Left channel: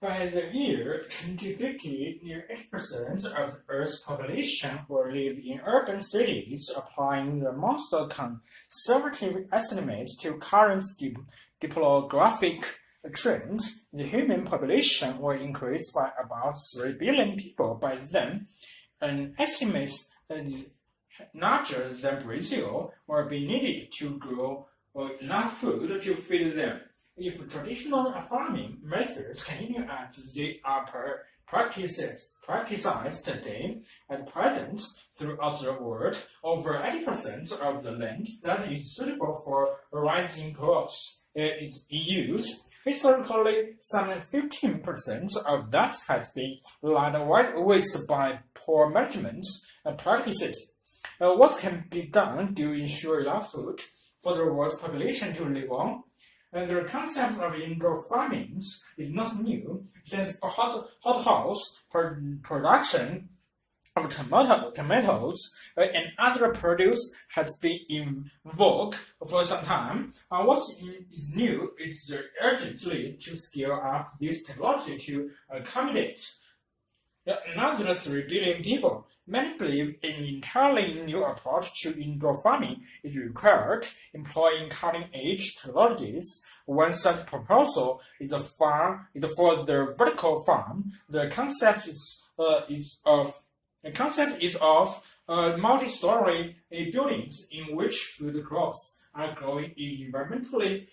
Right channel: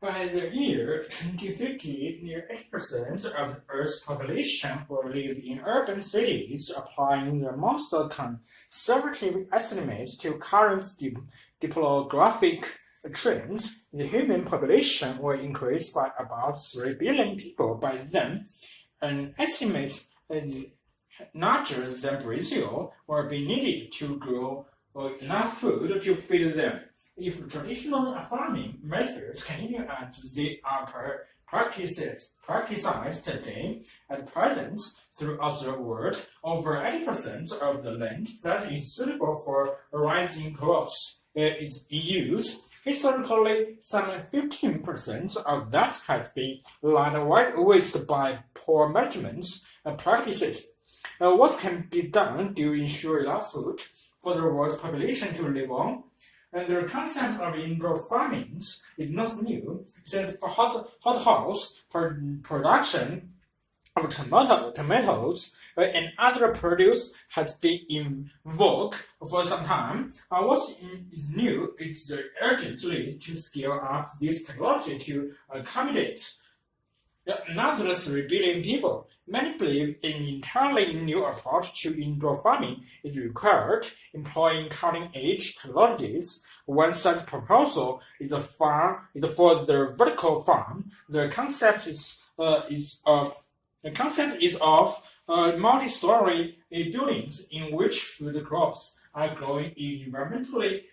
By the year 2050, near 80% of the Earth's population will live in urban cities. Applying the most conservative estimates to current demographic trends, the human population will increase by about 3 billion people by then. An estimate larger than Brazil will be needed to grow enough food to feed them. If traditional farming methods continue as they are practiced today, at present, throughout the world, over 80% of the land that is suitable for rising crops is in use. Historically, some 15% of that has been laid waste by poor management practices. What can be done to ensure enough food for the world's population to live on? The concept of indoor farming is not new, since hothouse production of tomatoes and other produce has been in vogue for some time. What is new is the urgent need to scale up this technology to accommodate another 3 billion people. Many believe an entirely new approach to indoor farming is required, employing cutting-edge technologies. One such proposal is for the vertical farm. The concept is of multi-story buildings in which food crops are grown in environmentally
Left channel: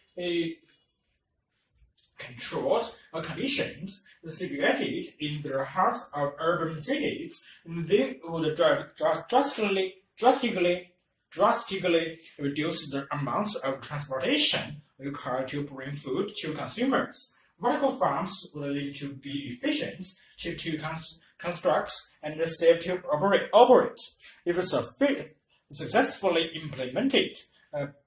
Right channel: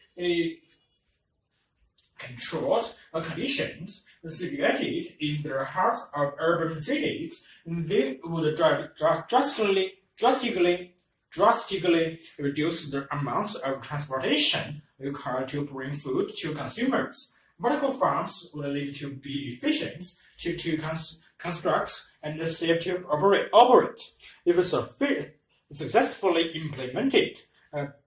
controlled conditions, situated in the heart of urban cities. They would drastically reduce the amount of transportation required to bring food to consumers. Vertical farms would need to be efficient, cheap to construct, and safe to operate. If successfully implemented,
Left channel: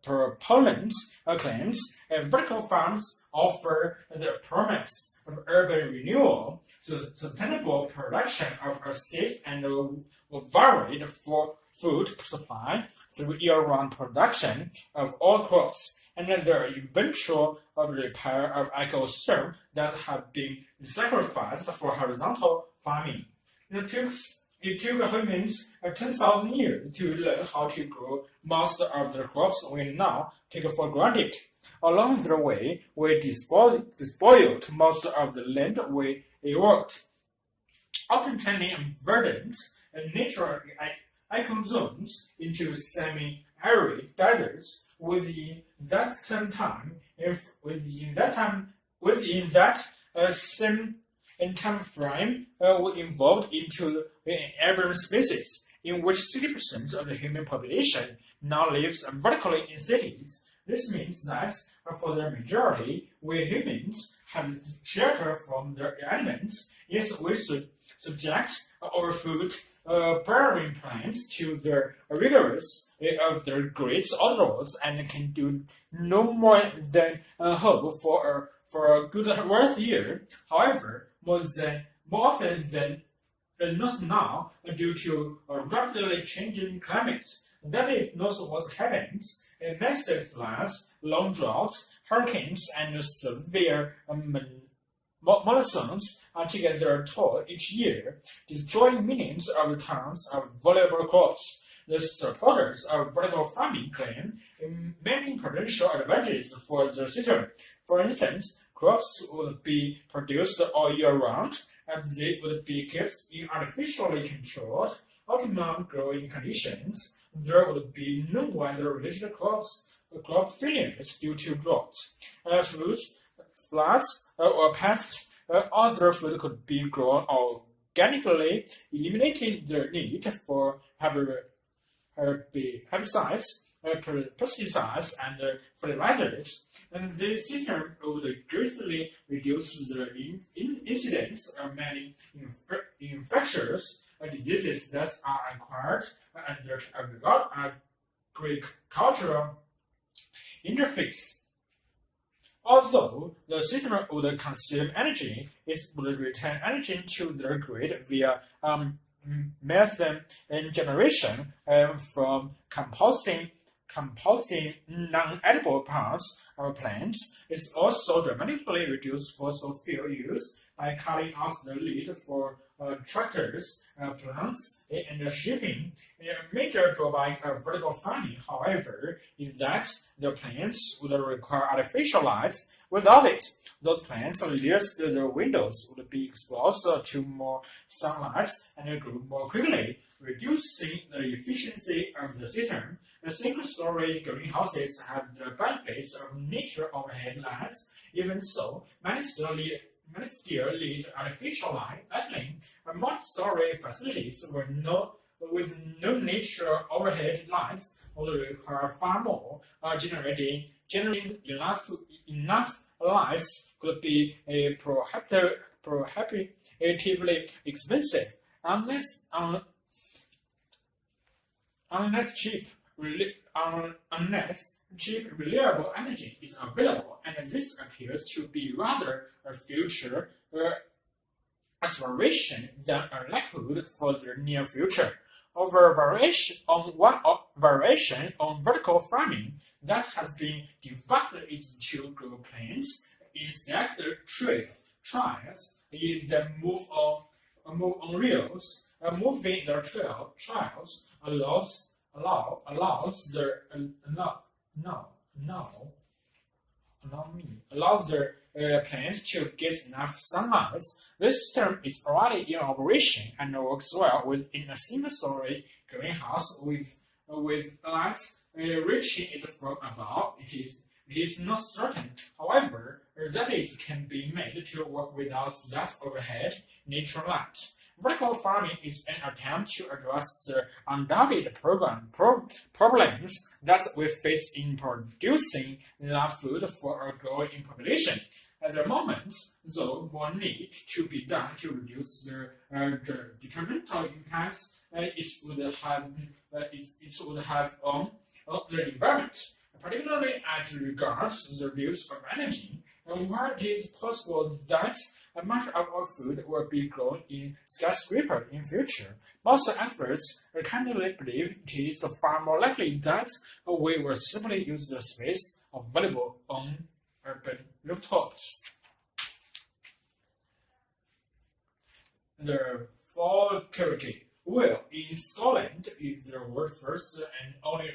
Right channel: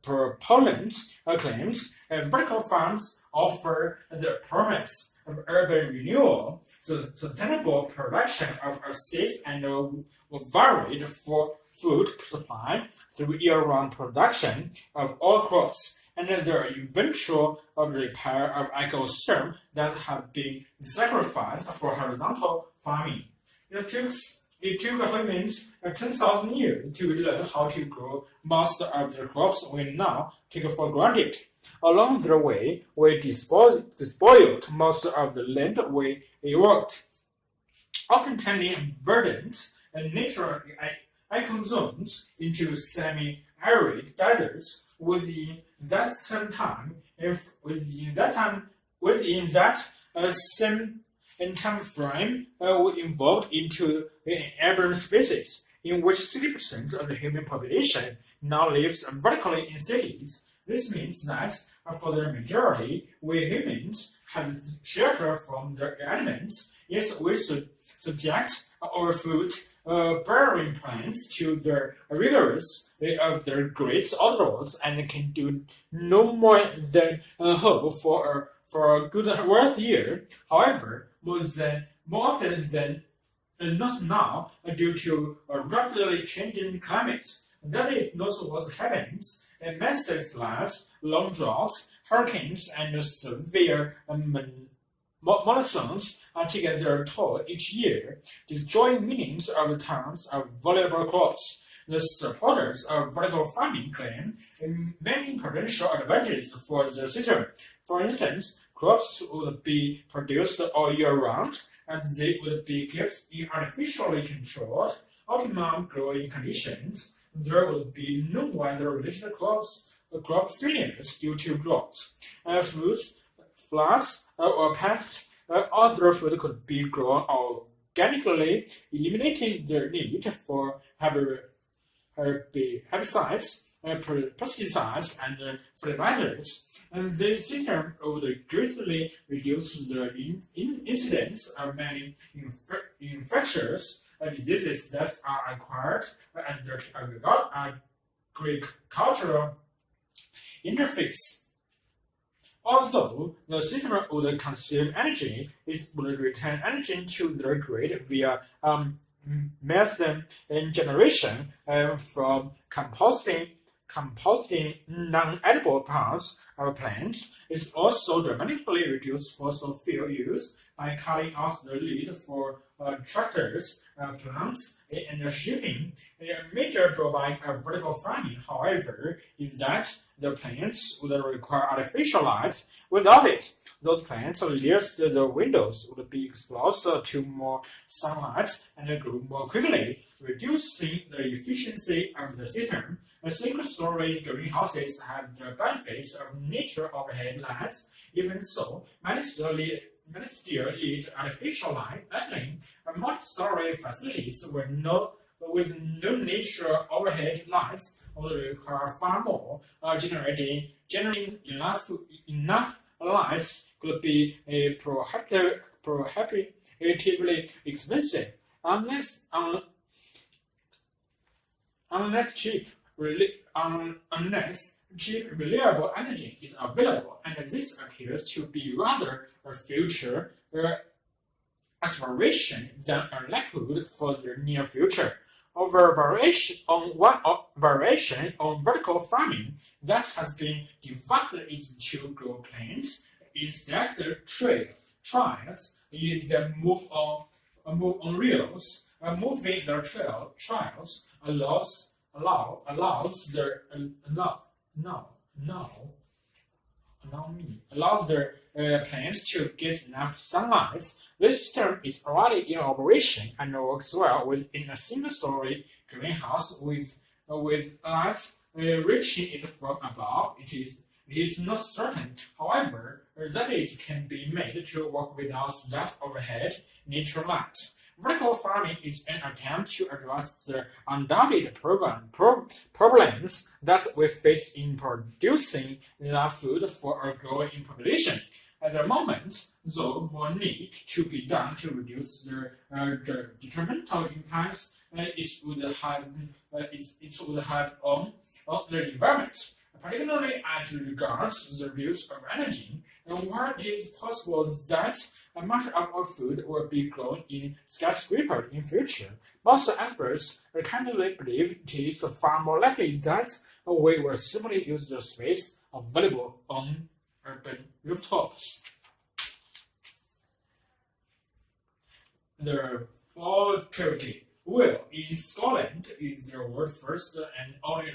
proponents claims vertical farms offer the promise of urban renewal, sustainable production of a safe and varied food supply through year-round production of all crops, and the eventual repair of ecosystems that have been sacrificed for horizontal farming. It took humans 10,000 years to learn how to grow most of the crops we now take for granted. Along the way, we despoiled most of the land we worked, often turning verdant and natural ecozones into semi-arid deserts. Within that same time frame, we evolved into an urban species in which 60% of the human population now lives vertically in cities. This means that for the majority, we humans have shelter from the elements. Yes, we should subject our food bearing plants to the rigors of the great outdoors and can do no more than hope for a good wealth year. However, more often than not now, due to a rapidly changing climate, that is not what happens. Massive floods, long droughts, hurricanes, and severe monsoons take their toll each year, destroying millions of tons of valuable crops. The supporters of vertical farming claim many potential advantages for the system. For instance, crops would be produced all year round, and they would be kept in artificially controlled, optimum growing conditions. There would be no weather-related crop failures due to droughts, floods, or pests. Other food could be grown organically, eliminating the need for herbicides, pesticides, and fertilizers. And this system would greatly reduce the incidence of many infectious diseases that are acquired at the agricultural interface. Although the system would consume energy, it would return energy to the grid via methane generation from composting non-edible parts of plants is also dramatically reduced fossil fuel use by cutting out the need for tractors, plants, and shipping. A major drawback of vertical farming, however, is that the plants would require artificial light. Without it, those plants nearest the windows would be exposed to more sunlight and grow more quickly, reducing the efficiency of the system. Single-story greenhouses have the benefits of natural overhead lights. Even so, many still need artificial lighting. Multi-story facilities with no natural overhead lights will require far more. Generating enough lights could be prohibitively expensive unless cheap, reliable energy is available, and this appears to be rather a future aspiration than a likelihood for the near future. Variation on vertical farming that has been divided into grow plants in stacked trials that move on rails. Moving the trials allows the plants to get enough sunlight. This system is already in operation and works well within a single-story greenhouse with light reaching it from above. It is not certain, however, that it can be made to work without that overhead natural light. Vertical farming is an attempt to address the undoubted problems that we face in producing enough food for a growing population. At the moment, though, more need to be done to reduce the detrimental impacts it would have on the environment, particularly as regards the use of energy. And while it is possible that much of our food will be grown in skyscrapers in future, most experts candidly believe it is far more likely that we will simply use the space available on urban rooftops. The Falkirk wheel in Scotland is the world's first and only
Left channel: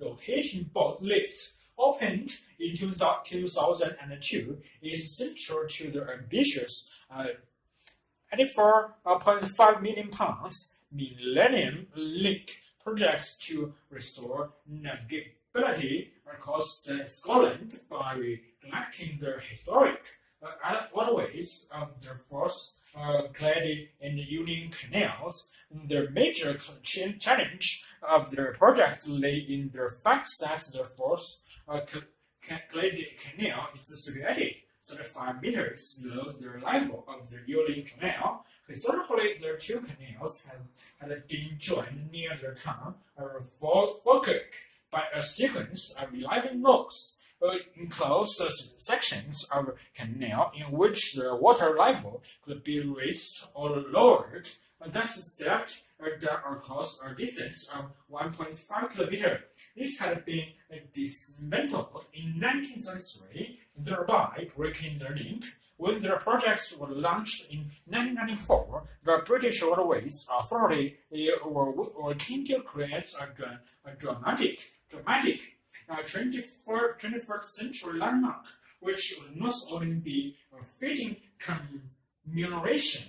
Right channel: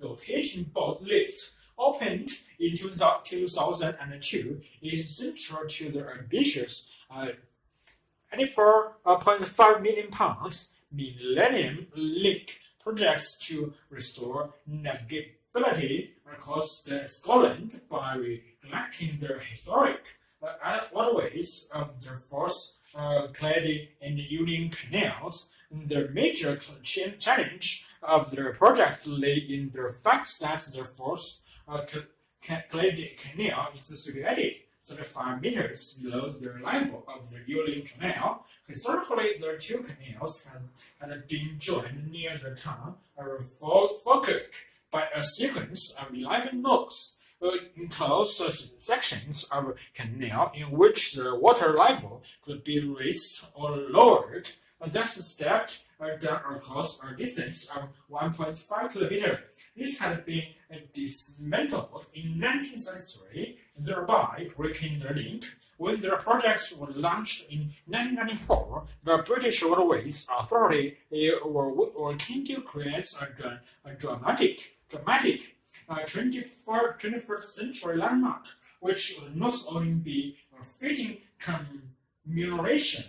rotating boat lift. Opened in 2002, is central to the ambitious £84.5 million Millennium Link projects to restore navigability across Scotland by reconnecting the historic waterways of the Forth, Clyde, and Union canals. The major challenge of the project lay in the fact that the Forth Clyde Canal is situated 35 meters below the level of the Union Canal. Historically, the two canals had been joined near the town of Falkirk by a sequence of 11 locks, enclosed sections of canal in which the water level could be raised or lowered. That stepped down across a distance of 1.5 kilometers. This had been dismantled in 1933, thereby breaking the link. When the project was launched in 1994, the British Waterways Authority were keen to create a dramatic 21st century landmark, which would not only be a fitting commemoration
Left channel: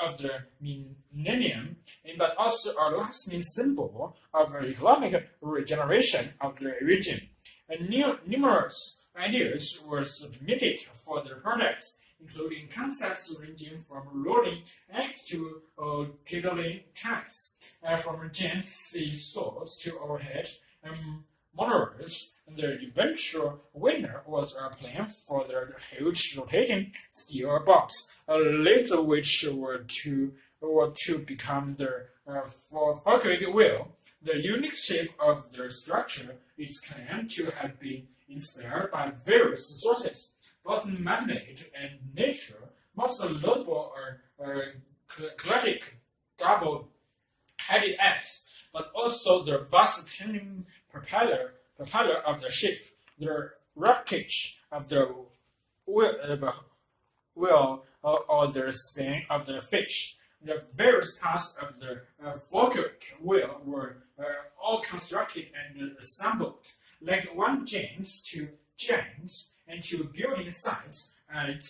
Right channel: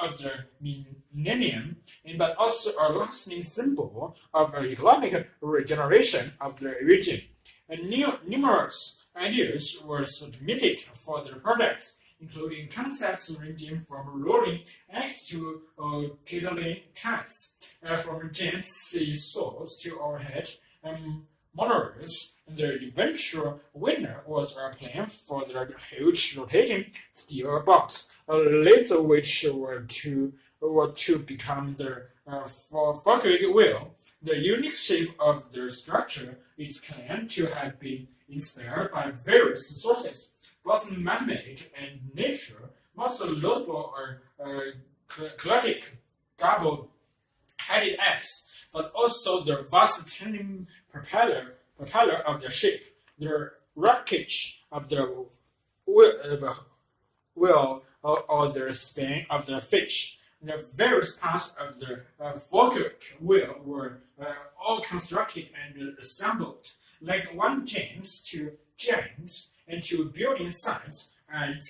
of the millennium, but also a lasting symbol of economic regeneration of the region. Numerous ideas were submitted for the project, including concepts ranging from rolling eggs to tiddling cats, from giant sea saws to overhead monorails. The eventual winner was a plan for the huge rotating steel box, later which were to become the Falkirk wheel. The unique shape of the structure is claimed to have been inspired by various sources, both man-made and nature. Most notable are classic double-headed eggs but also the vast tandem propeller of the ship, the rockage of the wheel or the spin of the fish. The various parts of the Volcanic wheel were all constructed and assembled like one giants into building sites at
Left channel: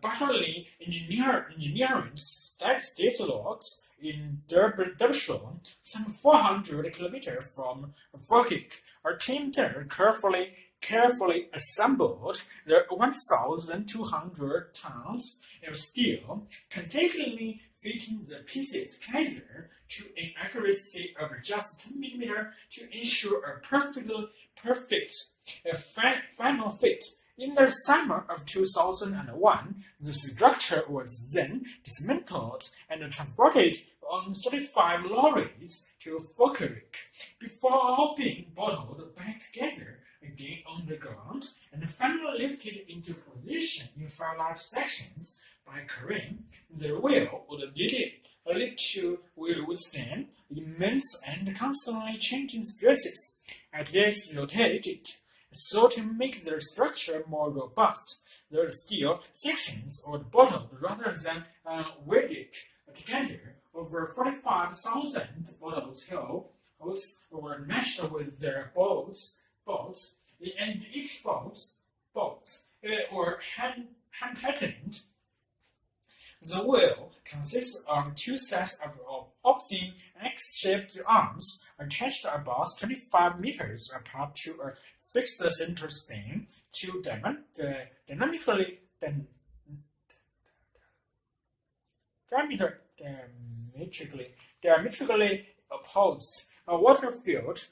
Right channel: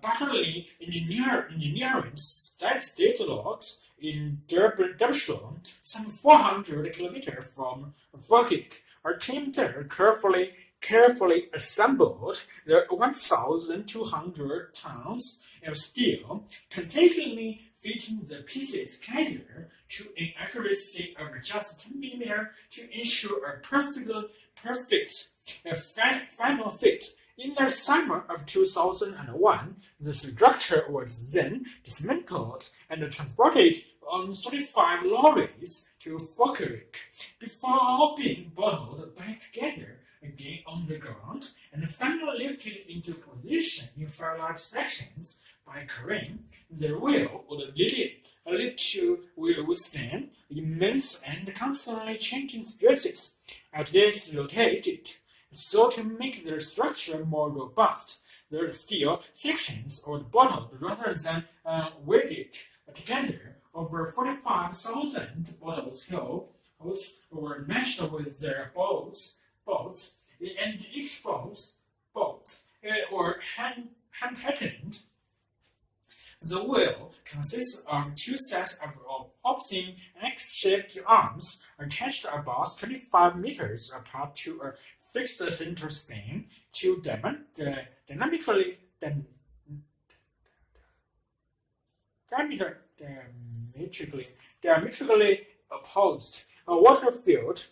Battery Engineering State Locks in Derbyshire, some 400 kilometers from Volcanic. Our team there carefully assembled the 1,200 tons of steel, painstakingly fitting the pieces together to an accuracy of just 10 millimeters to ensure a perfect final fit. In the summer of 2001, the structure was then dismantled and transported on 35 lorries to Falkirk before all being bottled back together again on the ground and finally lifted into position in 5 large sections by crane. The wheel would lead to will withstand immense and constantly changing stresses as it rotated. So to make the structure more robust, the steel sections were bottled rather than welded together. Over 45,000 bottles were matched with their bolts, and each bolt were hand-patterned. The wheel consists of 2 sets of opposing X-shaped arms attached about 25 meters apart to a fixed center spin to diametrically opposed water-filled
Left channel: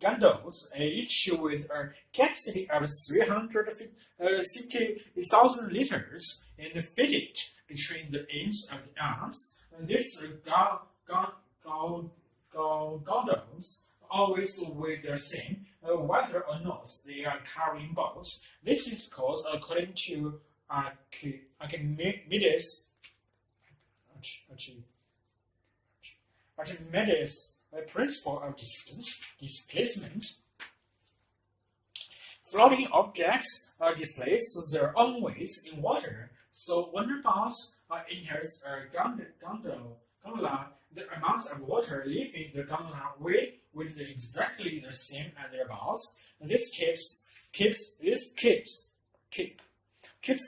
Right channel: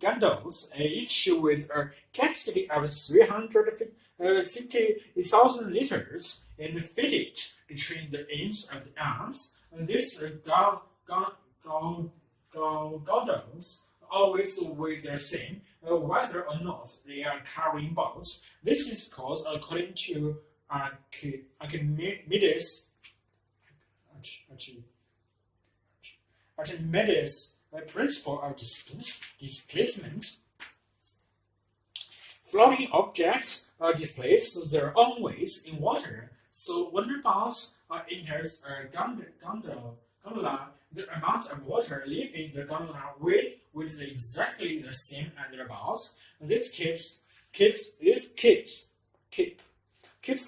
gondolas, each with a capacity of 360,000 liters, and fitted between the ends of the arms. These gondolas always weigh the same, whether or not they are carrying boats. This is because, according to Archimedes' principle of displacement, floating objects displace their own weights in water. So when the boat enters a gondola, the amount of water leaving the gondola will be exactly the same as the boat. This keeps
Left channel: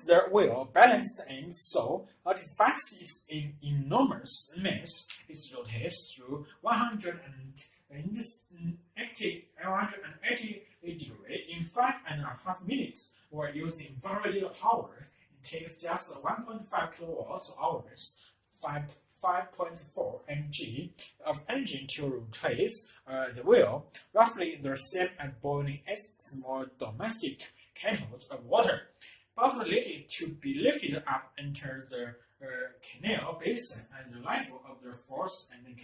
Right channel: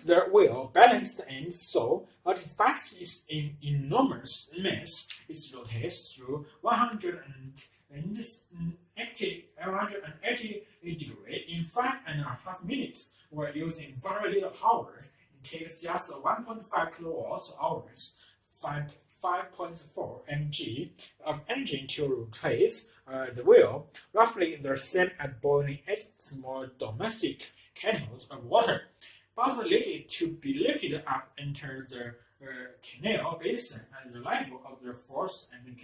the wheel balanced, and so despite its enormous mass, it rotates through 180 degrees in 5.5 minutes. While using very little power, it takes just 1.5 kilowatt hours, 5.4 mg of engine to rotate the wheel, roughly the same as boiling a small domestic kettle of water. But needed to be lifted up into the canal basin at the level of the force and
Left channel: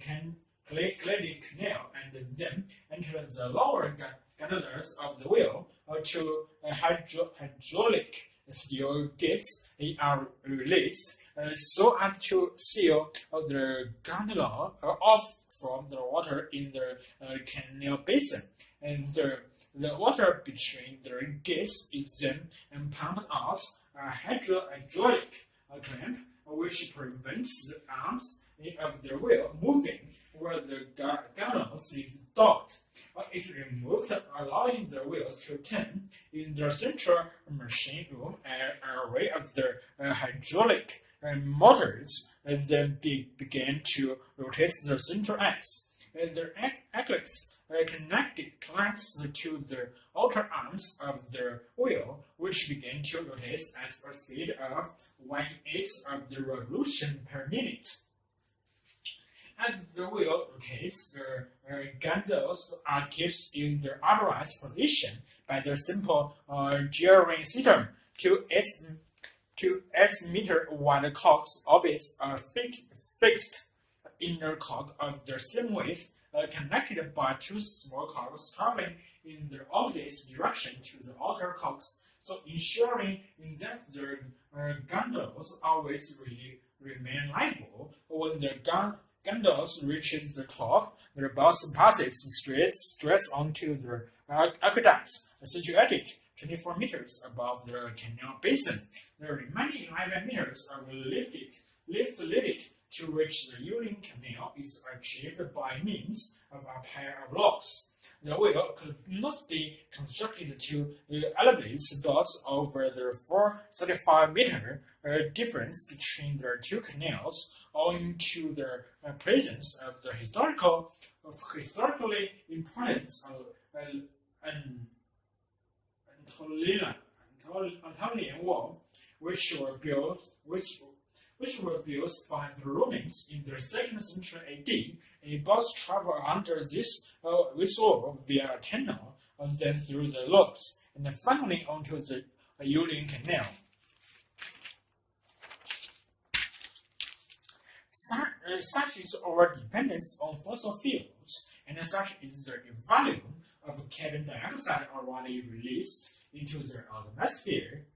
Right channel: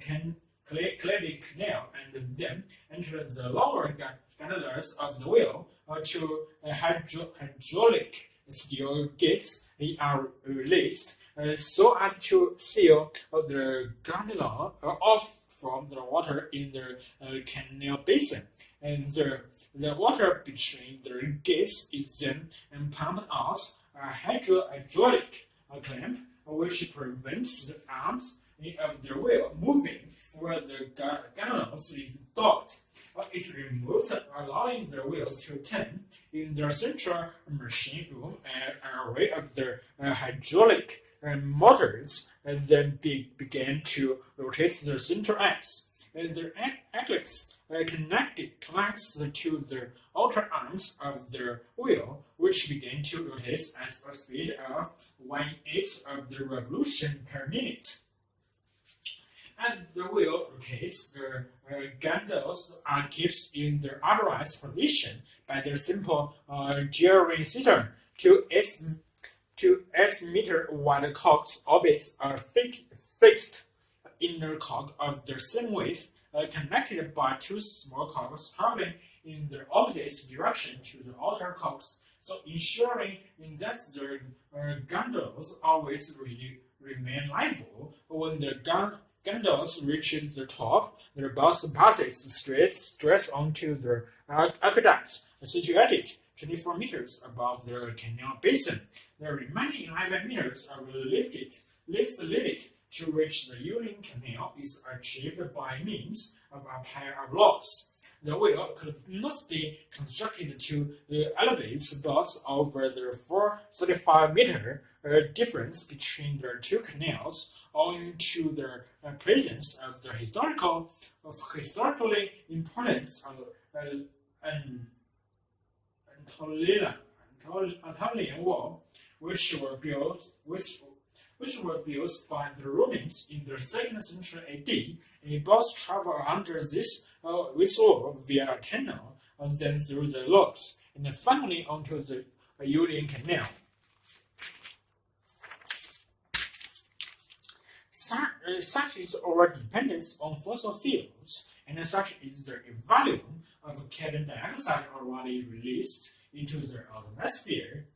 can clear the canal and then enter the lower gondolas of the wheel to hydraulic steel gates are released so as to seal the gondola off from the water in the canal basin. And the water between the gates is then pumped out a hydraulic clamp, which prevents the arms of the wheel moving where the gondolas is docked. Is removed, allowing the wheel to turn in the central machine room. An array of the hydraulic motors then began to rotate the central axis. The axis connects to the outer arms of the wheel, which began to rotate at a speed of 1/8 of the revolution per minute. As the wheel rotates, the gondolas are kept in their upright position by the simple gearing system. To 8 meter wide cocks orbits are fixed inner cock of the same width, connected by 2 small cocks traveling in the opposite direction to the outer cocks, so ensuring that the gondolas always remain level when the gondolas reaches the top, the bus passes straight onto the aqueducts situated 24 meters above the canal basin. The remaining 11 meters are lifted to which the Ielts Canal is achieved by means of a pair of locks. The wheel could not be constructed to elevate docks over the 435-meter difference between the two canals, owing to the presence of the historically important Anatolian Wall, which were built by the Romans in the 2nd century AD. Boats travel under this wall via a tunnel, then through the locks, and finally onto the Ielts Canal. Such is our dependence on fossil fuels, and such is the volume of carbon dioxide already released into the atmosphere.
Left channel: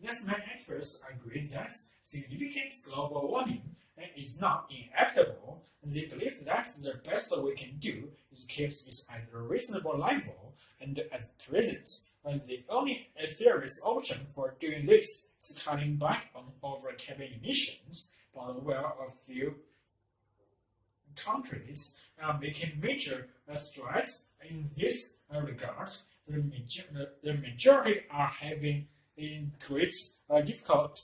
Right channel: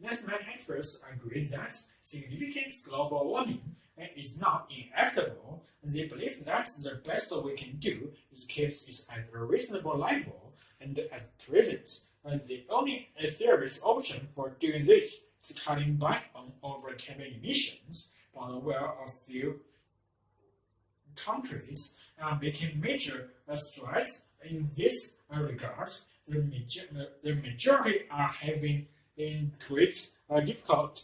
Thus, many experts agree that significant global warming is not inevitable. They believe that the best we can do is keep it at a reasonable level, and at present, the only serious option for doing this is cutting back on over carbon emissions. But while a few countries are making major strides in this regard, the majority are having great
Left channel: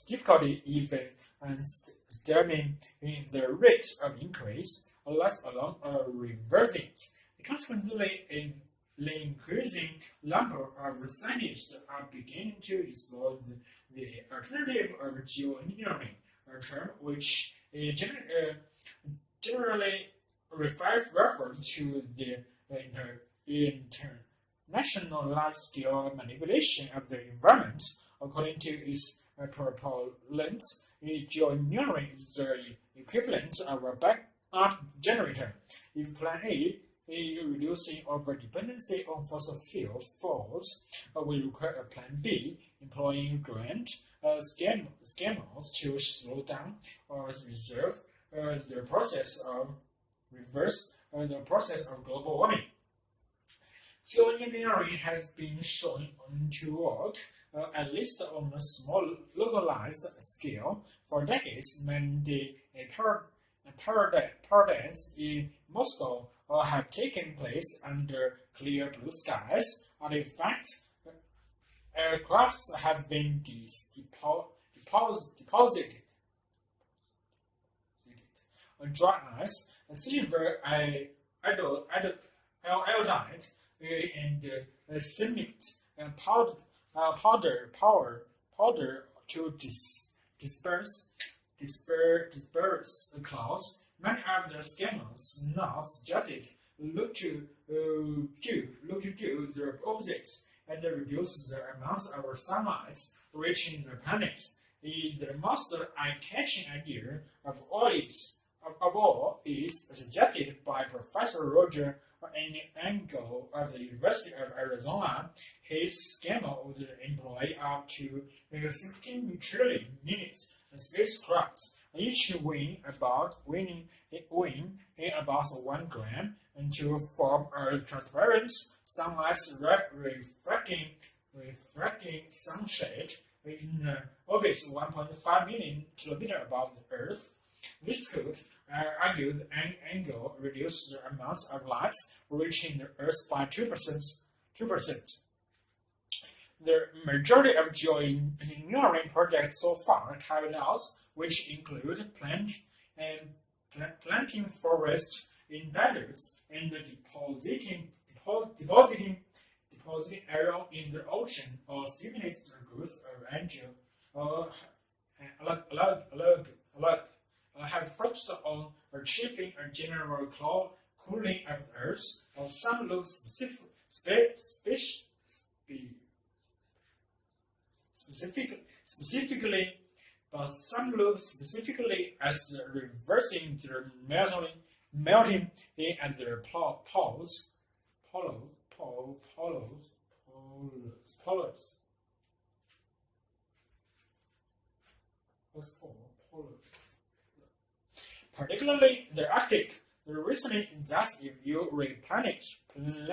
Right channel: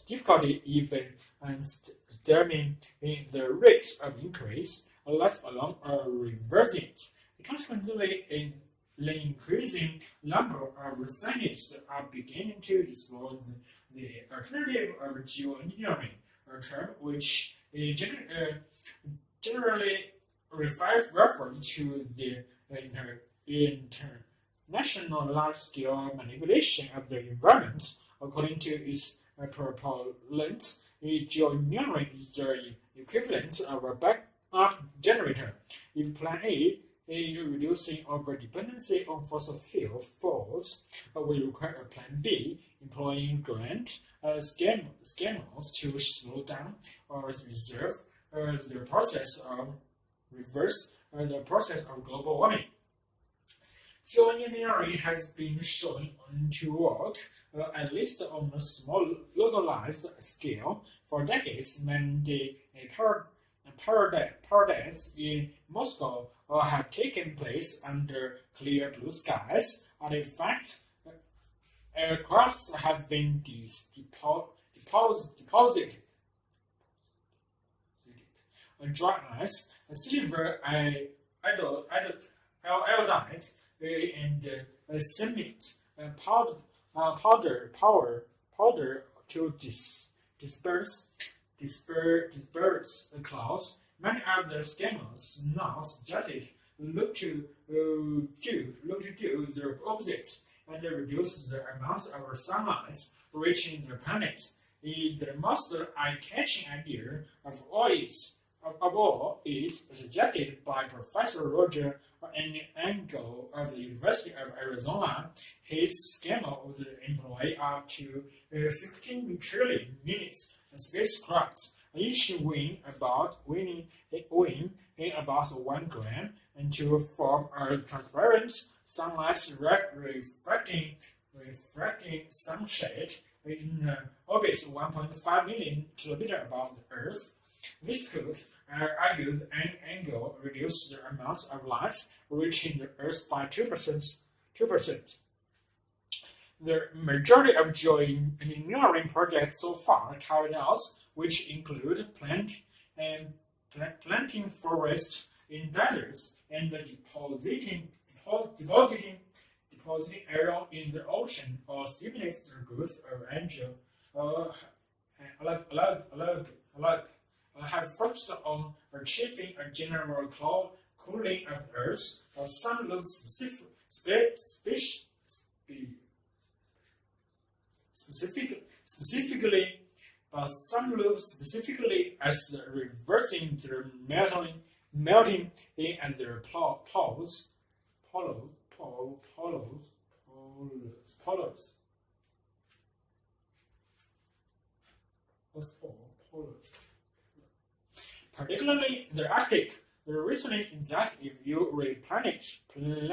difficulty even stemming the rate of increase, let alone reversing it. Consequently, the increasing number of scientists are beginning to explore the alternative of geoengineering, a term which generally refers to the international large-scale manipulation of the environment. According to its proponents, geoengineering is the equivalent of a backup generator. If Plan A, reducing our dependency on fossil fuel, falls, will require a Plan B, employing grand schemes to slow down or reverse the process of global warming. Geoengineering has been shown to work, at least on a small localized scale, for decades. Many parades in Moscow have taken place under clear blue skies. Artifacts aircrafts have been deposited on dry ice, silver iodide, and cement powder to disperse the clouds. Many of the schemes now suggested look to do the opposite and reduce the amount of sunlight reaching the planet. The most eye-catching idea of all is suggested by Professor Roger Engel of the University of Arizona. His scheme would employ up to 16 trillion minutes spacecraft, each weighing about 1 gram, and to form a transparent sunlight refracting sunshade in orbit 1.5 million kilometers above the Earth. This could, argued Engel, reduce the amount of light reaching the Earth by 2%. The majority of geoengineering projects so far carried out, which include planting forests in deserts and depositing iron in the ocean, or stimulate the growth of have focused on achieving a general cooling of the Earth. Some look specifically as reversing the melting at the poles. particularly the Arctic. The reason is that if you replenish in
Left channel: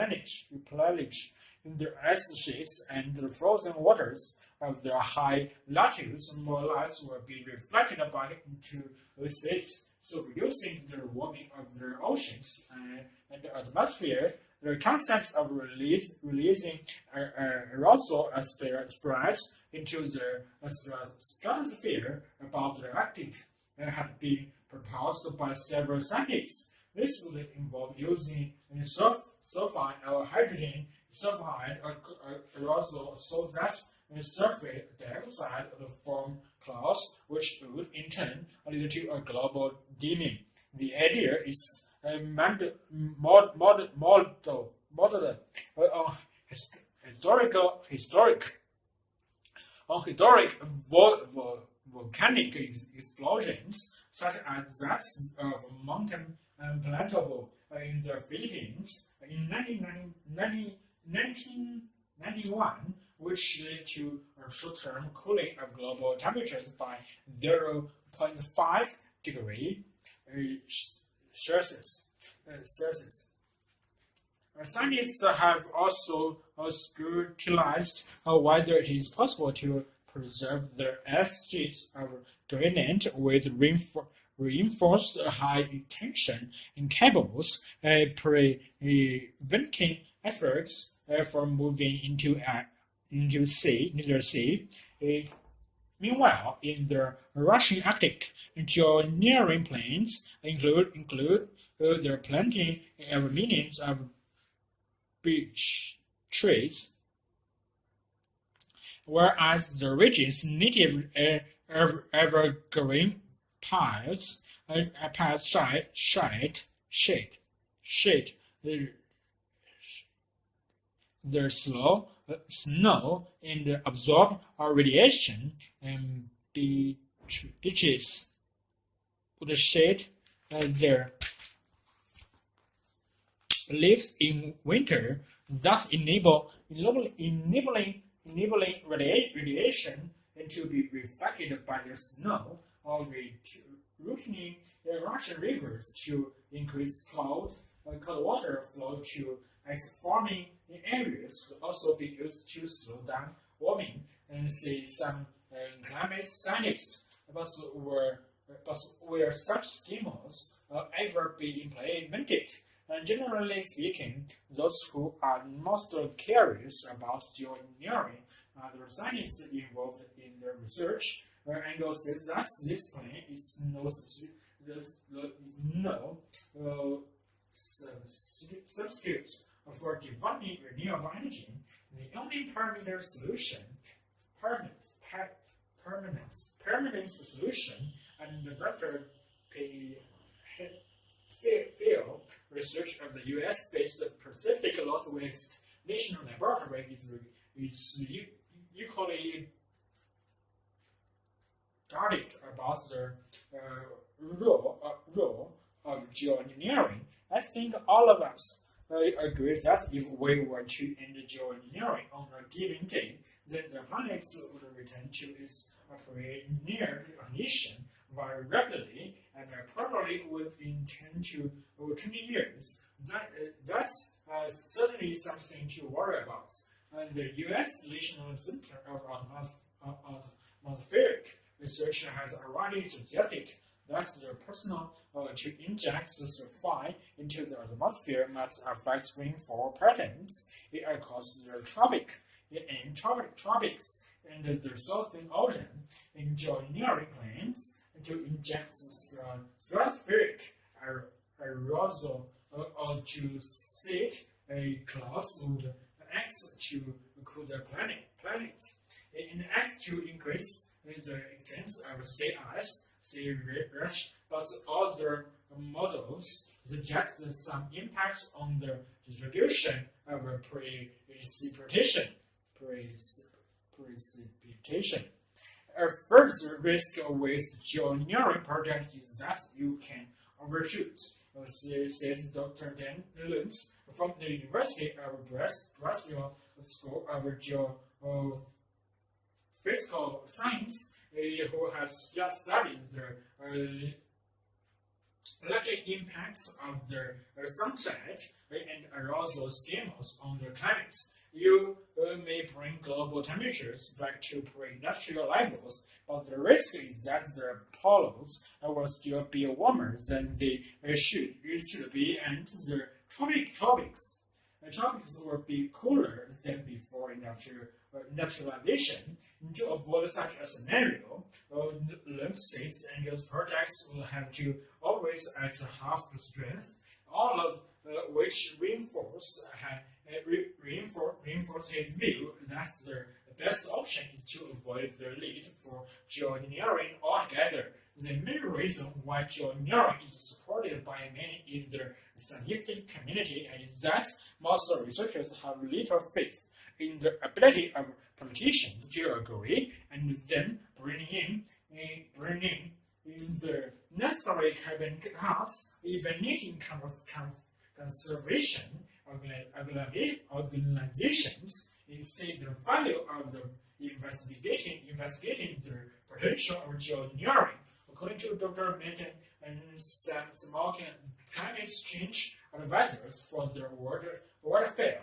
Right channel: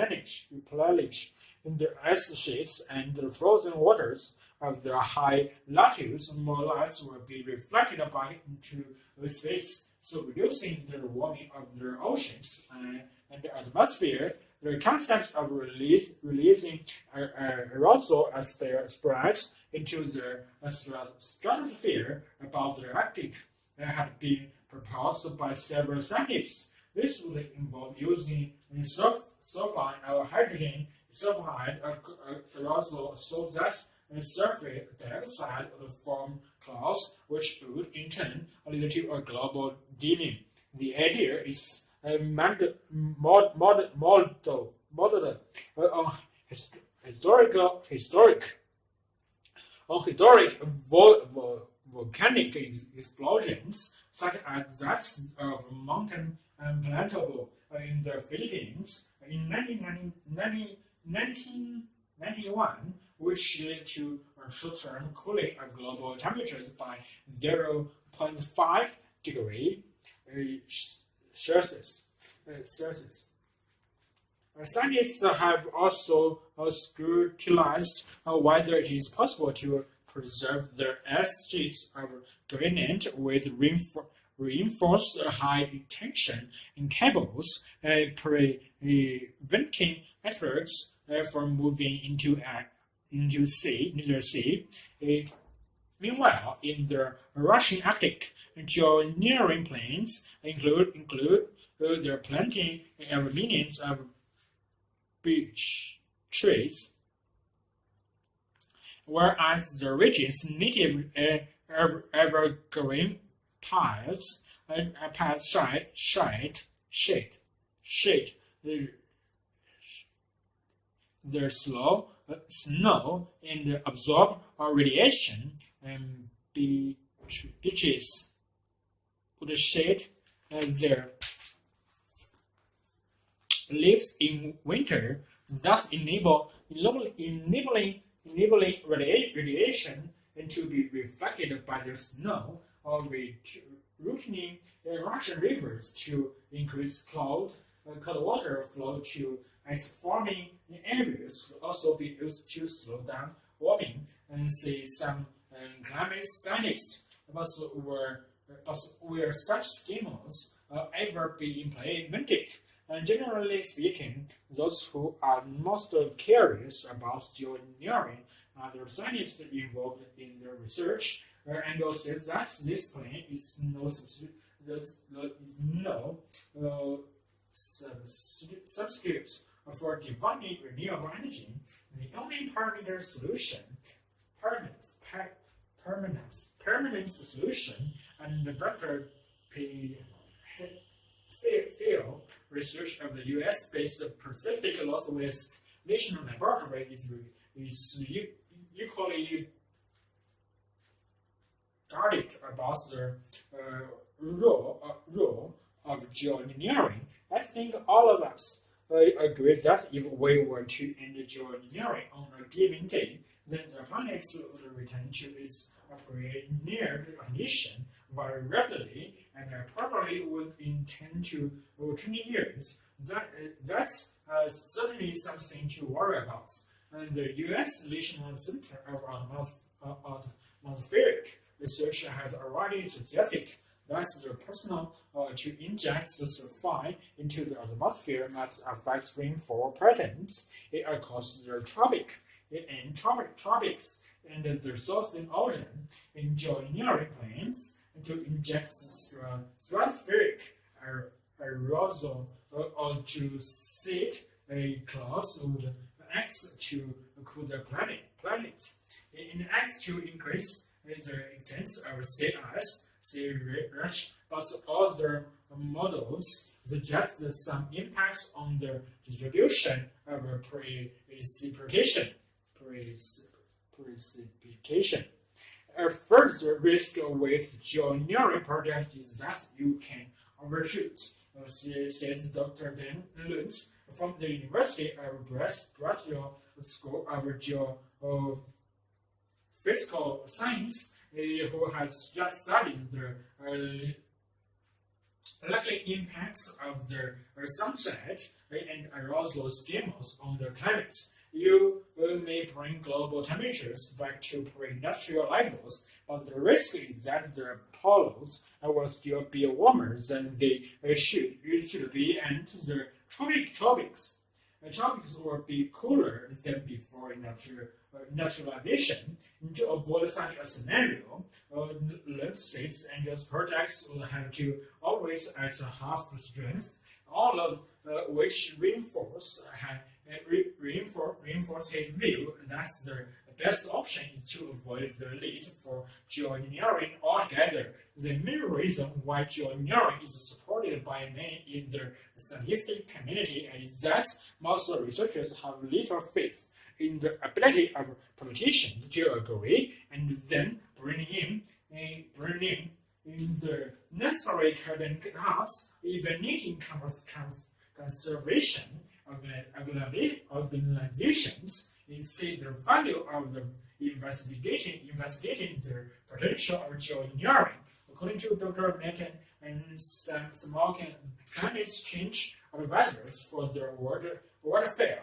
the ice sheets and the frozen waters of the high latitudes, more ice will be reflected back into space, so reducing the warming of the oceans and the atmosphere. The concept of releasing aerosol spreads into the stratosphere above the Arctic have been proposed by several scientists. This would involve using sulfide or hydrogen sulfide aerosol so that sulfur dioxide would form clouds, which would in turn lead to a global dimming. The idea is modeled on historic volcanic explosions, such as that of Mountain Planetable in the Philippines in 1991, which led to a short-term cooling of global temperatures by 0.5 degrees Celsius. Scientists have also scrutinized whether it is possible to preserve the ice sheets of Greenland with reinforced high-tension cables, preventing icebergs from moving into the sea. Meanwhile, in the Russian Arctic, geoengineering plans include the planting of millions of beech trees, whereas the region's native evergreen pines shade the snow and absorb radiation, and beaches would shade their leaves in winter, thus enabling radiation to be reflected by the snow, or routing the Russian rivers to increase cold water flow to ice-forming areas could also be used to slow down warming, and say some climate scientists. But will such schemes ever be implemented? Generally speaking, those who are most curious about geoengineering are the scientists involved in the research, and also says that this plan is no substitute for developing renewable energy. The only permanent solution, and the better field research of the U.S.-based Pacific Northwest National Laboratory is equally guarded about the role of geoengineering. I think all of us agree that if we were to end geoengineering on a given day, then the planet would return to its pre-near condition very rapidly, and probably within 10 to 20 years. That's certainly something to worry about. And the U.S. National Center of Atmospheric Research has already suggested that the personal to inject the sulfide into the atmosphere might affect rainfall patterns across the tropics and the Southern Ocean. In geoengineering plans to inject stratospheric aerosol or to set clouds would act to cool the planet. In act to increase the extent of sea ice, sea rush, but other models suggest some impacts on the distribution of precipitation. A further risk with geoengineering projects is that you can overshoot, says Dr. Dan Luntz from the University of Brazil School of Geophysical Science, who has just studied the likely impacts of the sunset and arousal schemas on the climate. You may bring global temperatures back to pre-industrial levels, but the risk is that the poles will still be warmer than they should be, and the tropics will be cooler than before industrialization. To avoid such a scenario, states and its projects will have to operate at half the strength, all of which reinforce his view that the best option is to avoid the need for geoengineering altogether. The main reason why geoengineering is supported by many in the scientific community is that most researchers have little faith in the ability of politicians to agree and then bring in the necessary carbon cuts, even needing conservation organizations see the value of the investigating the potential of geoengineering. According to Dr. Metten and some American climate change advisors for the World Fair,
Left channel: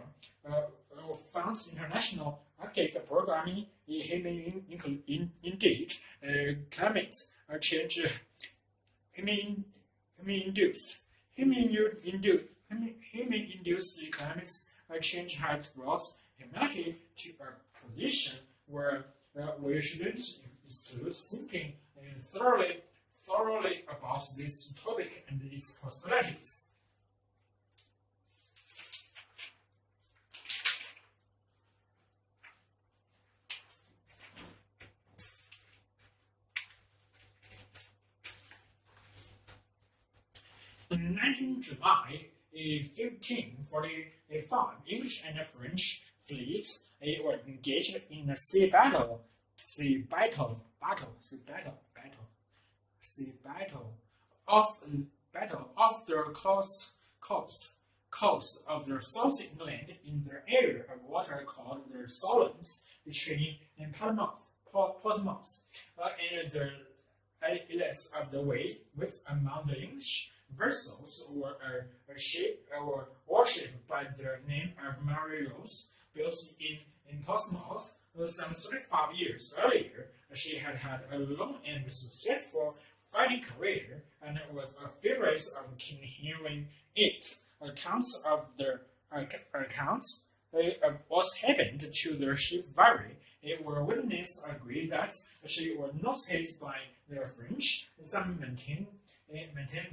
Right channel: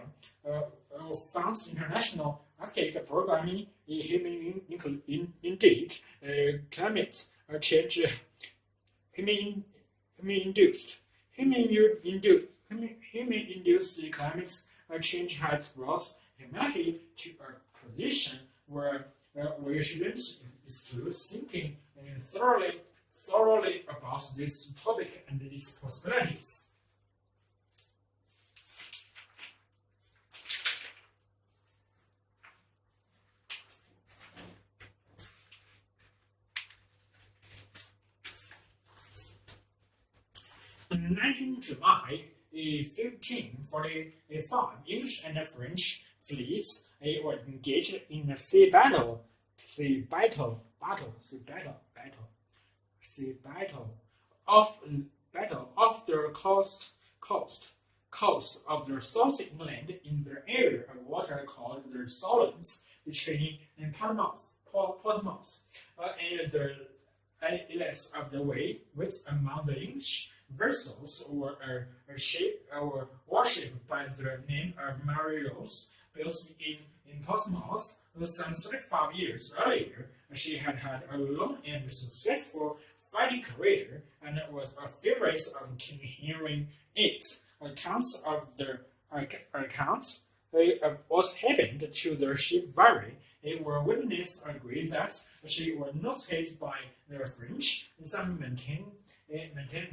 Funds International Arctic Programming, indeed, climate change human-induced climate change has brought humanity to a position where we shouldn't exclude thinking thoroughly about this topic and its possibilities. On 19 July 1545, English and French fleets were engaged in a sea battle off the coast of the South England in the area of water called the Solent between Portsmouth and the Ielts of the Way, which among the English vessels were worshipped by the name of Mary Rose, built in Portsmouth some 35 years earlier. She had a long and successful fighting career and was a favorite of King Henry VIII. Accounts of what happened to the ship vary. Were witnesses agree that she was not hit by the French. Some maintain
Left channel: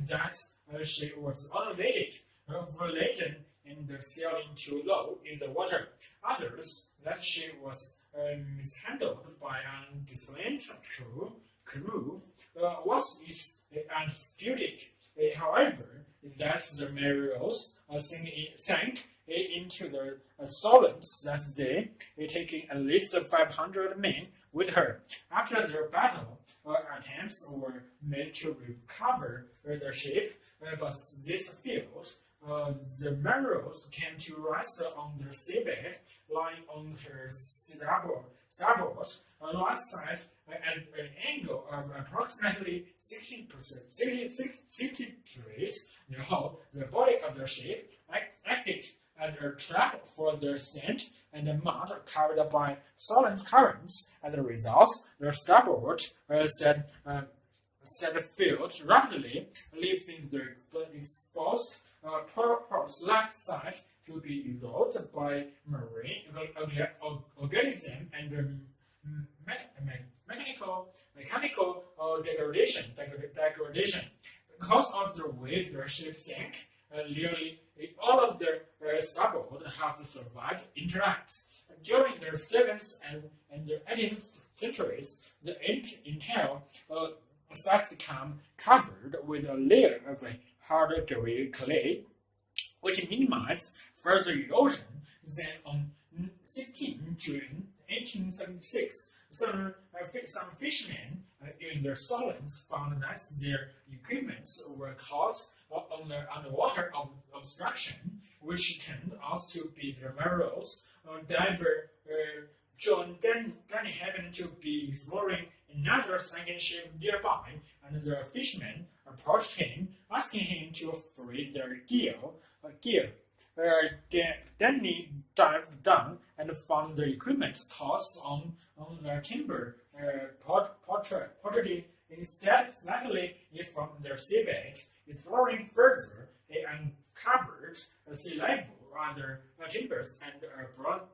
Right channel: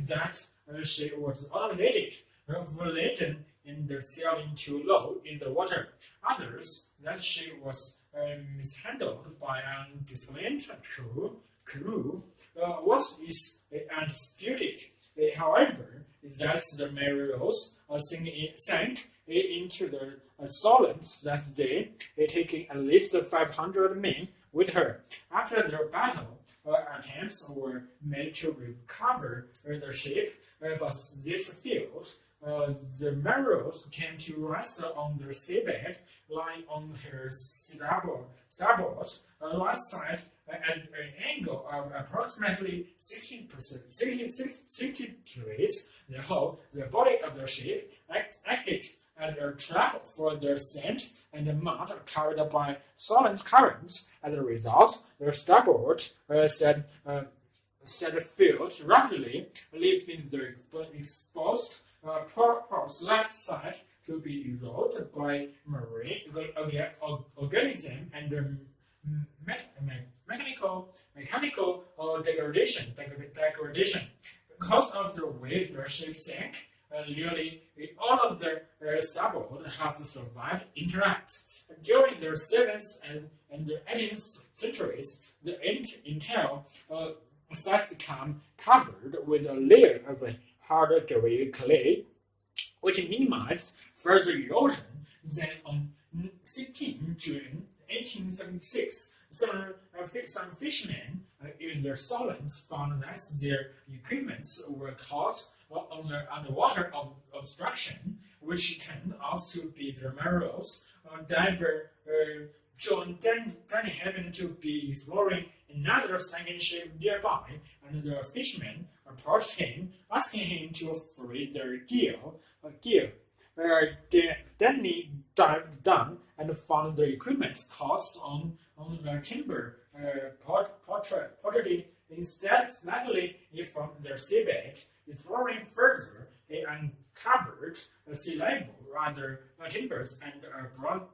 that she was overladen and sailing too low in the water. Others that she was mishandled by an undisciplined crew. What is undisputed, however, that the Mary Rose sank into the Solent that day, taking at least 500 men with her. After the battle, attempts were made to recover the ship, but this failed. The Mary Rose came to rest on the seabed, lying on her starboard right side at an angle of approximately 60 degrees. The body of the ship acted as a trap for the sand and mud carried by Solent currents. As a result, the starboard set filled rapidly, leaving the exposed ports left side to be eroded by marine organism and mechanical degradation. Because of the way the ship sank, nearly all of the starboard have survived intact. During the 7th and the 18th centuries, the entire site became covered with a layer of hard gray clay, which minimized further erosion. Then on 16 June 1876, some fishermen in the Solent found that their equipment were caught underwater obstruction, which turned out to be the Mary Rose. Diver John Danny happened to be exploring another sinking ship nearby, and the fishermen approached him, asking him to free their gear. Then he dived down and found the equipment tossed on the timber pottery. Instead, slightly from their seabed, exploring further, they uncovered sea level, rather timbers, and a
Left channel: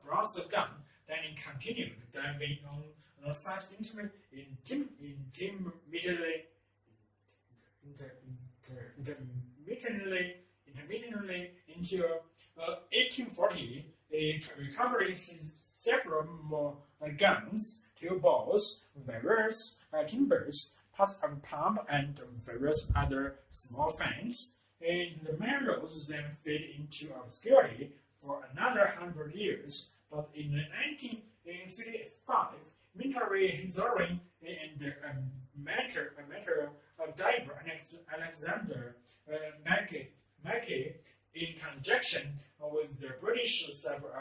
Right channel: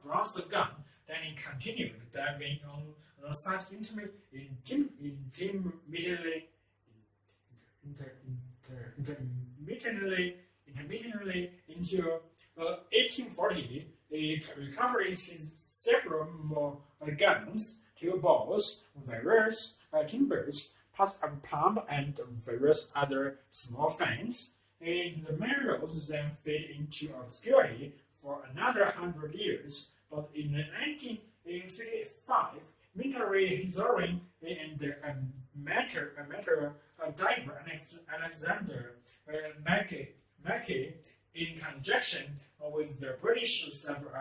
bronze gun. Then he continued diving on such intermittently until 1840, recovering several more guns, 2 balls, various timbers, parts of a pump, and various other small things. And the minerals then fade into obscurity for another 100 years. But in 1935, military historian and amateur diver Alexander Mackey, in conjunction with the British Civil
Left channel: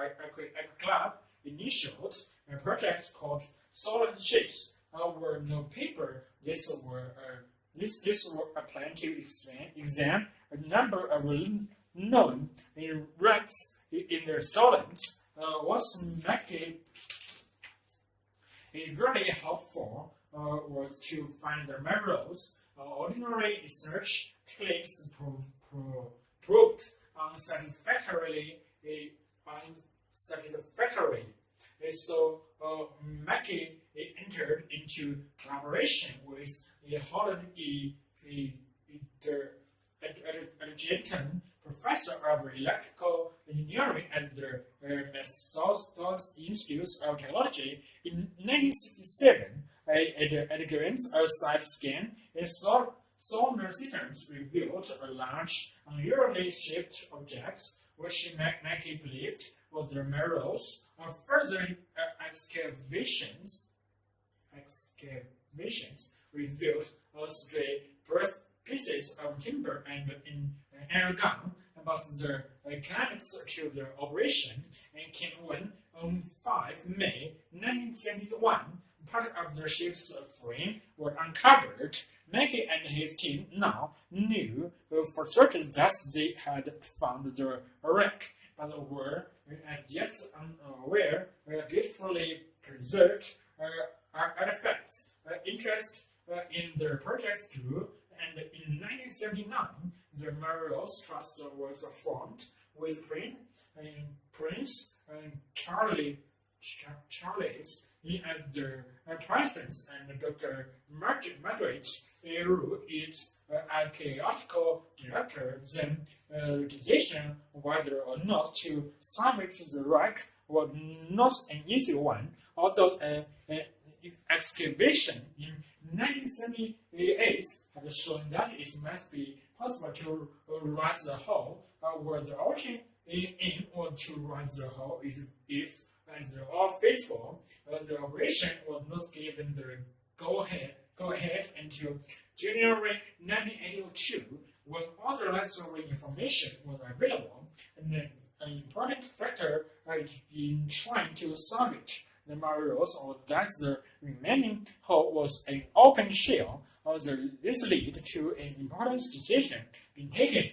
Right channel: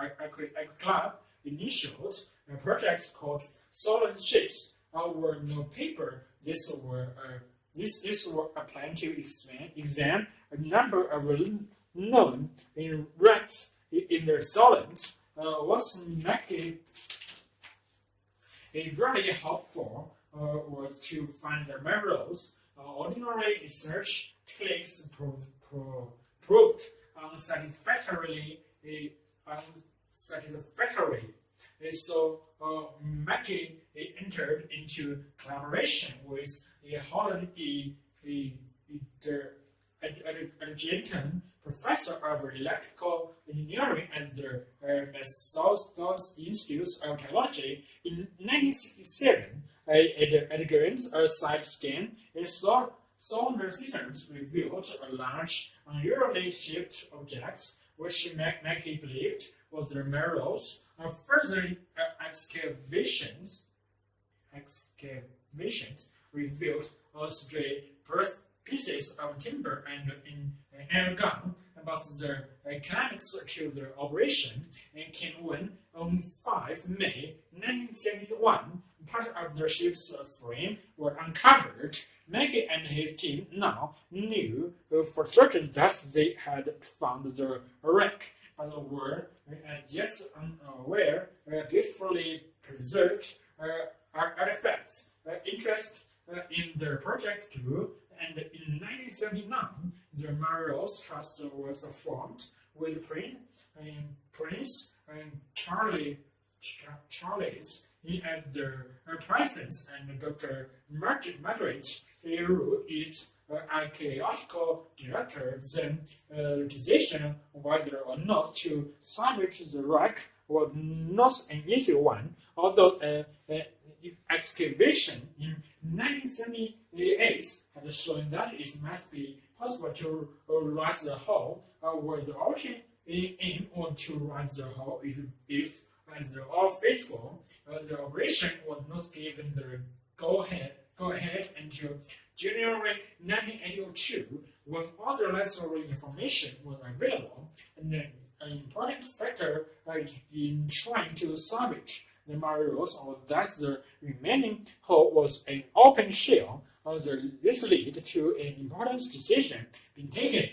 Club, initiated a project called Solid Ships. Were no paper. This were a plan to examine a number of known wrecks in their solids. What's Mackey is really helpful was to find the minerals. Ordinary search techniques proved unsatisfactory. So Mackey entered into collaboration with a Holland adjunct professor of electrical engineering at the Massachusetts Institute of Technology. In 1967, at glance, a side scan in solar systems revealed a large, unusually shaped object, which Mackey believed was the minerals. Further excavations revealed stray pieces of timber and an air gun. About the climax to the operation and came when, on 5 May 1971, part of the ship's frame were uncovered. Mackey and his team now knew for certain that they had found the wreck, but were yet unaware beautifully preserved artifacts. Interest in the project grew, and in 1979, the Minerals Trust was formed with Prince Charles as the president and Dr. Margaret Root, its archaeological director. The decision whether or not to salvage the wreck was not an easy one, although excavation in 1978 had shown that it must be possible to right the hull, where the option aim or to right the hull if as all feasible. The operation was not given the go ahead until January 1982, when other necessary information was available, and an important factor in trying to salvage the minerals was that the remaining hull was an open shell. This led to an important decision being taken,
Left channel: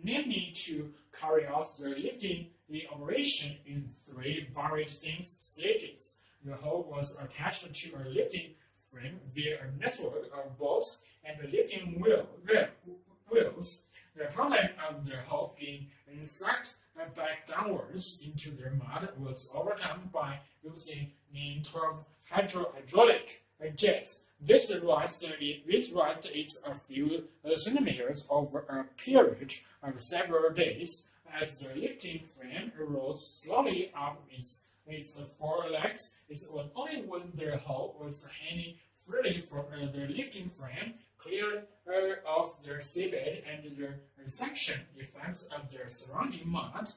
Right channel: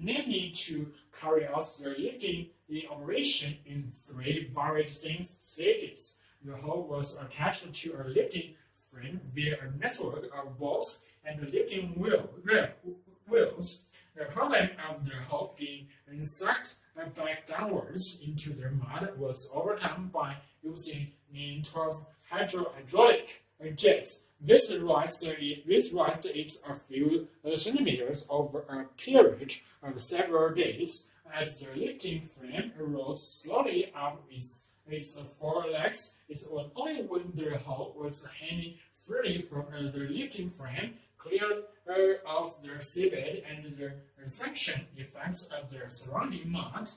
namely to carry out the lifting operation in 3 very distinct stages. The hull was attached to a lifting frame via a network of bolts and lifting wheels. The problem of the hull being sucked back downwards into the mud was overcome by using 12 hydraulic jets. This raised it a few centimeters over a period of several days. As the lifting frame rose slowly up its 4 legs, it was only when the hull was hanging freely from the lifting frame, clear of the seabed and the suction effects of the surrounding mud,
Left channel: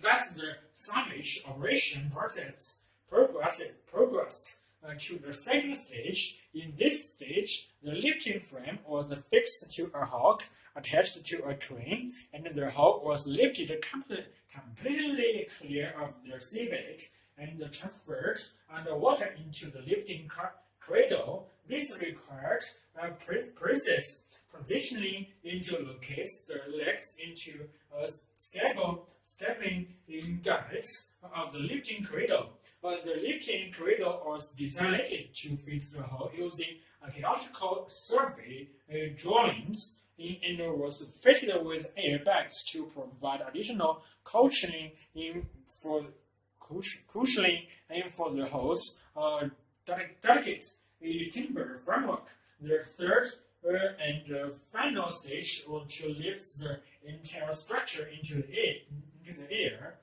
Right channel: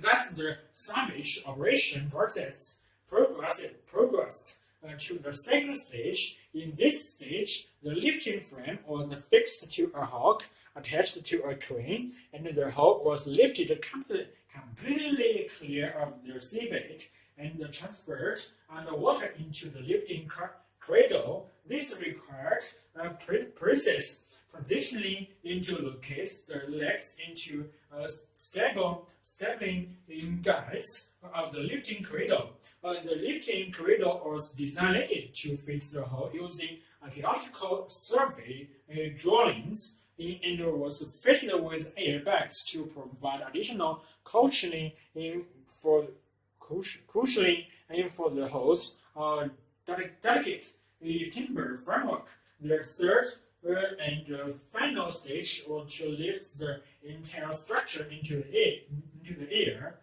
that the salvage operation progressed to the second stage. In this stage, the lifting frame was fixed to a hook attached to a crane, and the hull was lifted completely clear of the seabed and transferred underwater into the lifting cradle. This required precise positioning into locates the legs into stabilizing guides of the lifting cradle. The lifting cradle was designed to fit the hull using archaeological survey drawings and was fitted with airbags to provide additional cushioning for the hull's delicate timber framework. The third and final stage was to lift the entire structure into the air,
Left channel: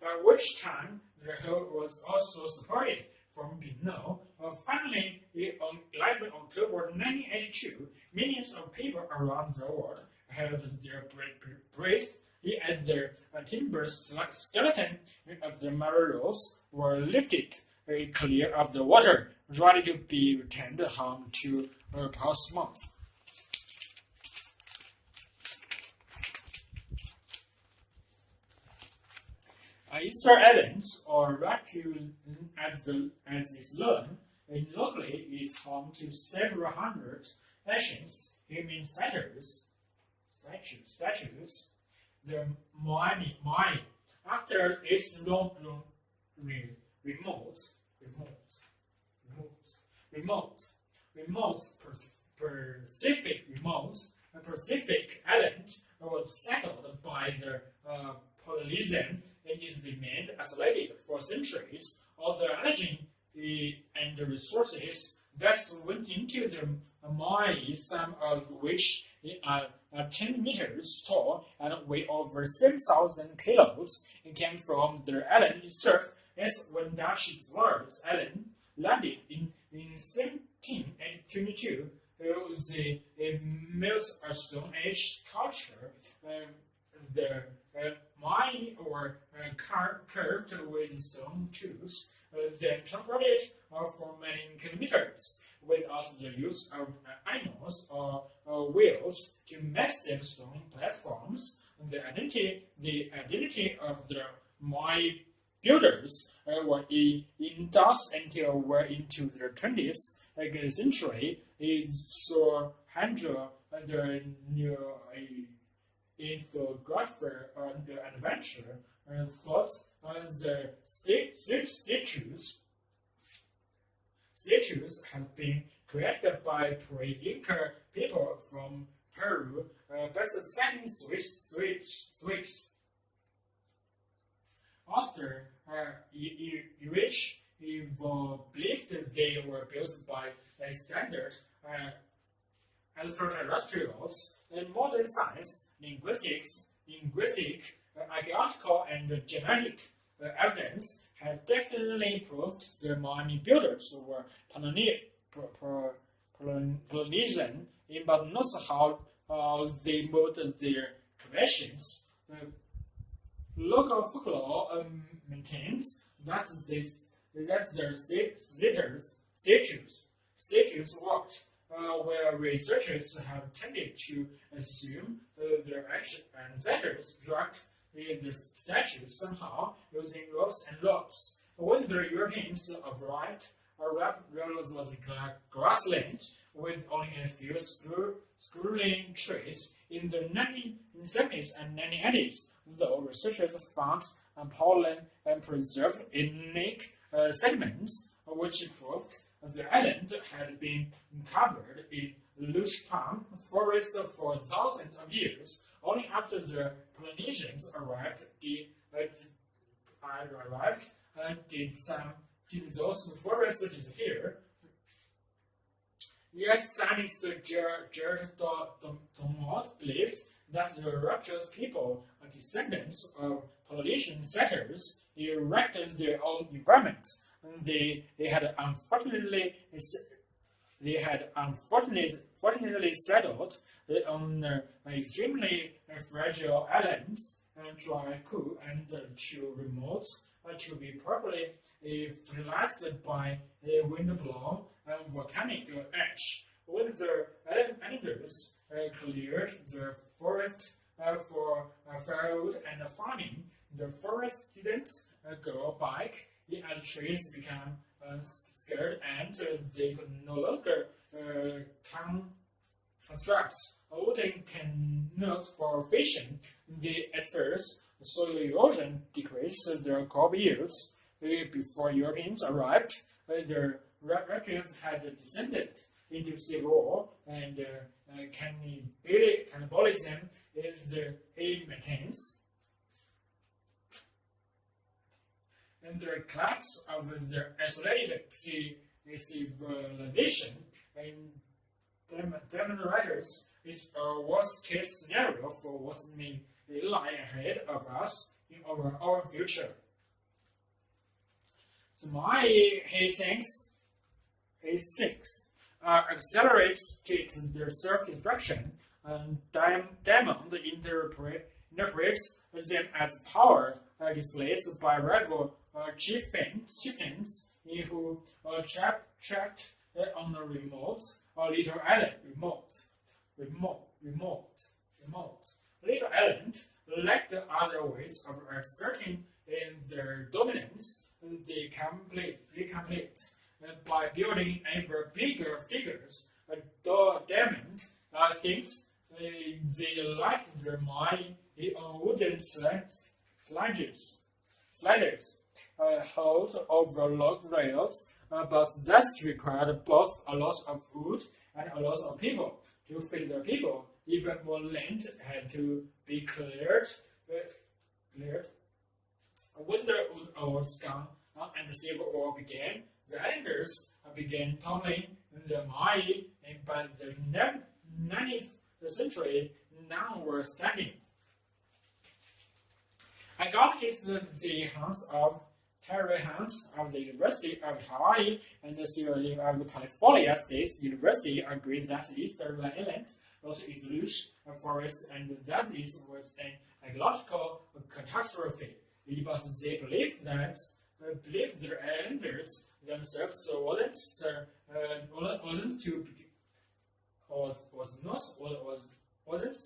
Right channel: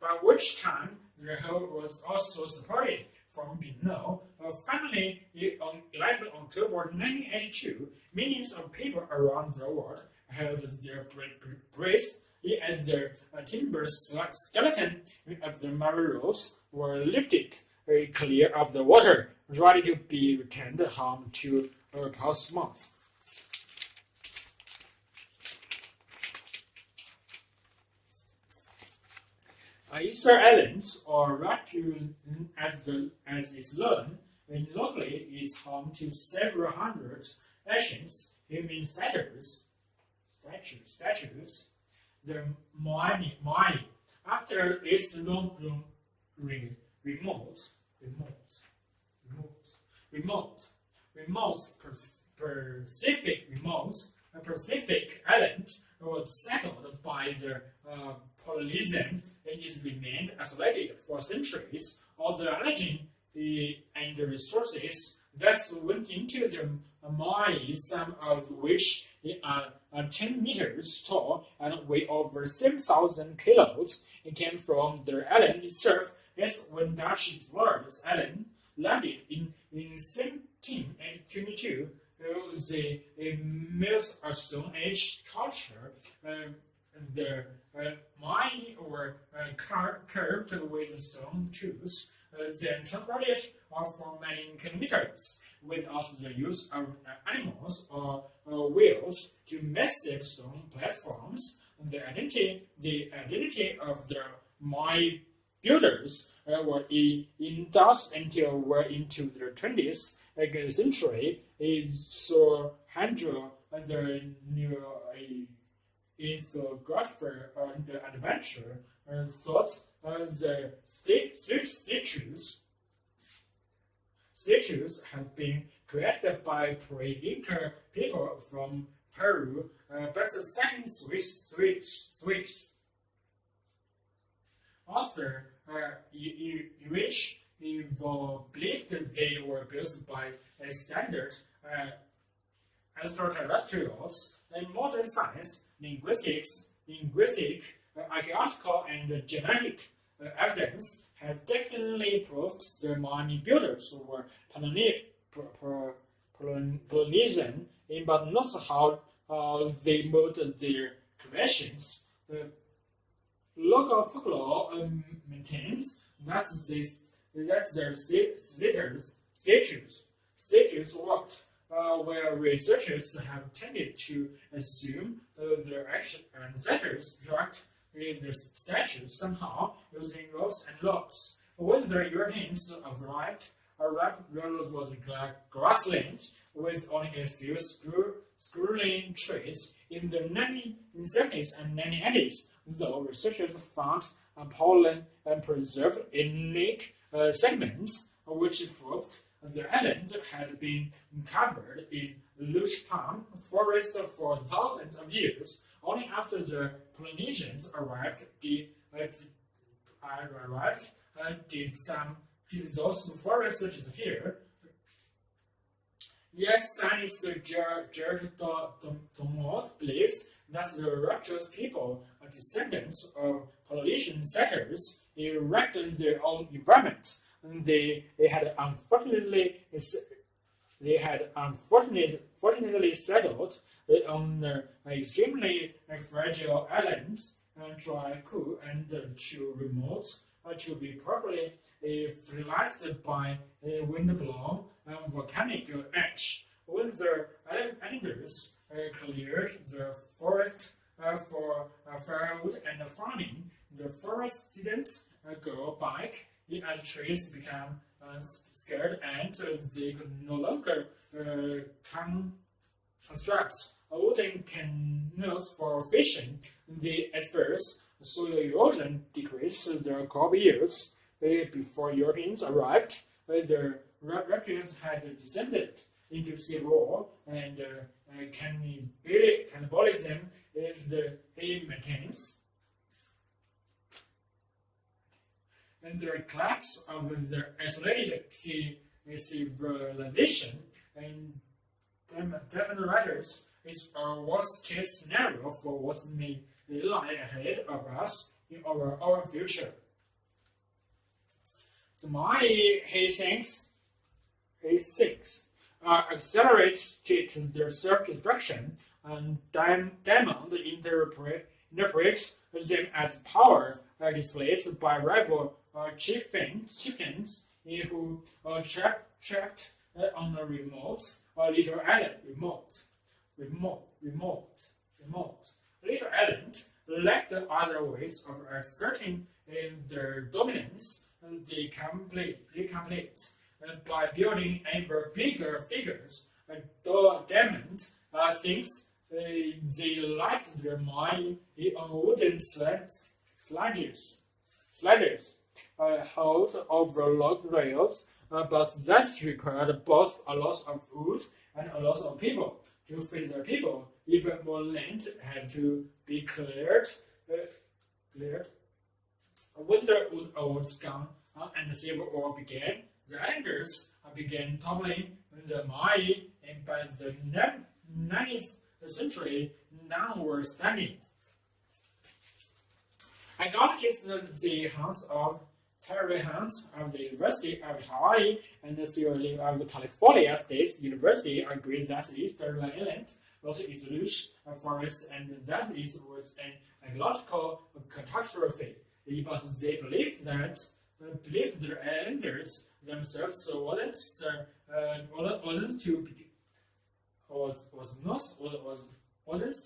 by which time the hull was also supported from below. Finally, on 11 October 1982, millions of people around the world held their breath as the timber skeleton of the Marinos were lifted clear of the water, ready to be returned home to Portsmouth. Easter Island, or Raccoon as it's known locally, is home to several hundred ancient human statues. The Miami, after its remote Pacific island was settled by the Polynesian and is remained isolated for centuries. All the energy and the resources that went into the mine, some of which are 10 meters tall and weigh over 7,000 kilos, came from the island itself. As when Dutch explorers island landed in 1722, the Mills Stone Age culture. The mine were curved with stone tools, then transported for many kilometers without the use of animals or wheels to massive stone platforms. The identity of the mine builders were in doubt until well into the 20th century. So Handel, the new infographer and adventure, thought the statues had been created by pre-Inca people from Peru, but the second switch author which believed they were built by a standard extraterrestrials. In modern science, linguistic, archaeological, and genetic evidence has definitely proved the mine builders were Polynesian, but not how they made their creations. Local folklore maintains that their statues worked, where researchers have tended to assume their ancestors dragged the statues somehow using ropes and locks. When the Europeans arrived was grassland with only a few sprawling trees. In the 1970s and 1980s, though, researchers found pollen and preserved unique segments which proved the island had been covered in lush palm forest for thousands of years. Only after the Polynesians arrived did those forests disappear. Yes, scientist George Dumont believes that the Raptors people are descendants of Polynesian settlers. They erected their own environment. They had unfortunately settled on extremely fragile islands, dry, cool, and too remote to be properly fertilized by wind-blown volcanic ash. When the islanders cleared the forest for firewood and farming, the forest didn't grow back as trees became scared and they could no longer constructs wooden canals for fishing. The experts soil erosion decreased their crop yields. Before Europeans arrived, their reptiles had descended into civil war, and cannibalism is the maintains. And the collapse of their isolated civilization and demonstrates is a worst-case scenario for what may lie ahead of us in our future. So he thinks accelerates to their self-destruction, and Diamond interprets them as power displayed by rival chieftains who trapped on a remote little island. Little island lacked other ways of asserting their dominance. They complete by building ever bigger figures. Diamond thinks they like their mind on wooden sliders hold over log rails, but that required both a lot of wood and a lot of people. To feed the people, even more land had to be cleared. When the wood was gone and the civil war began, the islanders began toppling the mine, and by the 19th century, none were standing. I got the hunts of Terry Hunt of the University of Hawaii and the theory of the California State University agreed that the Eastern Island was a lush forest and that it was an ecological catastrophe. But they believed that the islanders themselves wasn't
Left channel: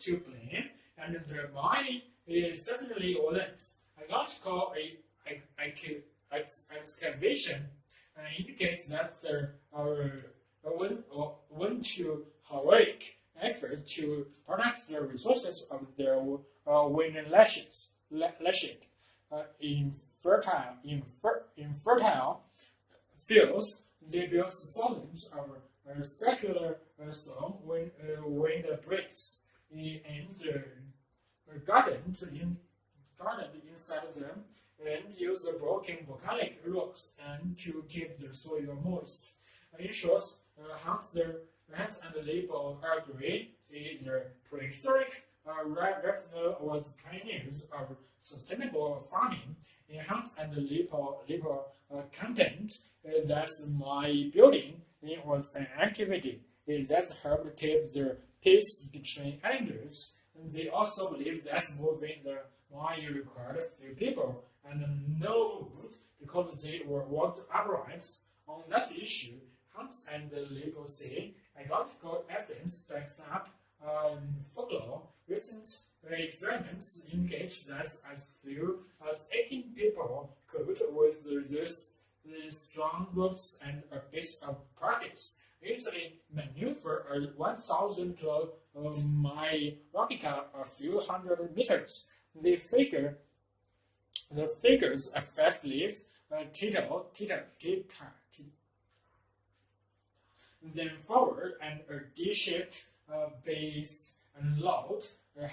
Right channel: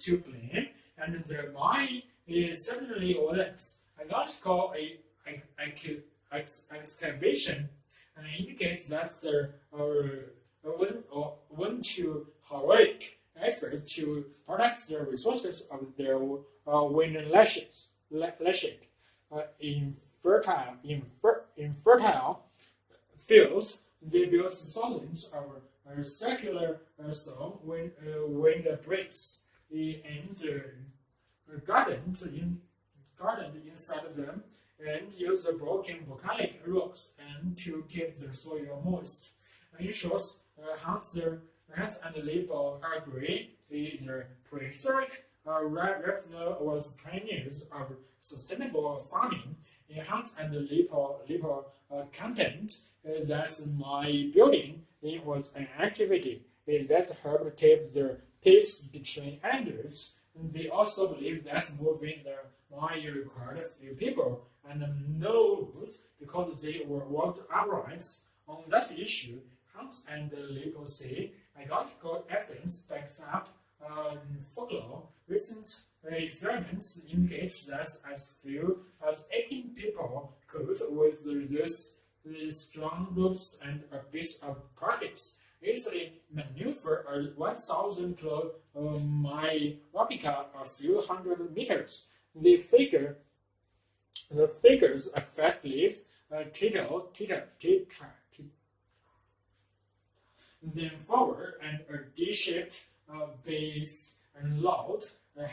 to blame, and their mine is certainly wasn't. Ecological excavation indicates that there went to heroic effort to protect the resources of their wind lashes. In fertile fields, they built thousands of circular stone wind bricks and gardens inside of them, and use the broken volcanic rocks and to keep the soil moist. In short, Hans and Labor agree the prehistoric Raphael was pioneers of sustainable farming. In Hans and Labor content that my building was an activity that helped keep the peace between islanders. They also believe that moving the mine required few people and no wood because they were worked upright. On that issue, Hunt and Labor say anecdotal evidence backs up folklore. Recent experiments indicate that as few as 18 people could, with these strong ropes and a bit of practice, easily maneuver a 1,000 kilo replica a few hundred meters. The figures effectively then forward and a D-shaped base and load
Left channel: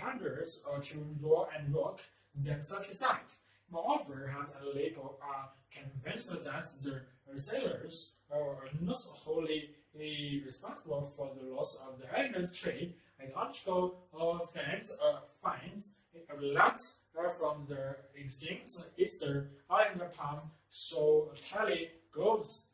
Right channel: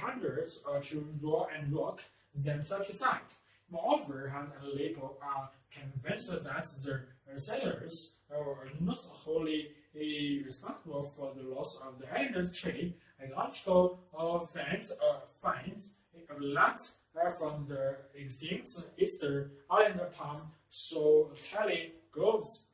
hundreds to roll and rock them side to side. Moreover, Hans and Labor are convinced that the sailors are not wholly responsible for the loss of the island's trade. Archaeological finds a lot from the extinct Easter Islander palm solitary groves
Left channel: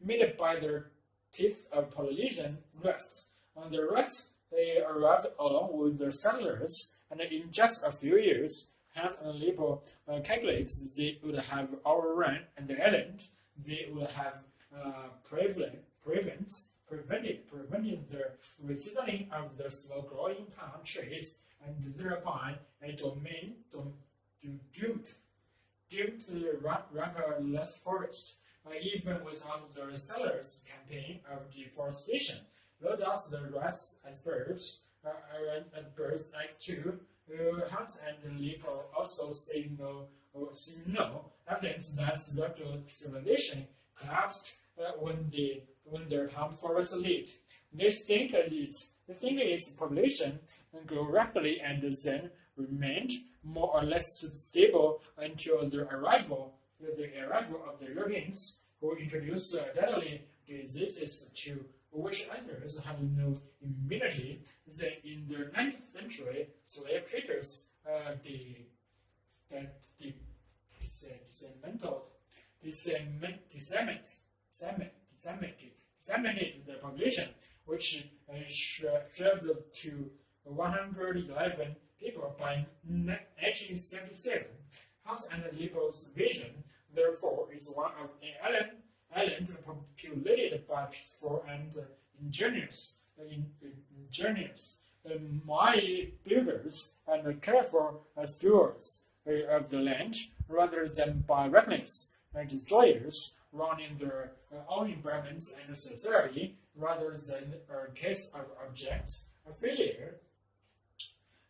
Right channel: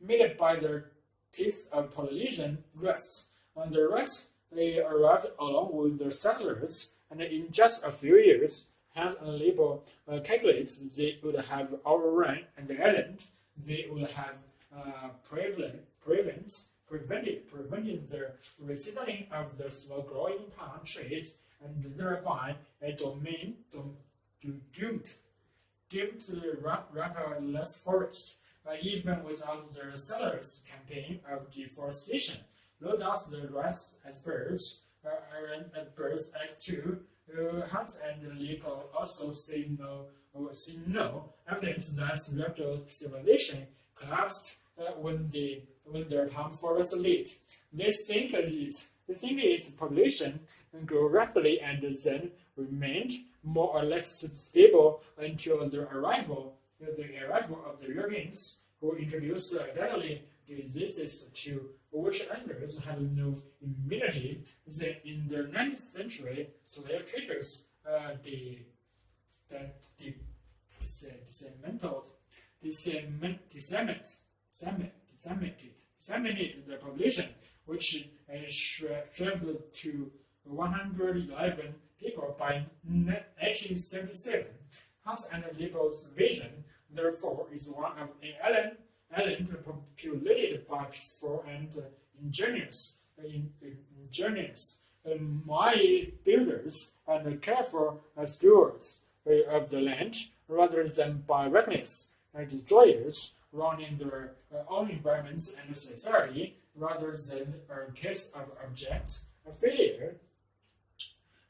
made by the teeth of Polynesian rats. On the rats, they arrived along with the settlers, and in just a few years, Hans and Labor calculates they would have overrun the island. They would have prevented the resettling of the slow-growing palm trees, and thereby a doomed to rampartless forest. even without the settlers' campaign of deforestation. Though does the rights as birds Act 2, Hunt and Lipo also see no evidence that reptile civilization collapsed when their palm forest lit. They think its population grew rapidly and then remained more or less stable until the arrival of the Europeans, who introduced deadly diseases to which others had no immunity. Then, in the 19th century, slave traders disseminated the population, which shriveled to 111 people by 1877. Hunt and Lipo's vision, therefore, is one of an island populated by peaceful and ingenious mighty builders and careful stewards of the land, rather than by reckless destroyers running their own environments and society, rather than a case of abject failure.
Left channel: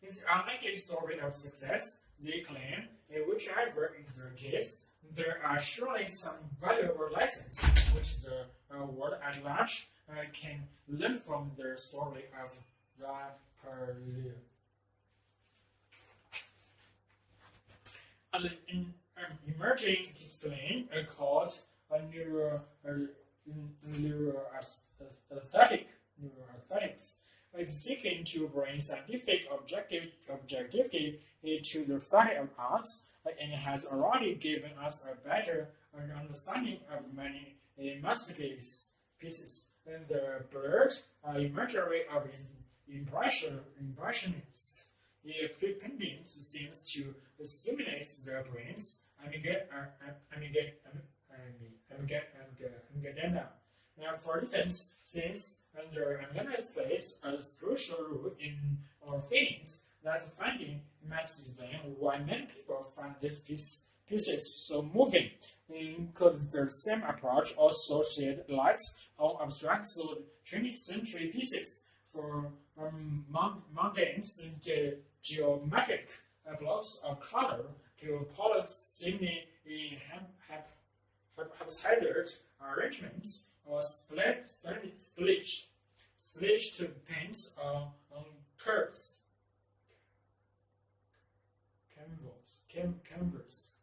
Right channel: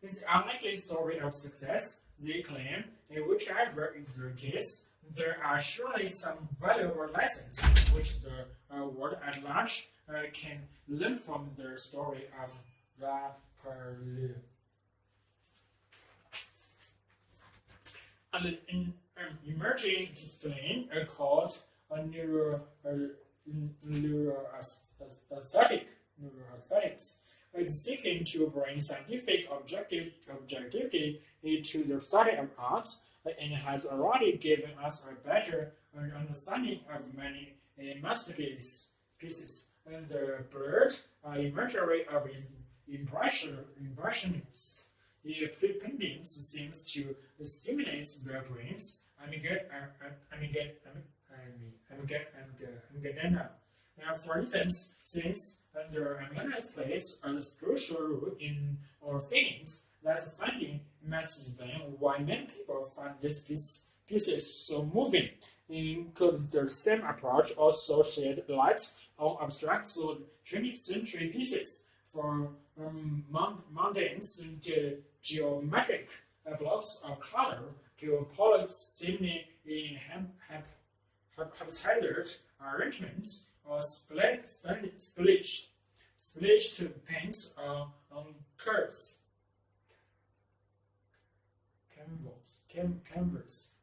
It's an unlikely story of success, they claim. Whichever is the case, there are surely some valuable lessons which the world at large can learn from the story of Rapallu. An emerging discipline called neuroaesthetics is seeking to bring scientific objectivity to the study of art, and has already given us a better understanding of many masterpieces. The blurred imagery of impressionists paintings seems to stimulate their brains. For instance, since the awareness plays a crucial role in our feelings, that finding matches them why many people find this pieces so moving. Could the same approach also shed light on abstract 20th century pieces for mundane geometric blocks of color to polyphony haphazard arrangements or splashed paints on curves? Canvas.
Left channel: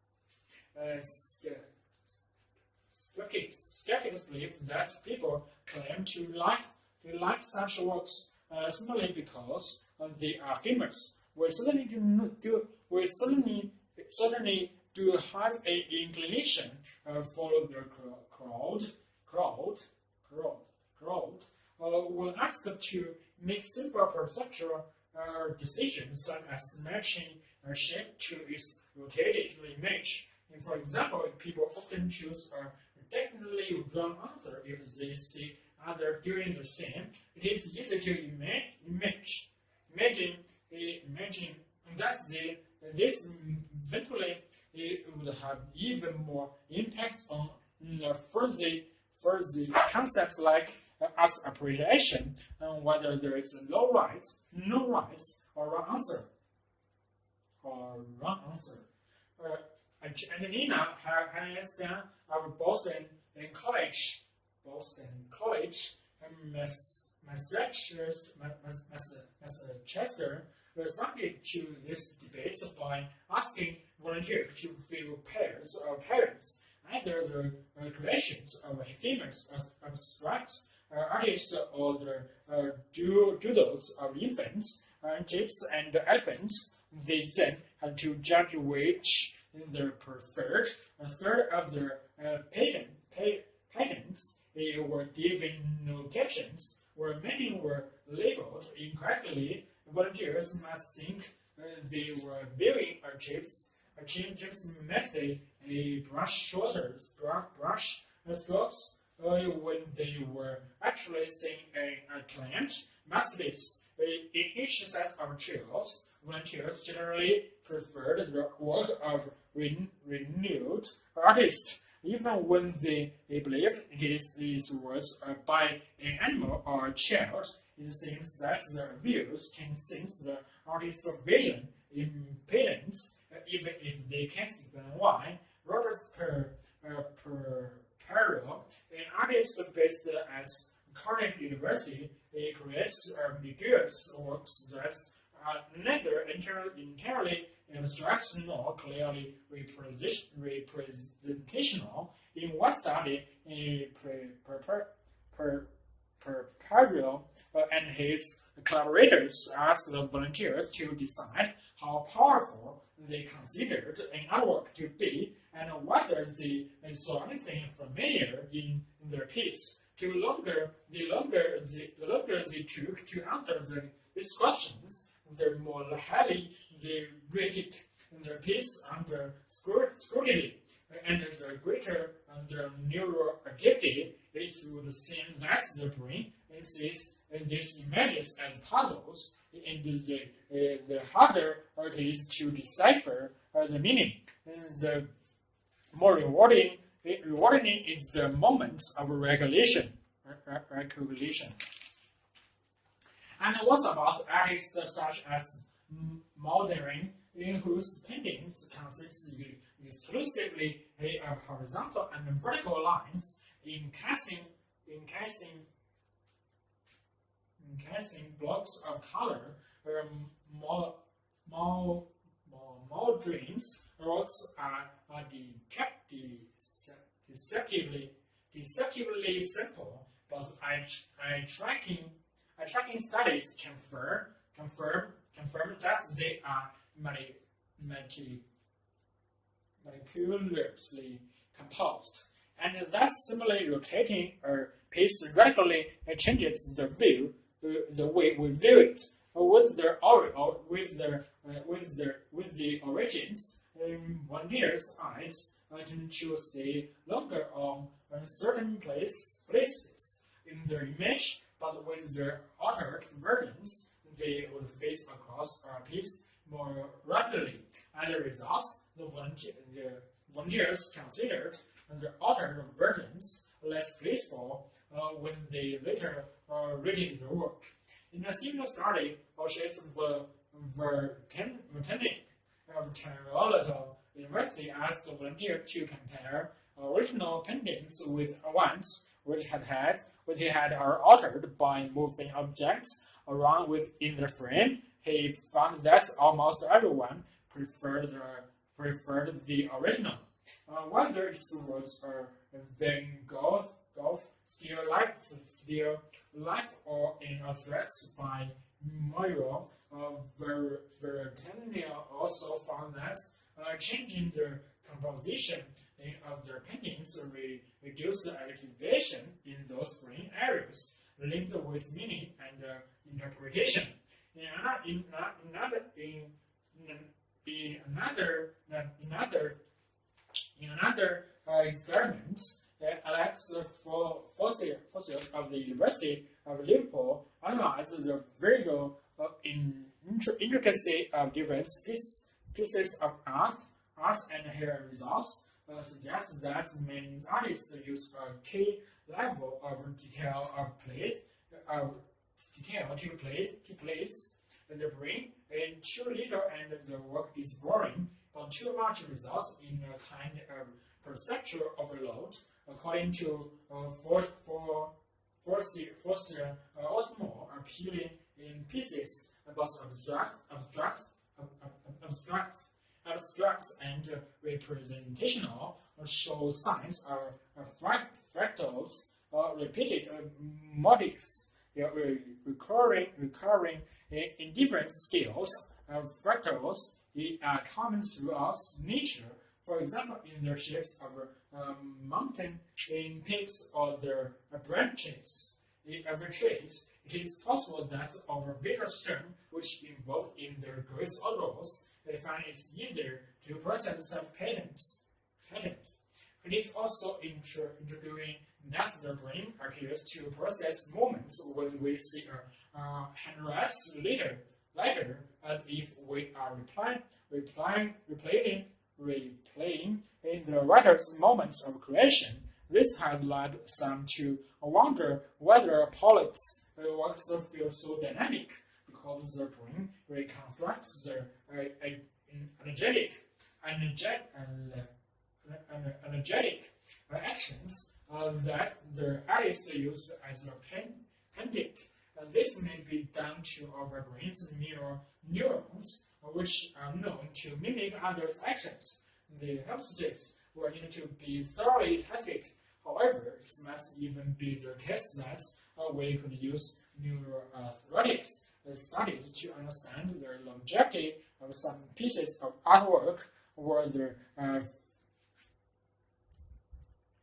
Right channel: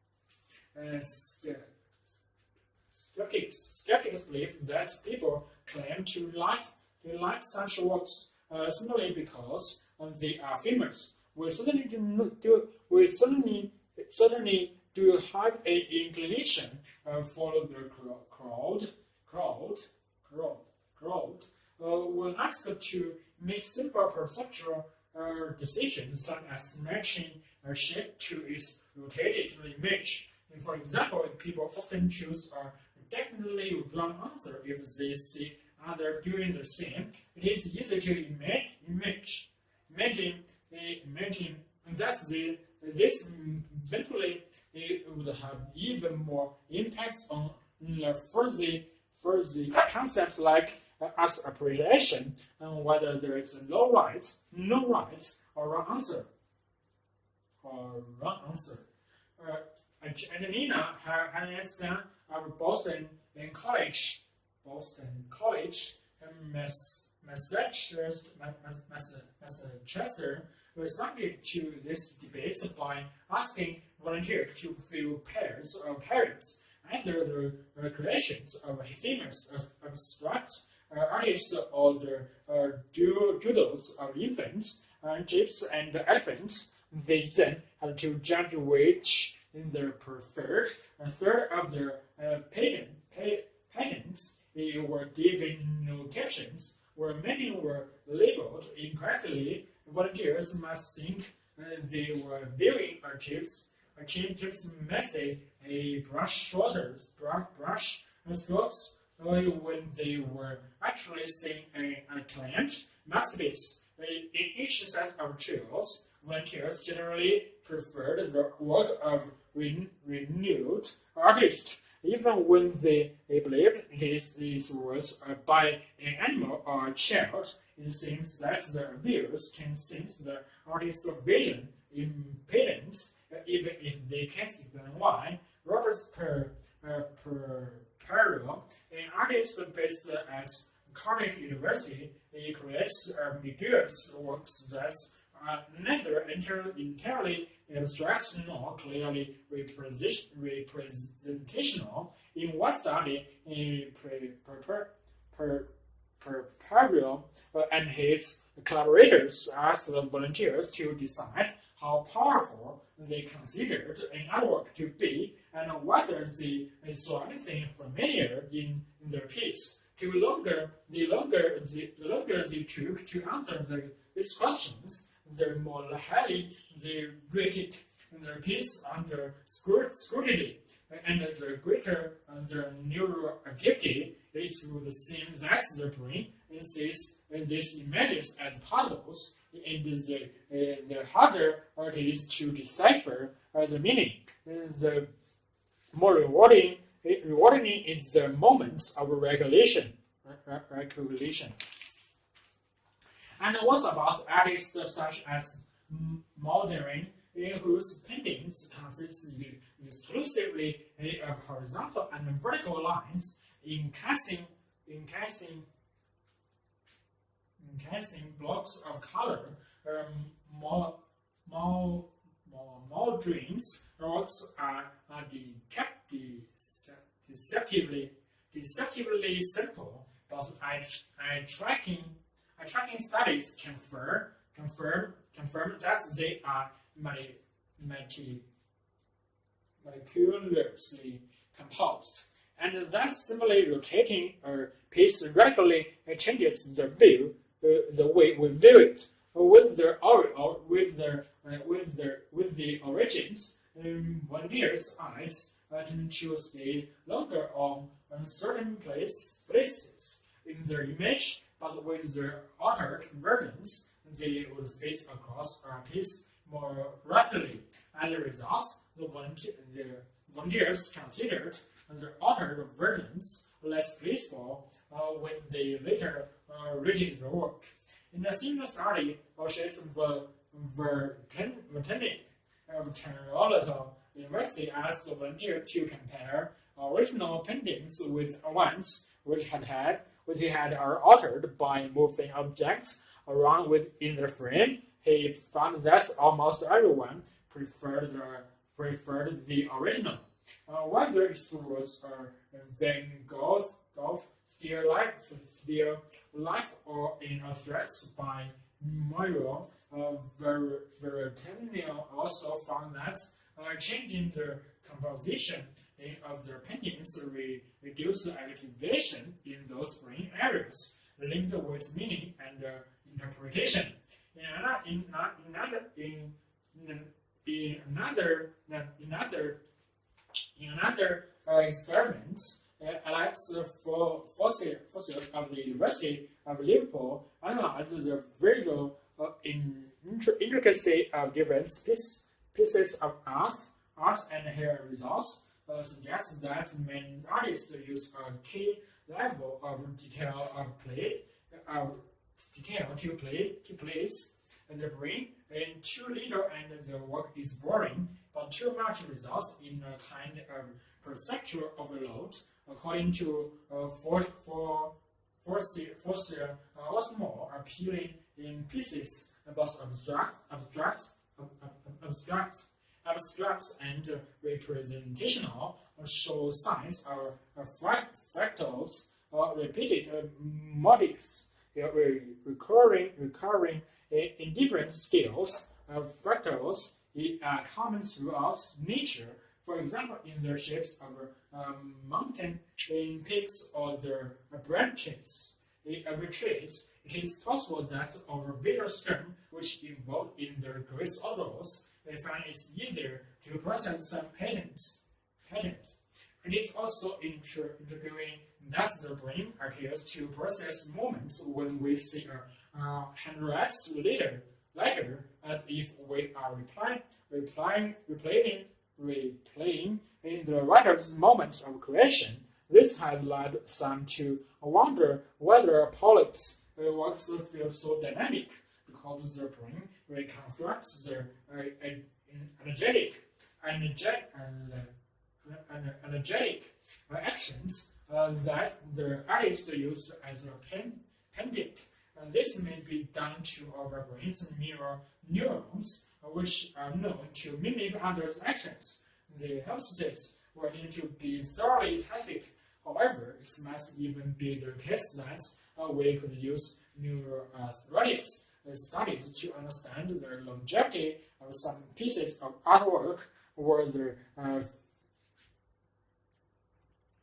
Skeptics believe that people claim to like such works simply because they are famous. We certainly do have an inclination follow the crowd. When asked to make simple perceptual decisions such as matching a shape to its rotated image. For example, people often choose a technically wrong answer if they see others doing the same. It is easy to imagine that this eventually would have even more impact on further concepts like as appreciation, and whether there is no right or wrong answer. Angelina Aniston of Boston College, Massachusetts, responded to this debate by asking volunteers to fill pairs of parents, either the creations of famous abstract artists or the doodles of infants, jeeps, and elephants. They then had to judge which their preferred. A third of their patents they were given no captions, where many were labeled incorrectly. Volunteers must think they were viewing a chip's method, a brush strokes, when they were actually seeing a client masterpiece. In each set of trials, volunteers generally preferred the work of renowned artists. even when they believe these words by an animal or a child. It seems that the views can sense the artist's vision impedance, even if they can't explain why. Robert Perel, an artist based at Cardiff University, creates ambiguous works that are neither entirely abstract nor clearly representational. In one study, Perel and his collaborators asked the volunteers to decide how powerful they considered an artwork to be and whether they saw anything familiar in their piece. The longer they took to answer these questions, the more highly they rated their piece under scrutiny, and the greater their neural activity. It would seem that the brain sees these images as puzzles, and the harder it is to decipher the meaning. The more rewarding is the moment of recollection. And what about artists such as Mauldin, whose paintings consist exclusively of horizontal and vertical lines, encasing blocks of color? Mauldin's works are deceptively simple, but eye tracking studies confirm that they are meticulously composed, and that simply rotating a piece radically changes the way we view it. With the origins, volunteers' eyes tend to stay longer on certain places in their image, but with their altered versions, they would face across a piece more rapidly. As a result, the volunteers considered the altered versions less graceful when they later rated the work. In a similar study, Ielts Reading of Toronto University asked the volunteer to compare original paintings with ones which had are altered by moving objects around within the frame. He found that almost everyone preferred the original. Whether it was Van Gogh still life or in abstracts by Moiro, Vertenio also found that changing the composition of their paintings reduced the activation in those brain areas linked with meaning and interpretation. In another experiment, Alex Fossils of the University of Liverpool analyzed the visual intricacy of different pieces of art, and her results suggest that many artists use a key level of detail to place the brain, and too little and the work is boring, but too much results in a kind of perceptual overload. According to Fossils, what's more appealing in pieces but abstract and representational show signs of fractals or repeated motifs, recurring in different scales of fractals are common throughout nature. For example, in the shapes of mountain peaks or the branches of trees, it is possible that our visual system, which involved in the grace odors, we find it's easier to process some patterns. It is also intriguing that the brain appears to process moments when we see a handwriting later, as if we are replaying replaying in the writer's moments of creation. This has led some to wonder whether poets' works feel so dynamic because their brain reconstructs their energetic actions that the artist used as a pendant. This may be done to our brain's neurons, which are known to mimic others' actions. The hypothesis will need to be thoroughly tested. However, it must even be the case that we could use neurotheoretics studies to understand the longevity of some pieces of artwork or the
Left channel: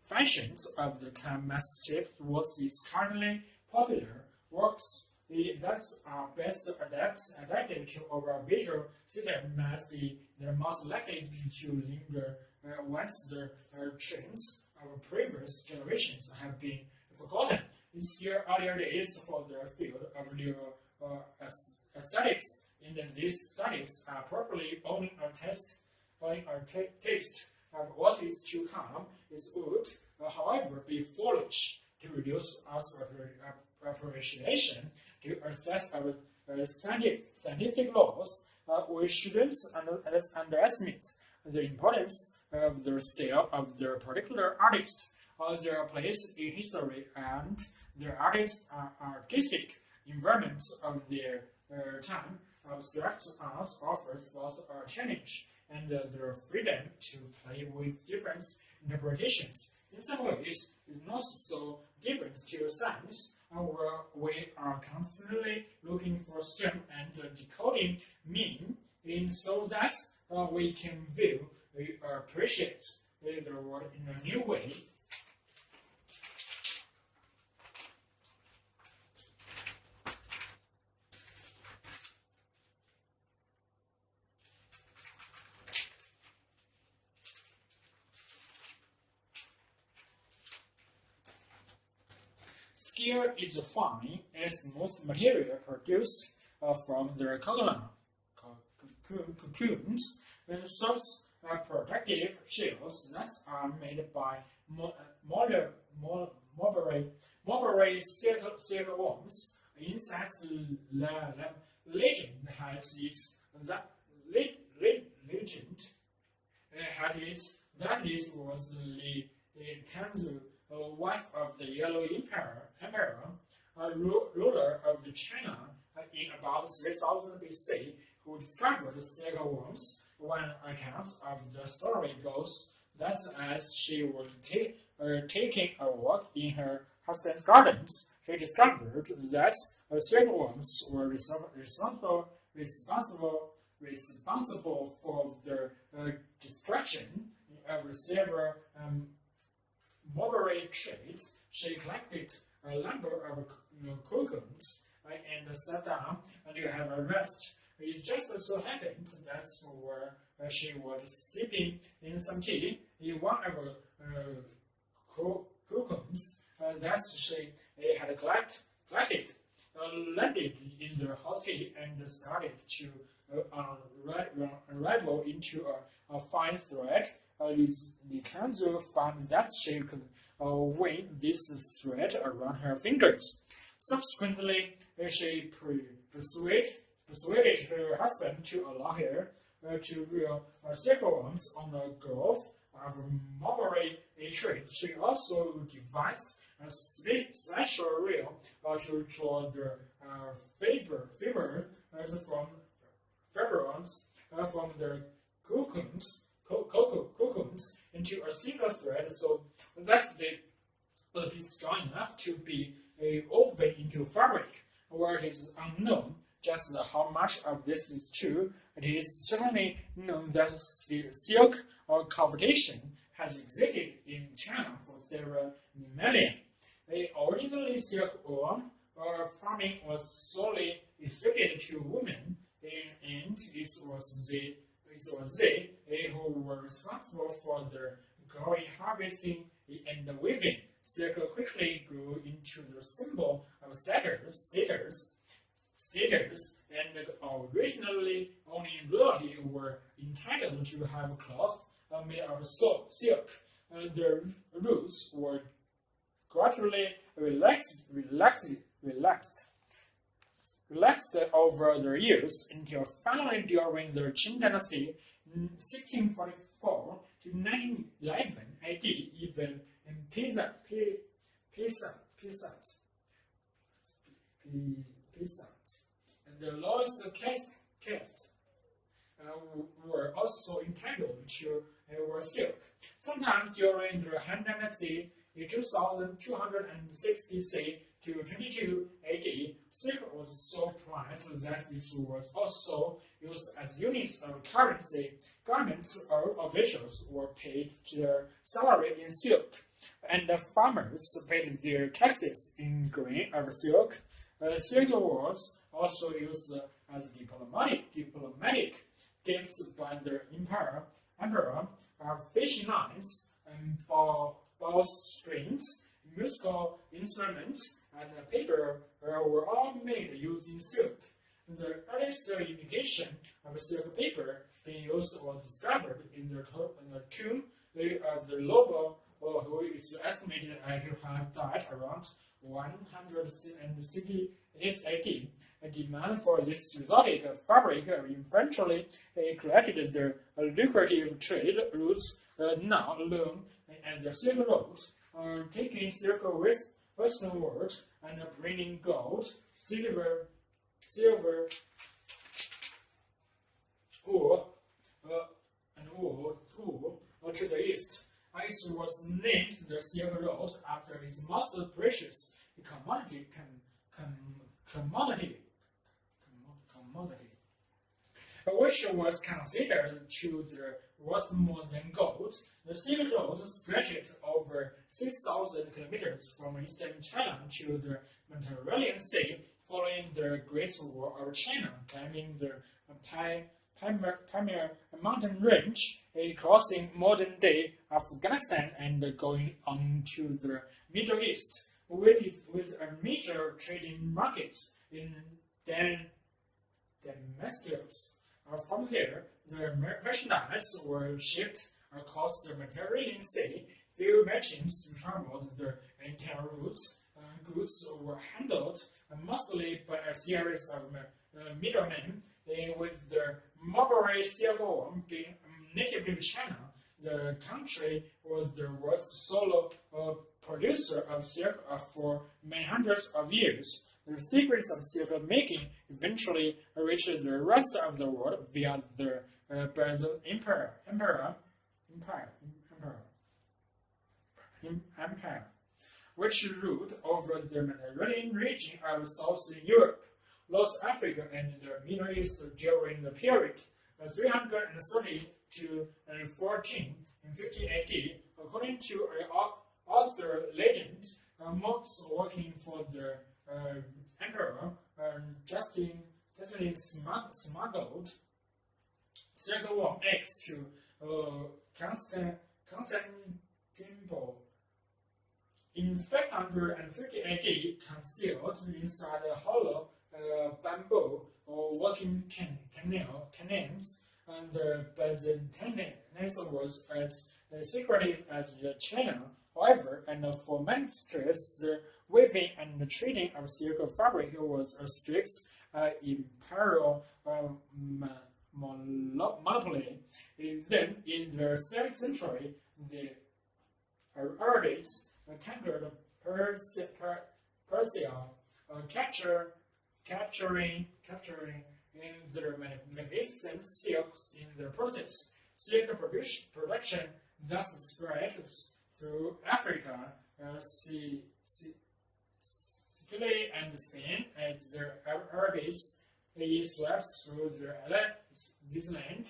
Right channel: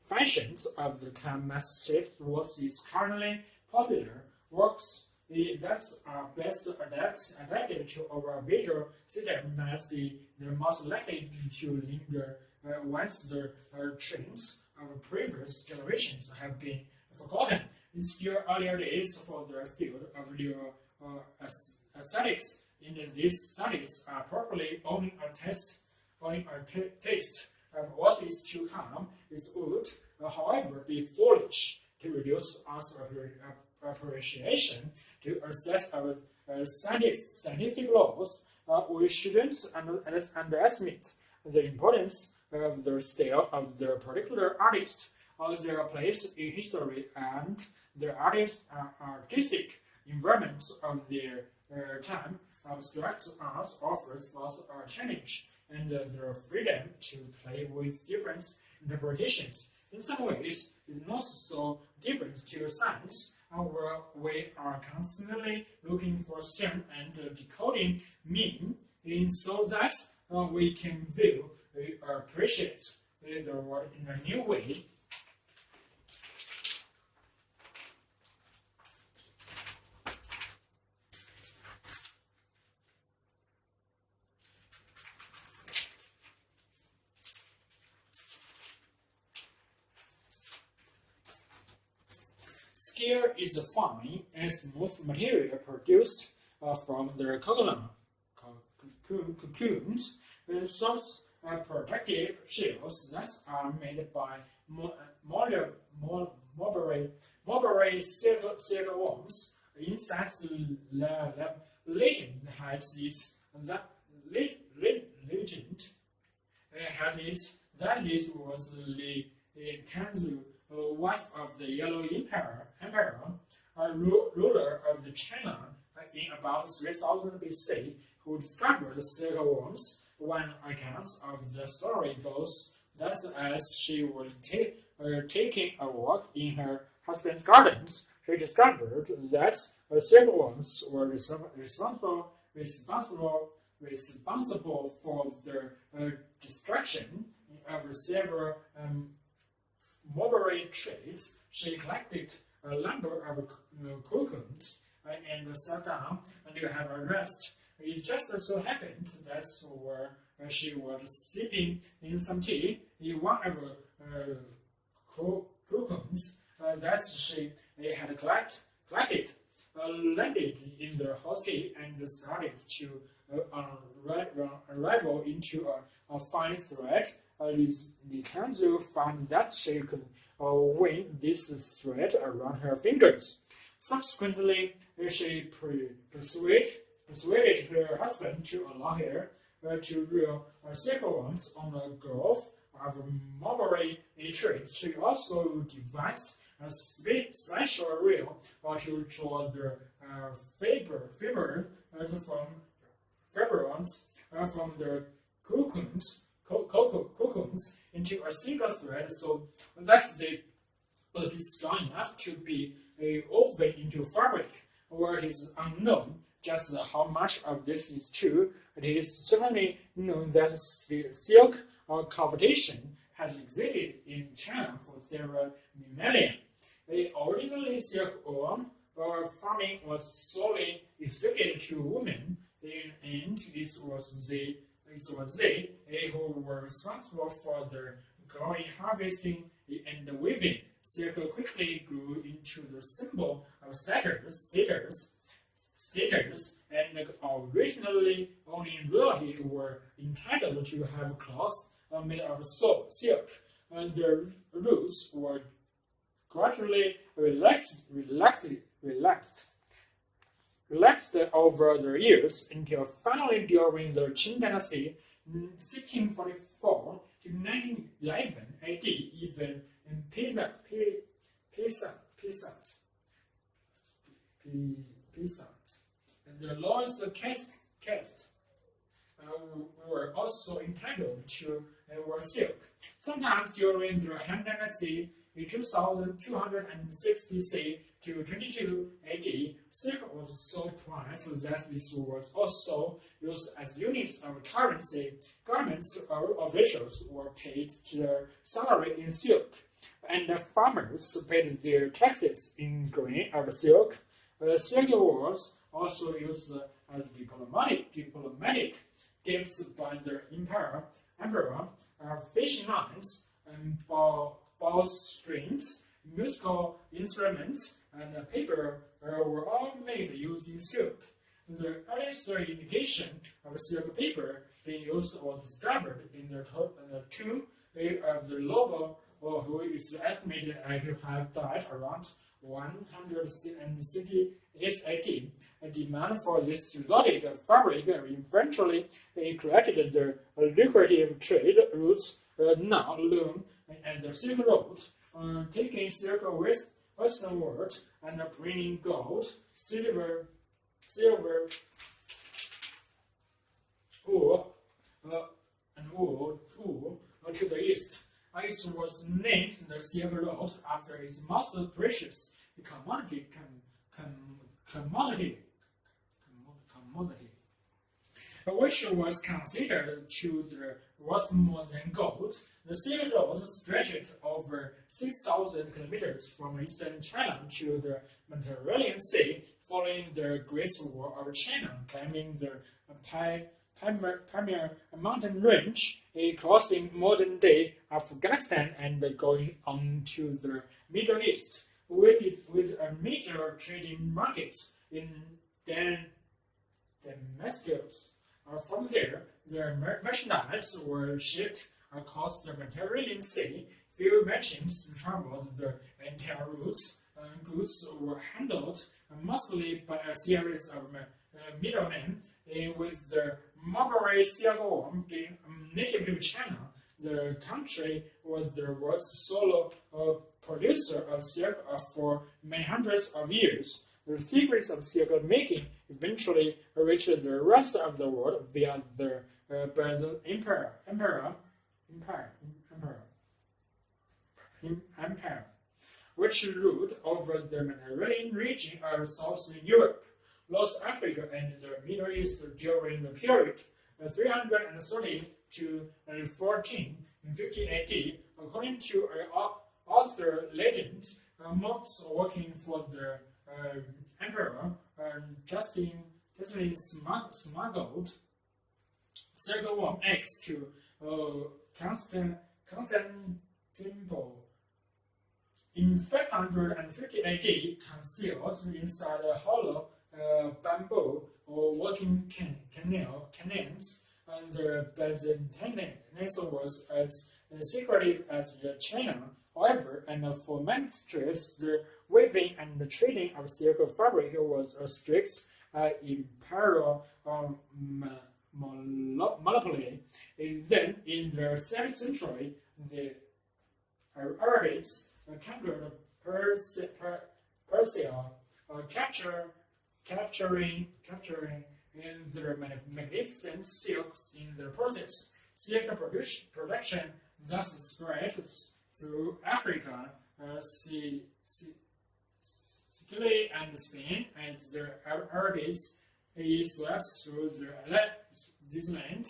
functions of the time must shape what is currently popular works that are best adapted to our visual system must be the most likely to linger once the trends of previous generations have been forgotten. In still earlier days for the field of aesthetics, in these studies are probably only a taste of what is to come. It would, however, be foolish to reduce our appreciation to a set of scientific laws. We shouldn't underestimate the importance of the style of the particular artist, their place in history, and the artistic environment of their time. Abstract art offers both a challenge and the freedom to play with different interpretations. In some ways, it's not so different to science, where we are constantly looking for some and decoding meaning, so that we can view, appreciate the world in a new way. Skill is a fine and smooth material produced from the cocoons. Soft protective shells that are made by mulberry silkworms. Insects legend has its that it was the Kanzu, wife of the Yellow Emperor, a ruler of the China in about 3000 BC, who discovered silkworms. One account of the story goes that as she was taking a walk in her husband's gardens, she discovered that silkworms were responsible for the destruction of several mulberry trees. She collected a number of cocoons and sat down and have a rest. It just so happened that where she was sipping in some tea, in one of the cocoons that she had collected landed in the hot tea and started to unravel into a fine thread. Likanzu found that she could weave this thread around her fingers. Subsequently, she persuaded her husband to allow her to reel silkworms on a grove of mulberry trees. She also devised a special reel to draw the fiber from the cocoons into a single thread, so that they will be strong enough to be woven into fabric. Where it is unknown just how much of this is true, it is certainly known that the silk cultivation has existed in China for several millennia. Originally, silkworm farming was solely restricted to women, and it was they who were responsible for the growing, harvesting, and weaving. Silk quickly grew into the symbol of status status, and originally only royalty were entitled to have cloth made of silk. Their rules were gradually relaxed over the years until finally during the Qing Dynasty, 1644 to 1911 AD, even peasant and the lowest caste were also entitled to wear silk. Sometimes during the Han Dynasty, in 2206 BC to 22 AD, silk was so prized that this was also used as units of currency. Governments or officials were paid their salary in silk, and the farmers paid their taxes in grain of silk. Silk was also used as diplomatic gifts by the emperor, fishing lines, and bowstrings, musical instruments, and paper were all made using silk. The earliest indication of silk paper being used was discovered in the tomb of the Lobo, who is estimated to have died around 168 AD. A demand for this exotic fabric eventually created the lucrative trade routes now loom and the Silk Road, taking silk westernward and bringing gold, silver, wool, and wool to the east. It was named the Silk Road after its most precious commodity, which was considered to be worth more than gold. The Silk Road stretched over 6,000 kilometers from eastern China to the Mediterranean Sea, following the Great Wall of China, climbing the Pamir mountain range, crossing modern-day Afghanistan, and going on to the Middle East, with a major trading market in Damascus. From there, the merchandise were shipped across the Mediterranean Sea. Few merchants traveled the entire route. Goods were handled mostly by a series of middlemen, with the mulberry silkworm being native to China. The country was the world's sole producer of silk for many hundreds of years. The secrets of silk making eventually reached the rest of the world via the Byzantine Empire, which ruled over the Mediterranean region of Southern Europe, North Africa, and the Middle East during the period 330 to 1450 AD. According to author legend, monks working for the emperor Justin smuggled silkworm eggs to Constantinople. In 550 AD, concealed inside a hollow bamboo or working canoes, and the Byzantines was as secretive as China. However, and for many trades, the weaving and the trading of silk fabric was a strict imperial monopoly. Then, in the 7th century, the Arabics conquered Persia, capturing their magnificent silks in the process. Silk production thus spread through Africa, Sicily, and Spain, as the Arabics swept through this land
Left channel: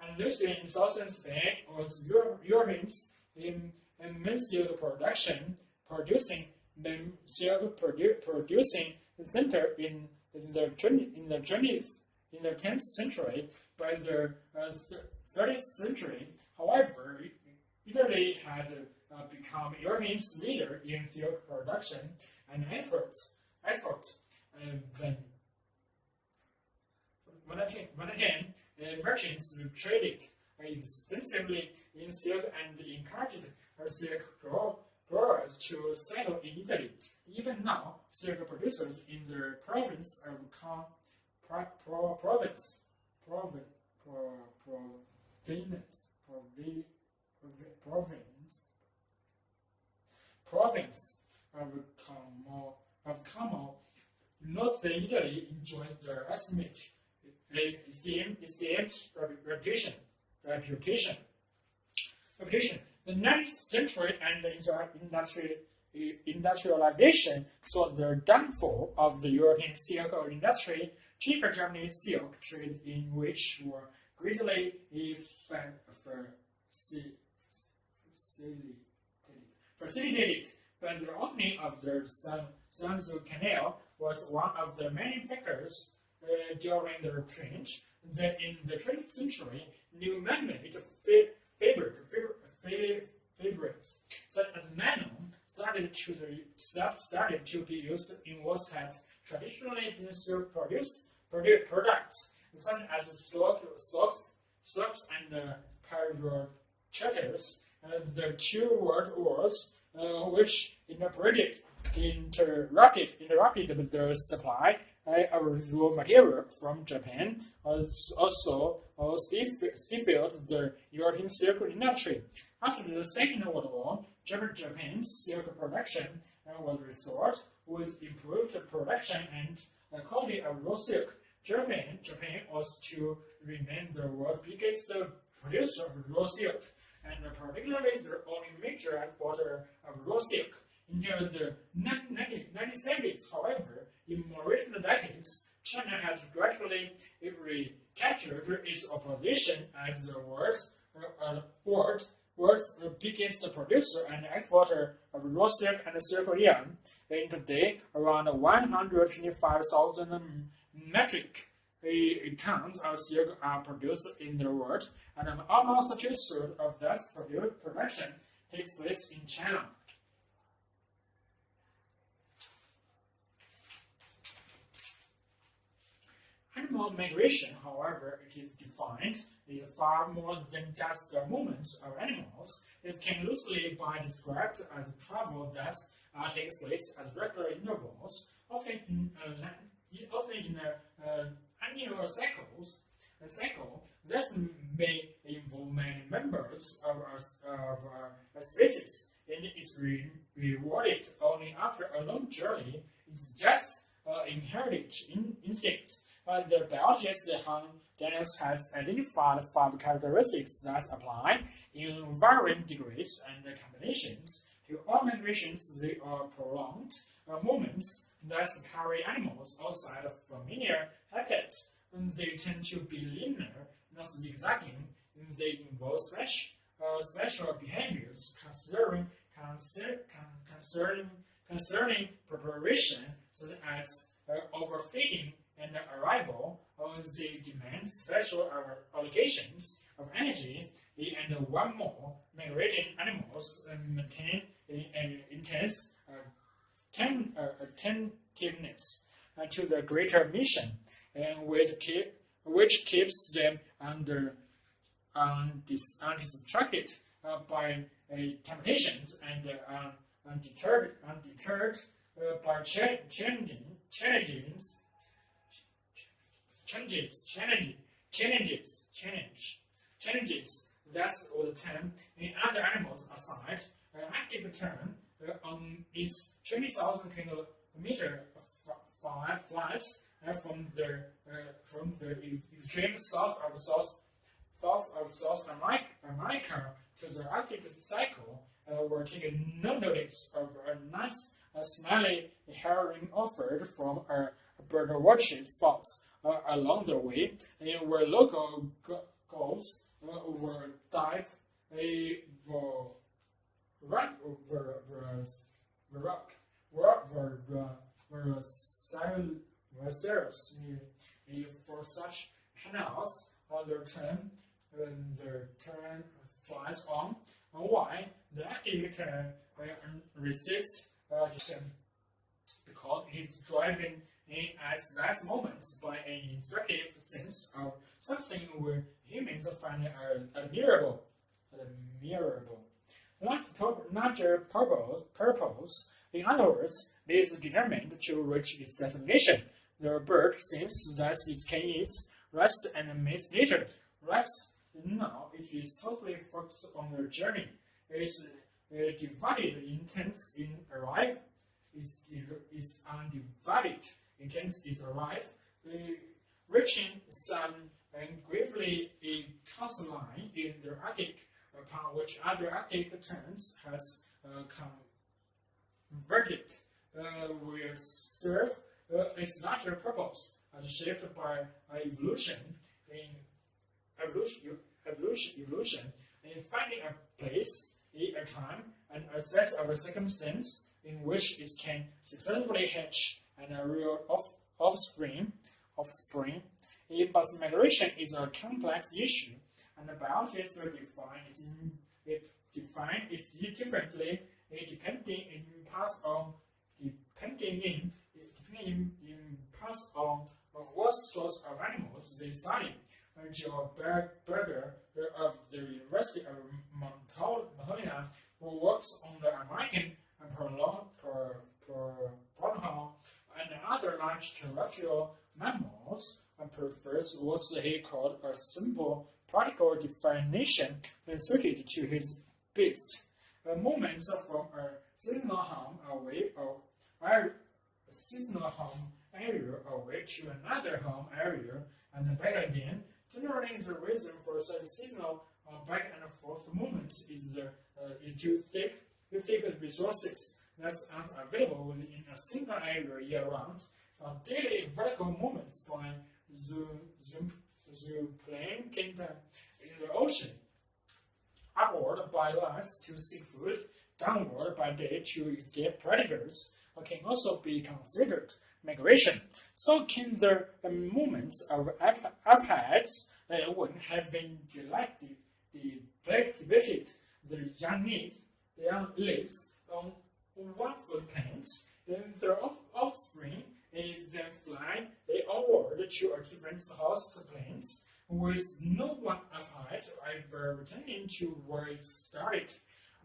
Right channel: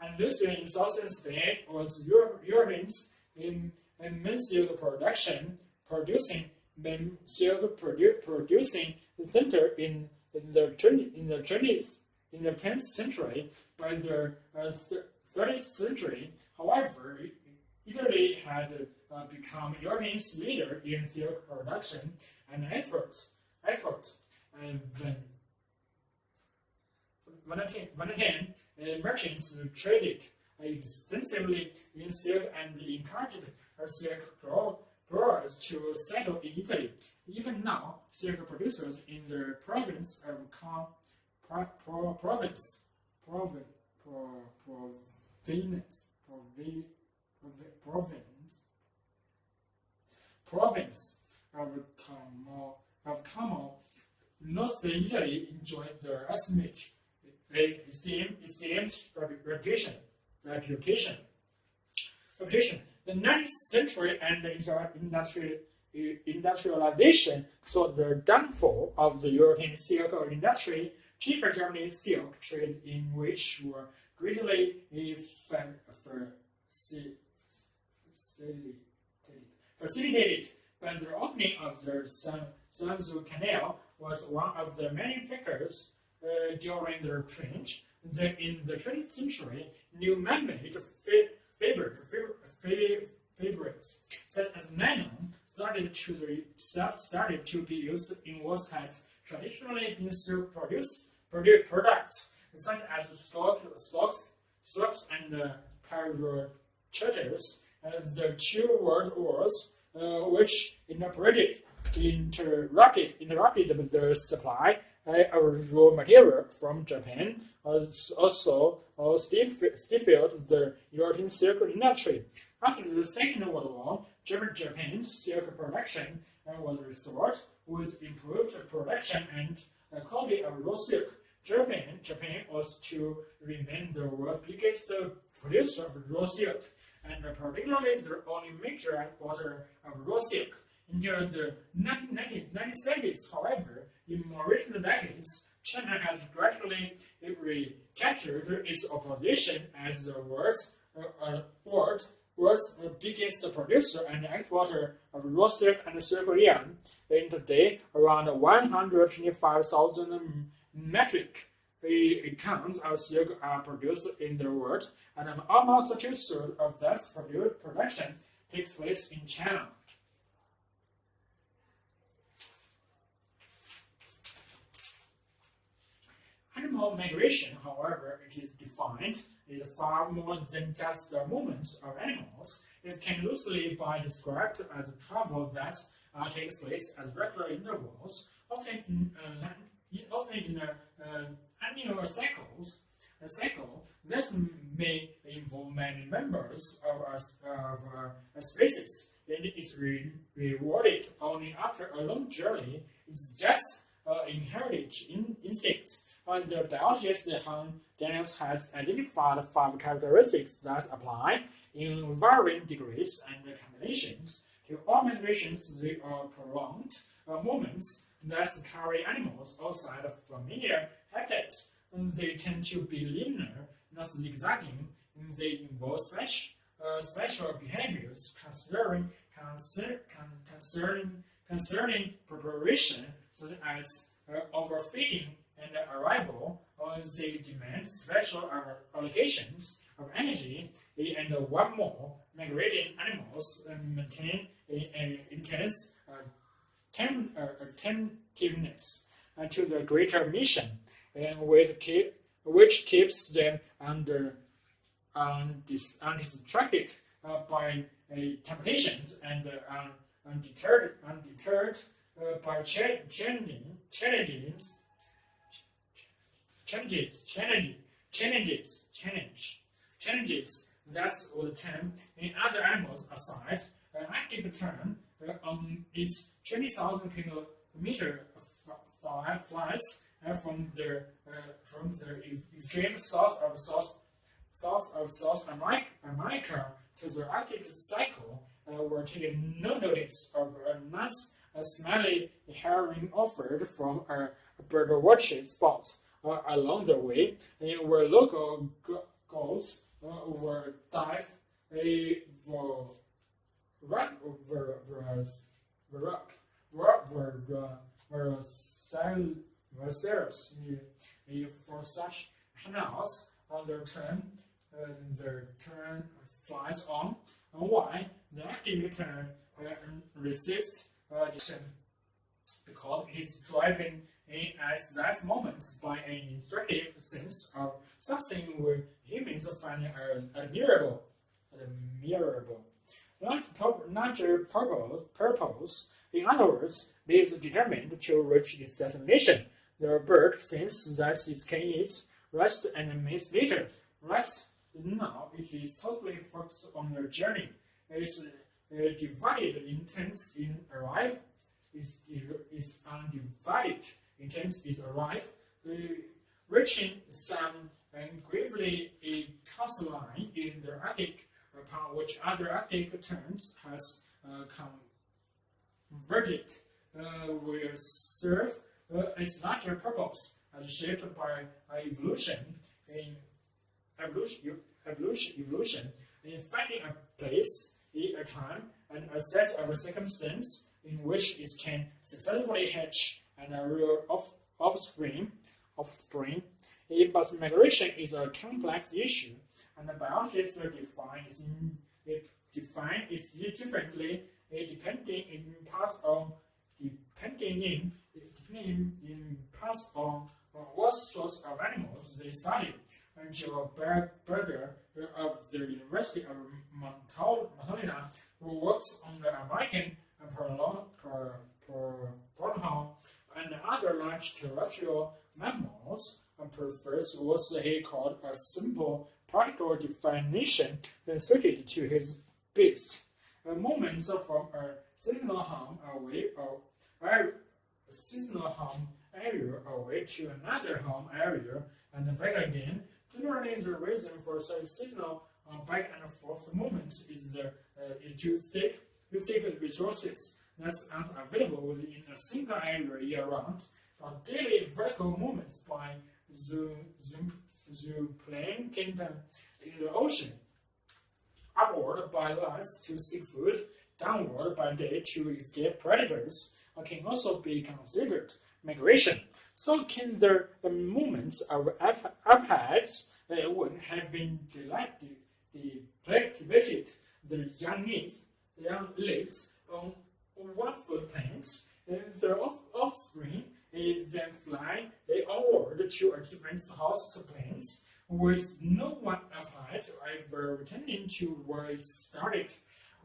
Andalusia in southern Spain was Europeans in silk producing center in the 10th century. By the 30th century, however, Italy had become Europe's leader in silk production and export. When again, merchants traded extensively in silk and encouraged silk growers to settle in Italy. Even now, silk producers in the province of province of Como, northern Italy enjoyed the esteemed reputation. The 19th century and industrialization saw the downfall of the European silk industry. Cheaper Germany's silk trade in which were greatly facilitated by the opening of the Suez Canal was one of the many factors during the change. In the 20th century, new man-made fabrics such as nylon started to be used in what had traditionally been silk products, such as stocks and parachatters. The two world wars, which interrupted the supply of raw material from Japan, also stifled the European silk industry. After the Second World War, Japan's silk production was restored with improved production and quality of raw silk. Japan was to remain the world's biggest producer of raw silk, and particularly the only major exporter of raw silk. Until the 1970s, however, in more recent decades, China has gradually recaptured its position as the world's biggest producer and exporter of raw silk and silk yarn. In today, around 125,000 metric tons of silk are produced in the world, and almost two-thirds of that production takes place in China. Animal migration, however, it is defined, is far more than just the movements of animals. It can loosely be described as travel that takes place at regular intervals, often in annual cycles. A cycle that may involve many members of a species and is rewarded only after a long journey. It's just inherited instinct. The biologist Han Daniels has identified 5 characteristics that apply in varying degrees and combinations to all migrations. They are prolonged movements that carry animals outside of familiar habitats. They tend to be linear, not zigzagging. They involve special behaviors concerning preparation, such as overfeeding and arrival. They demand special allocations of energy, and one more, migrating animals maintain an intense attentiveness to the greater mission, and which keeps them undistracted by temptations and undeterred by challenges. That's all the term. In other animals aside, an active term is 20,000 kilometer flights from the extreme south of South America to the Arctic cycle. Were taken no notice of a nice smelly herring offered from a bird watching spot along the way, where local gulls were dive for such canals. The turn flies on. Why? The active term resist because it is driven in at that moment by an instinctive sense of something where humans find admirable. Larger purpose. In other words, it is determined to reach its destination. The bird thinks that it can eat, rest, and meet later. Right now, it is totally focused on the journey. It is divided intents in arrive. Is undivided intents is arrive, reaching some gravely a coastline in the Arctic, upon which other Arctic terms has converted, will serve its larger purpose as shaped by evolution in finding a place, a time, and a set of circumstances in which it can successfully hatch and rear offspring. But migration is a complex issue, and biologists define it differently, depending in parts on what sorts of animals they study. And Joe Berger of the University of Montana, who works on the American protodon and other large terrestrial mammals, and prefers what he called a simple practical definition then suited to his beast. Movements from a seasonal home away to another home area and back again. Generally, the reason for such seasonal back and forth movements is to seek resources that aren't available within a single area year-round. Daily vertical movements by zooplankton in the ocean, upward by night to seek food, downward by day to escape predators, can also be considered migration. So can the movements of apex when having depleted the young leaves on 1 foot plants, their offspring then fly onward to a different host plants with no one apex ever returning to where it started.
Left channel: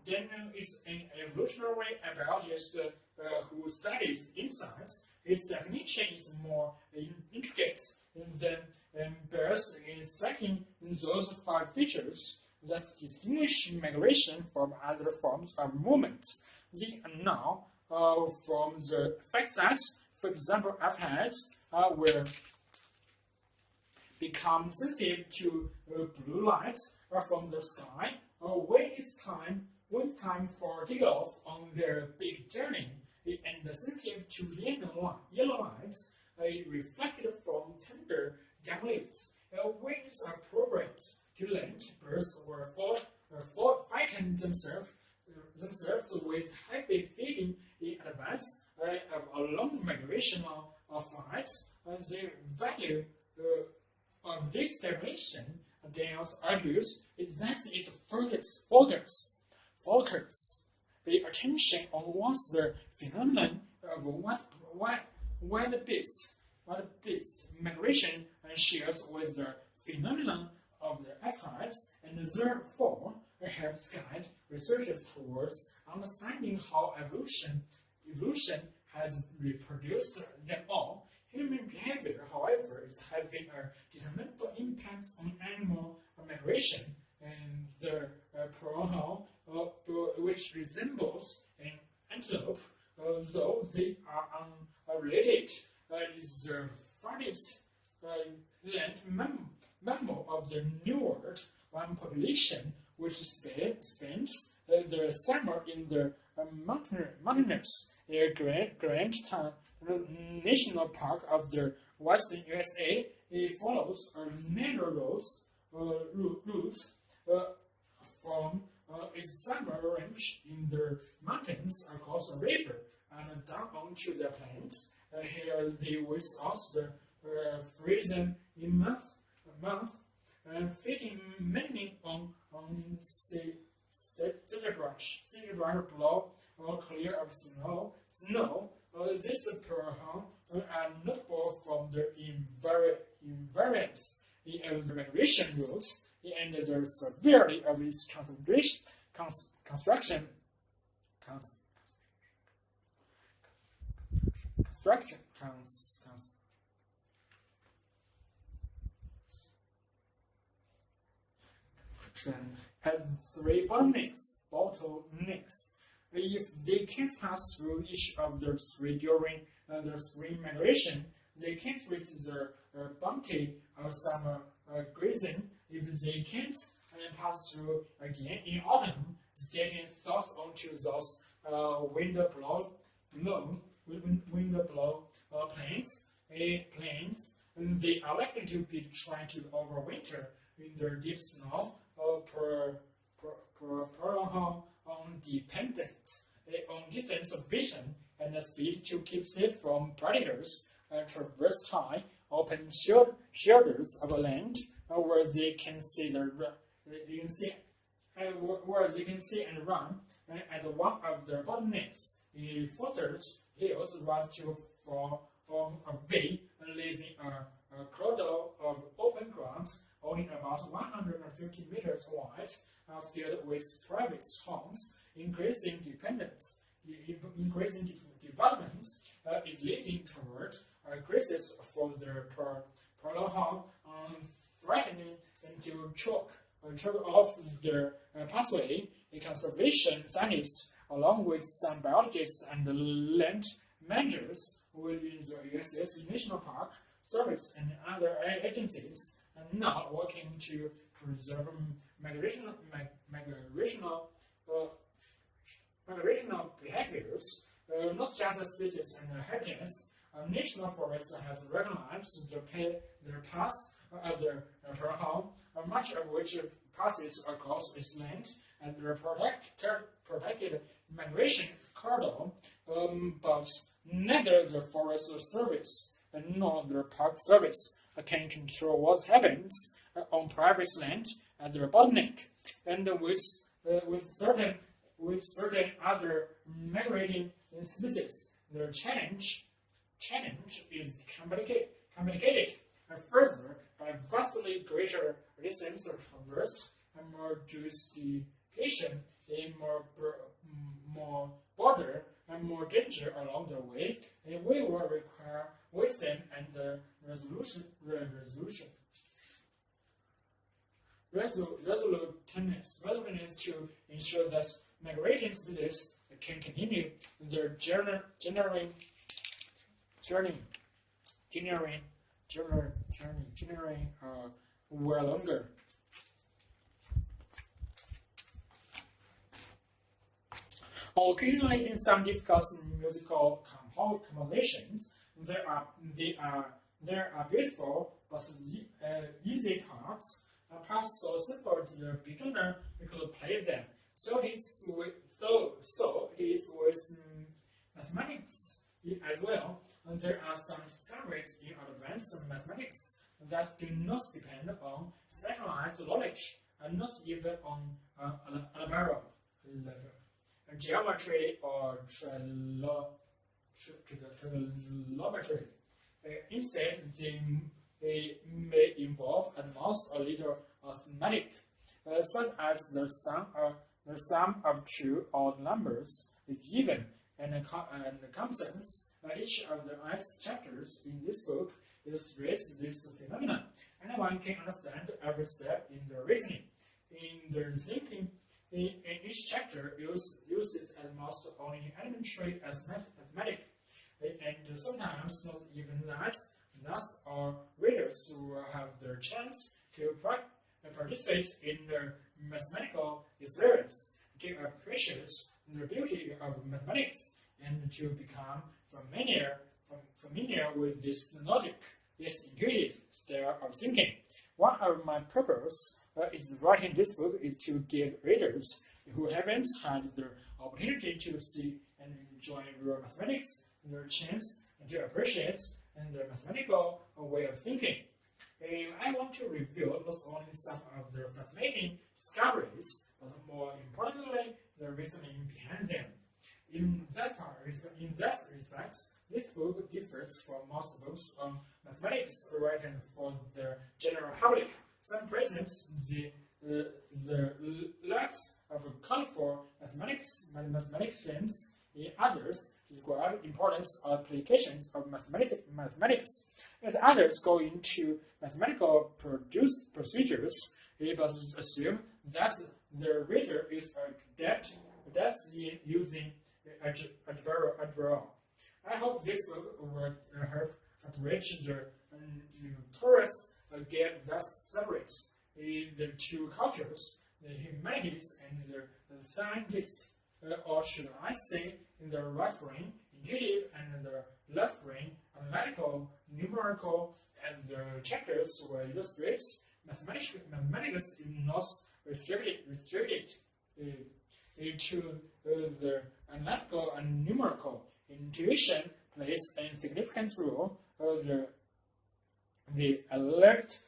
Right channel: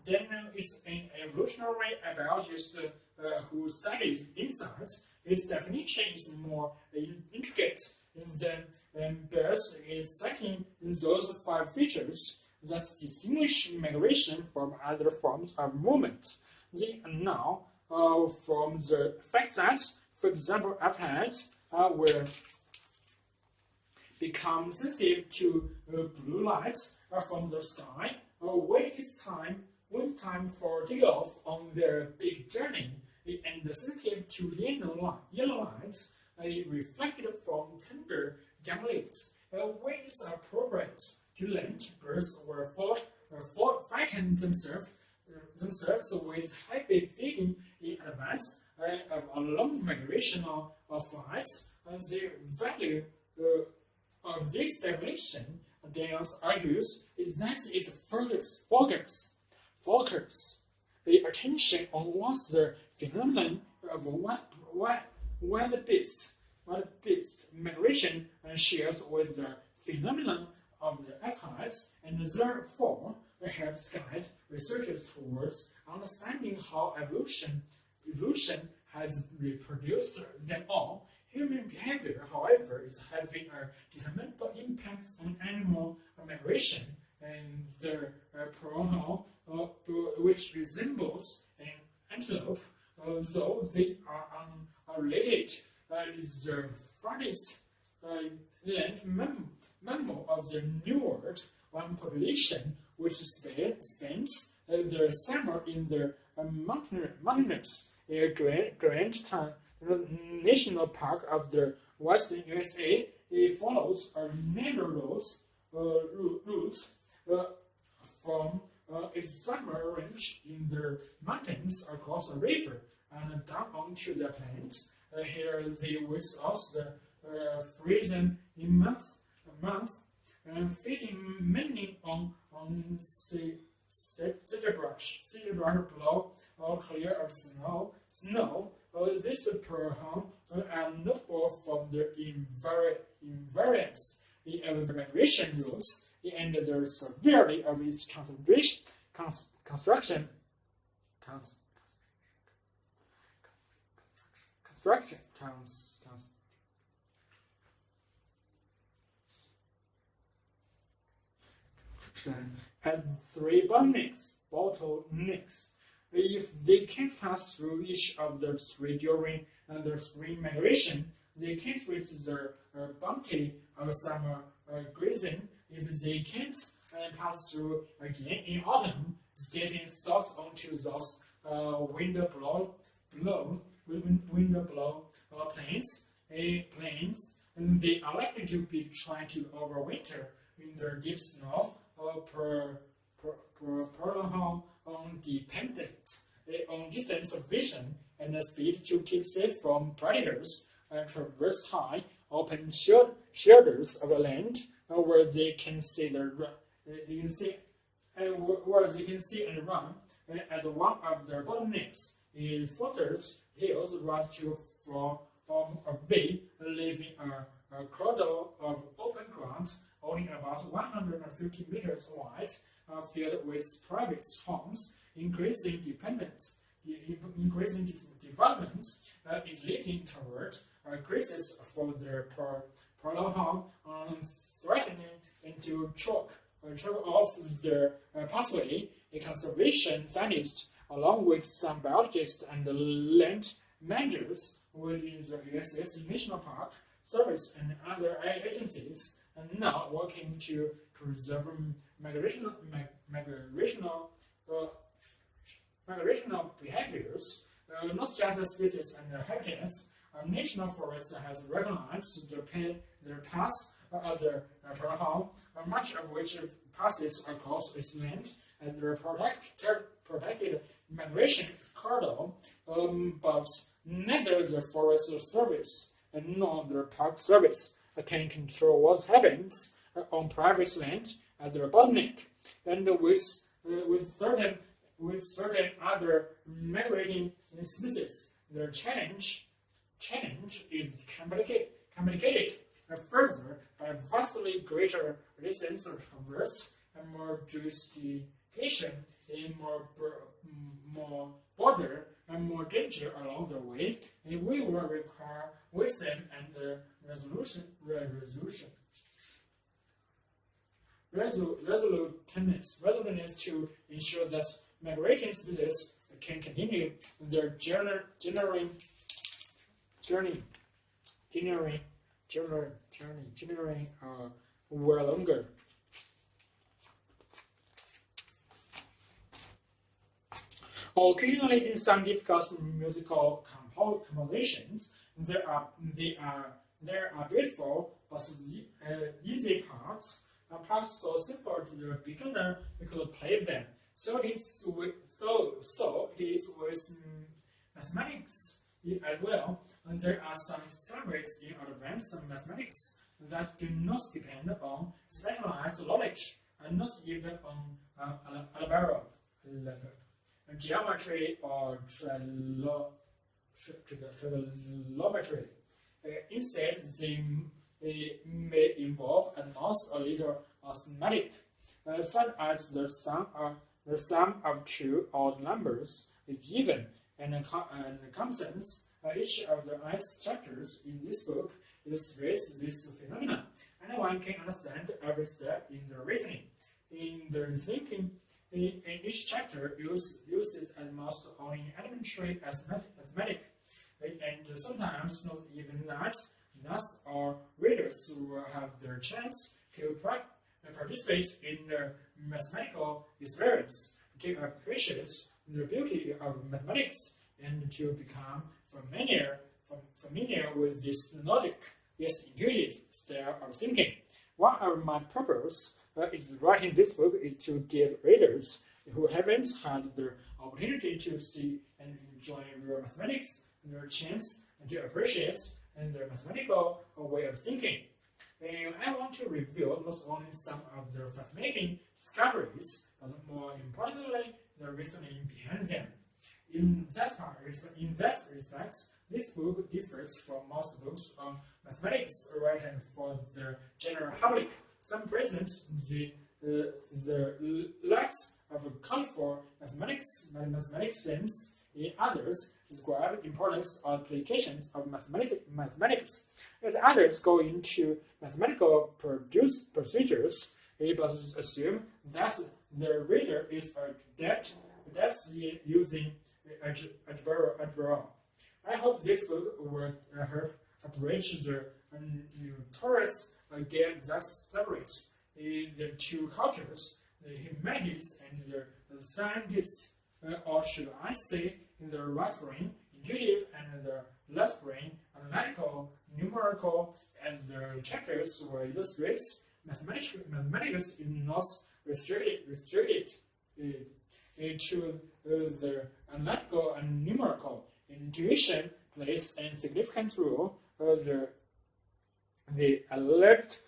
Then is an evolutionary biologist who studies insects. His definition is more intricate than bears in citing those 5 features that distinguish migration from other forms of movement. They are now from the fact that, for example, apex will become sensitive to blue light from the sky when it's time for takeoff on their big journey, and sensitive to yellow light reflected from tender young leaves. When it's programmed to land, birds will frighten themselves with heavy feeding in advance of a long migrational flight. The value of this definition, Daniels argues, is that it focus the attention on what's the phenomenon of wild beast migration shares with the phenomenon of the apex, and therefore helps guide researchers towards understanding how evolution has reproduced them all. Human behavior, however, is having a detrimental impact on animal migration, and the pronoun, which resembles an antelope, though they are unrelated, is the farthest land mammal of the New World, one population which spends the summer in the mountainous Grand National Park of the Western USA. It follows a narrow route from its summer range in the mountains across a river and down onto the plains. Here they without the freezing in month and feeding mainly on sagebrush below, or clear of snow. This poem are notable from their invariance in migration routes and the severity of its construction. Have three bottlenecks. If they can't pass through each of the three during the spring migration, they can't reach their bounty of summer grazing. If they can't pass through again in autumn, stepping south onto those wind-blown plains, they are likely to be trying to overwinter in the deep snow or prolong dependent on distance of vision and speed to keep safe from predators and traverse high, open shoulders of land where they can see and run. As one of their bottlenecks, the foothills run to form a V, leaving a corridor of open ground only about 150 meters wide, filled with private homes. Increasing development is leading toward crisis for their prolonged, threatening to choke off their pathway. A conservation scientist, along with some biologists and land managers within the USS National Park Service and other agencies, are now working to preserve migrational behaviors, not just species and habitats. National Forest has recognized their paths of the prolonged, much of which passes across its land as their protected migration corridor, but neither the Forest Service nor the Park Service can control what happens on private land at their bottleneck, and with certain other migrating species, their challenge is complicated further by vastly greater distance traversed and more jurisdiction, more border and more danger along the way, and we will require wisdom and resoluteness to ensure that migrating species can continue their journey well longer. Occasionally, in some difficult musical compositions, there are beautiful but easy parts. Parts so simple to the beginner could play them. So it is with mathematics as well. And there are some discoveries in advanced mathematics that do not depend on specialized knowledge and not even on algebra level, geometry or trigonometry. Instead, they may involve at most a little arithmetic, such as the sum of two odd numbers is even, and constants. Each of the 8 chapters in this book illustrates this phenomenon. Anyone can understand every step in the reasoning. In the thinking, in each chapter uses at most only elementary arithmetic, and sometimes not even that. Thus, our readers will have their chance to participate in the mathematical experience, to appreciate the beauty of mathematics, and to become familiar with this logic, yes, intuitive style of thinking. One of my purposes is writing this book is to give readers who haven't had the opportunity to see and enjoy real mathematics their chance to appreciate and their mathematical way of thinking. I want to review not only some of the fascinating discoveries, but more importantly, the reasoning behind them. In that respect, this book differs from most books on mathematics written for the general public. Some present the lacks of colorful mathematicians. In others, describe importance or applications of mathematics. As others go into mathematical procedures, it must assume that the reader is adept in using algebra. I hope this book will help bridge the notorious gap that separates the two cultures, the humanities and the scientists, or should I say, in the right brain, intuitive, and the left brain, analytical, numerical, as the chapters will illustrate. Mathematics is not restricted to the analytical and numerical. Intuition plays a significant role. The alert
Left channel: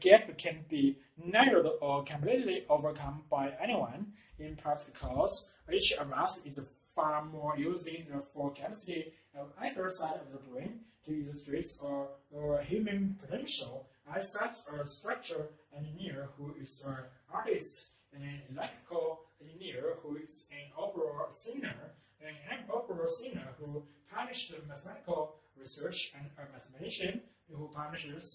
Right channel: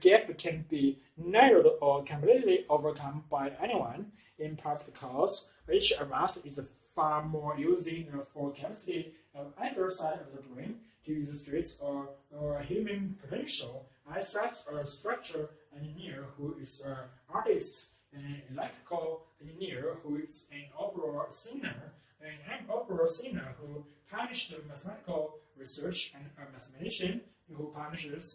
gap can be narrowed or completely overcome by anyone. In practicals, each of us is far more using the full capacity of either side of the brain to illustrate our human potential. As such, a structural engineer who is an artist, an electrical engineer who is an opera singer, who published mathematical research, and a mathematician who publishes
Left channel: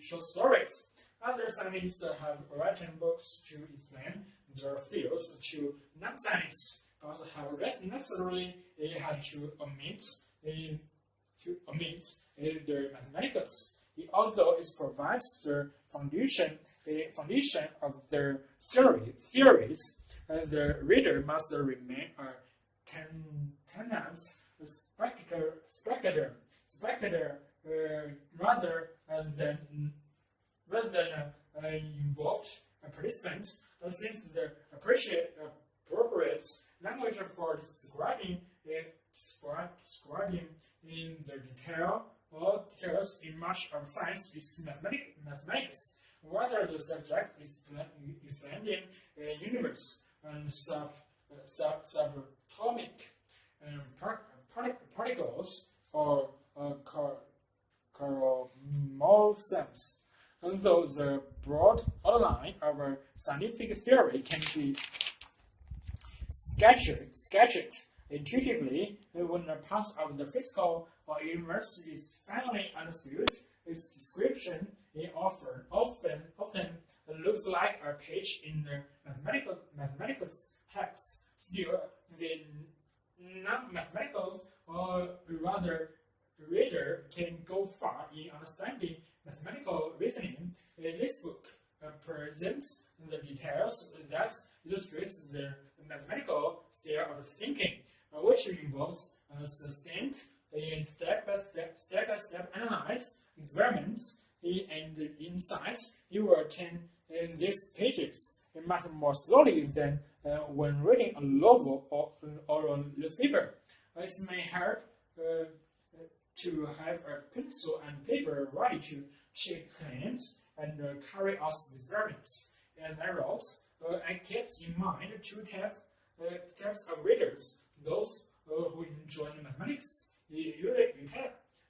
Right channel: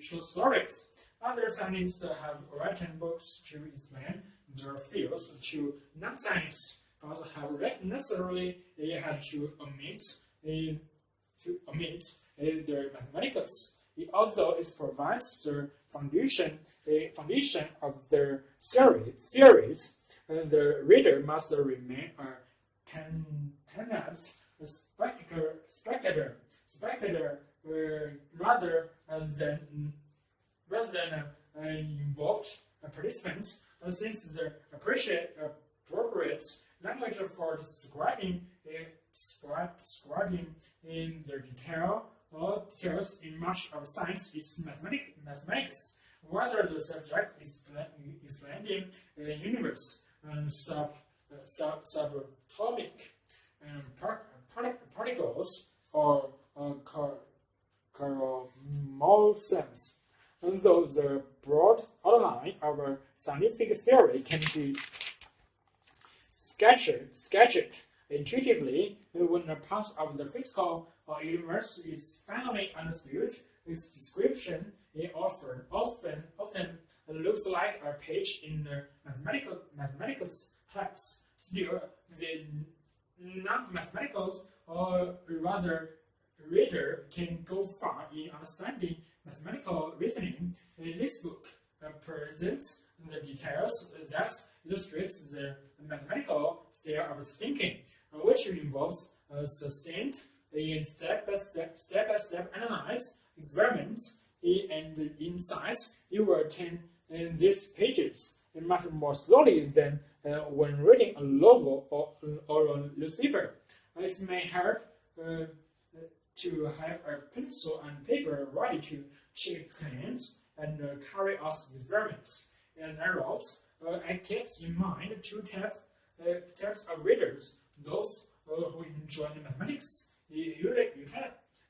short stories. Other scientists have written books to explain their fields to non-scientists, but have necessarily had to omit their mathematics. Although it provides the foundation of their theories, the reader must remain a tenacious spectator rather than involved participant, since the appropriate language for describing in the details in much of science is mathematics. Whether the subject is explaining a universe and subatomic particles or chromosomes. Although the broad outline of a scientific theory can be sketched intuitively, when a part of the physical or universe is finally understood, its description often looks like a page in a mathematical text. Still, the non-mathematical, or rather reader, can go far in understanding mathematical reasoning. This book presents the details that illustrates the mathematical style of thinking, which involves sustained and step-by-step analysis, experiments, and insights. You will turn these pages much more slowly than when reading a novel or a newspaper. It may help to have a pencil and paper ready to check claims and carry out experiments. As I wrote, I kept in mind two types of readers: those who enjoy mathematics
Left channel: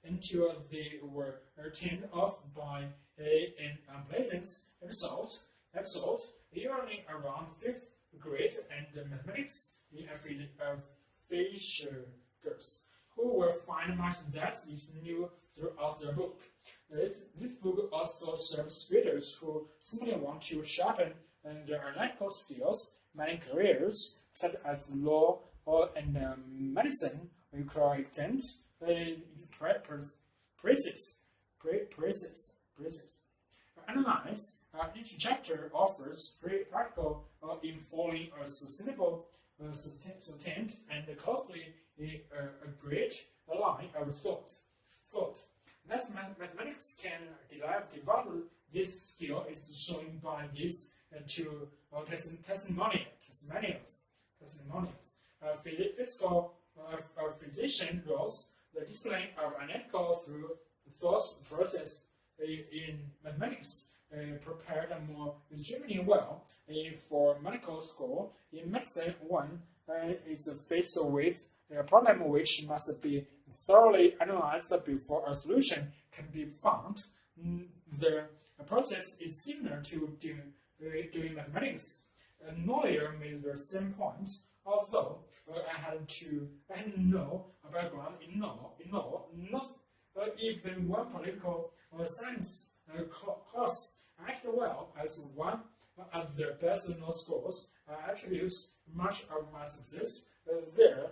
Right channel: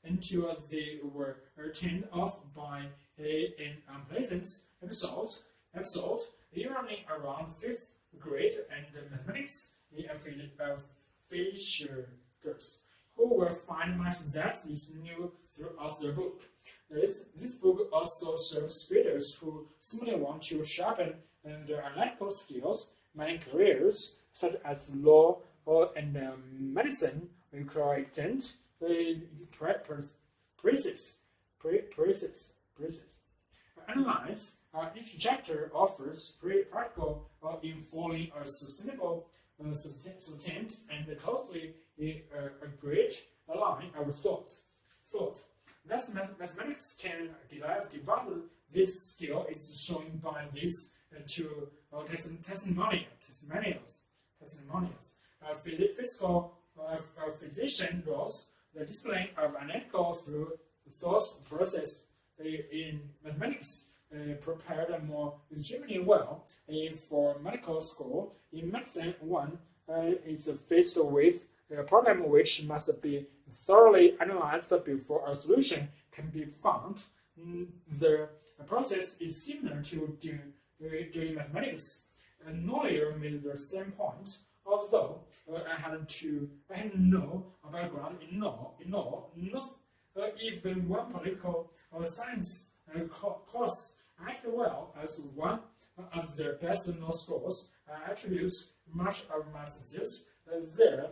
until they were turned off by an unpleasant episode, usually around 5th grade, and mathematics aficionados, who will find much that is new throughout the book. This book also serves readers who simply want to sharpen their analytical skills. Many careers, such as law and medicine, require extensive analyze. Each chapter offers practical informing a sustainable, sustained, and closely agreed line of thought. That mathematics can develop this skill is shown by these two testimonials. Physician roles the display of analytical through thought process in mathematics prepared more extremely well for medical school. In medicine, one is faced with a problem which must be thoroughly analyzed before a solution can be found. The process is similar to doing mathematics. A lawyer made the same point, although I had no background in law, not even one political or science course acted well as one of the best law schools. I attribute much of my success there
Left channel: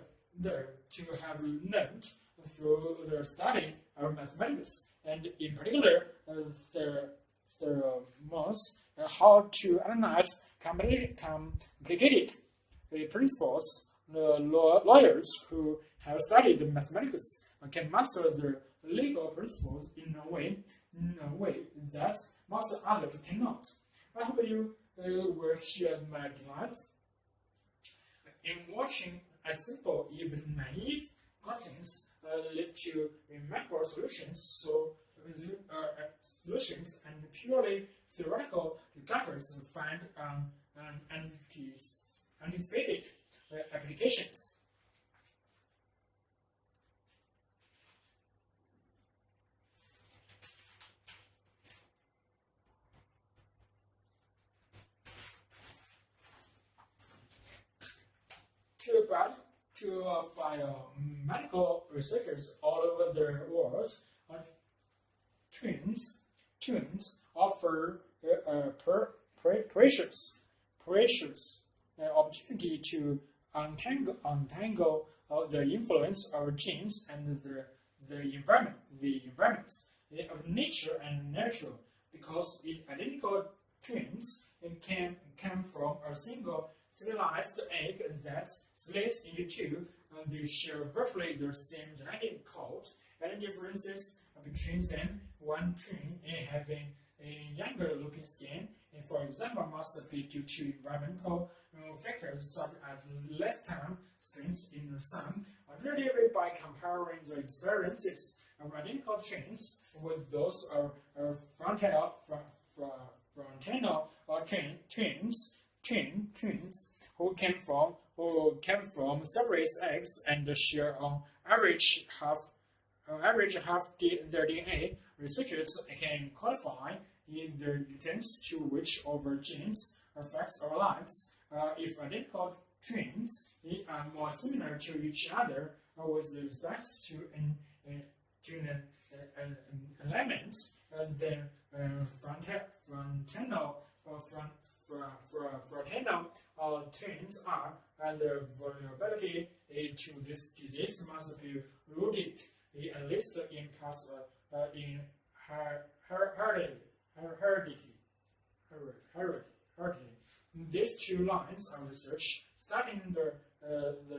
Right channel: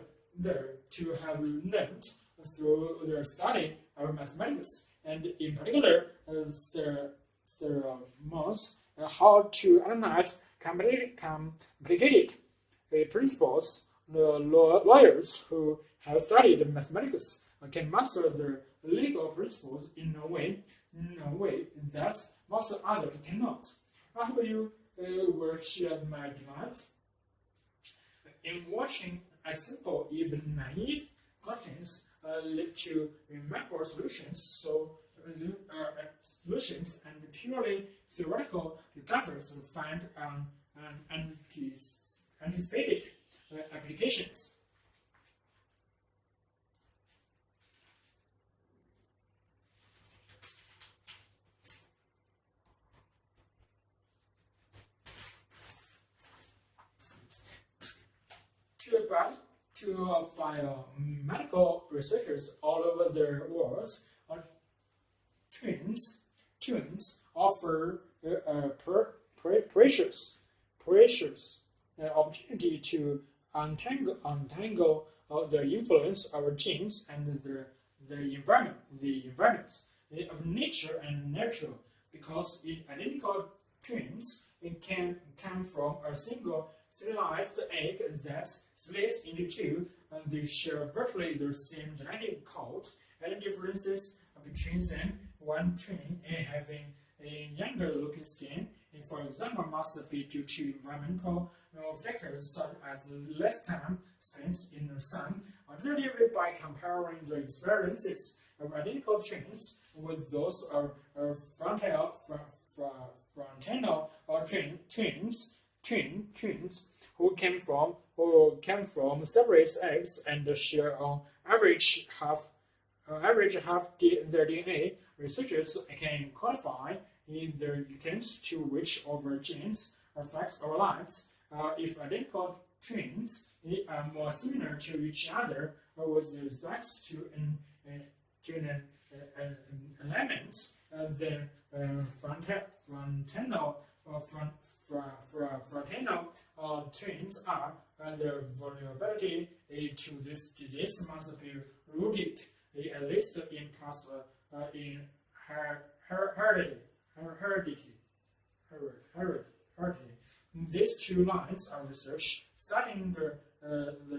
to have learned through the study of mathematics, and in particular the most how to analyze complicated principles. The lawyers who have studied mathematics can master the legal principles in a way that most others cannot. I hope you will share my delight in watching a simple, even naive questions lead to remarkable solutions. Solutions and purely theoretical discoveries find anticipated applications. To biomedical researchers all over the world, twins offer a precious opportunity to untangle the influence of genes and the environment of nature and natural, because identical twins can come from a single fertilized egg that splits into two. They share virtually the same genetic code, and differences between them, one twin having a younger looking skin, and for example, must be due to environmental factors such as less time spent in the sun. Alternatively, by comparing the experiences of identical twins with those of frontal twins who came from separate eggs and share on average half their DNA, researchers can quantify the extent to which our genes affects our lives. If identical twins are more similar to each other with respect to an element, then fraternal twins are, and their vulnerability to this disease must be rooted at least in parts in heredity. These two lines of research, studying the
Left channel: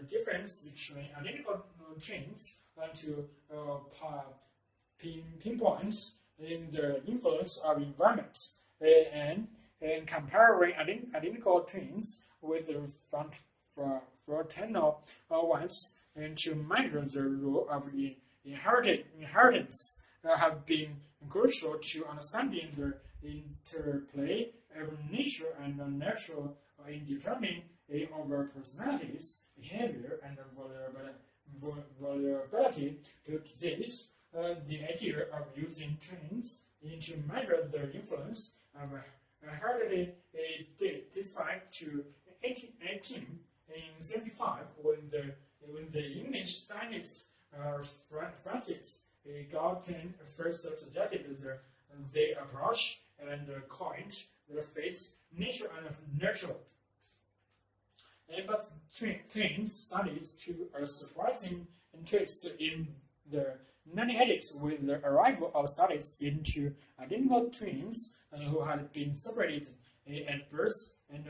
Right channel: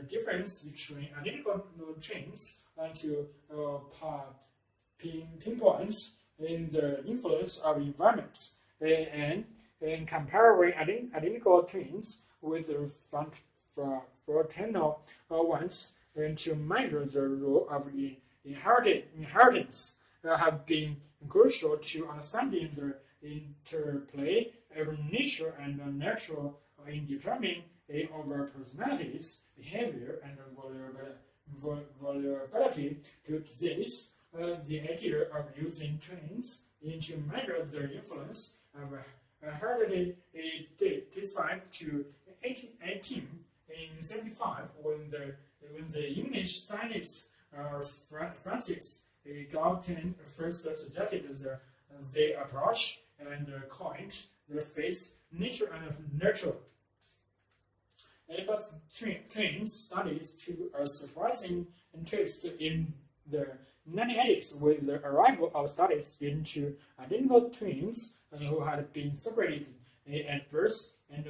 difference between identical twins to pinpoints in the influence of environment, and comparing identical twins with fraternal ones to measure the role of inheritance have been crucial to understanding the interplay of nature and natural in determining our personalities, behavior, and vulnerability to disease. The idea of using twins to measure their influence of heredity dates back to 1875 when the English scientist Francis Galton first suggested the approach and coined the phrase nature and nurture. But twins studies to a surprising interest in the 1980s with the arrival of studies into identical twins who had been separated at birth and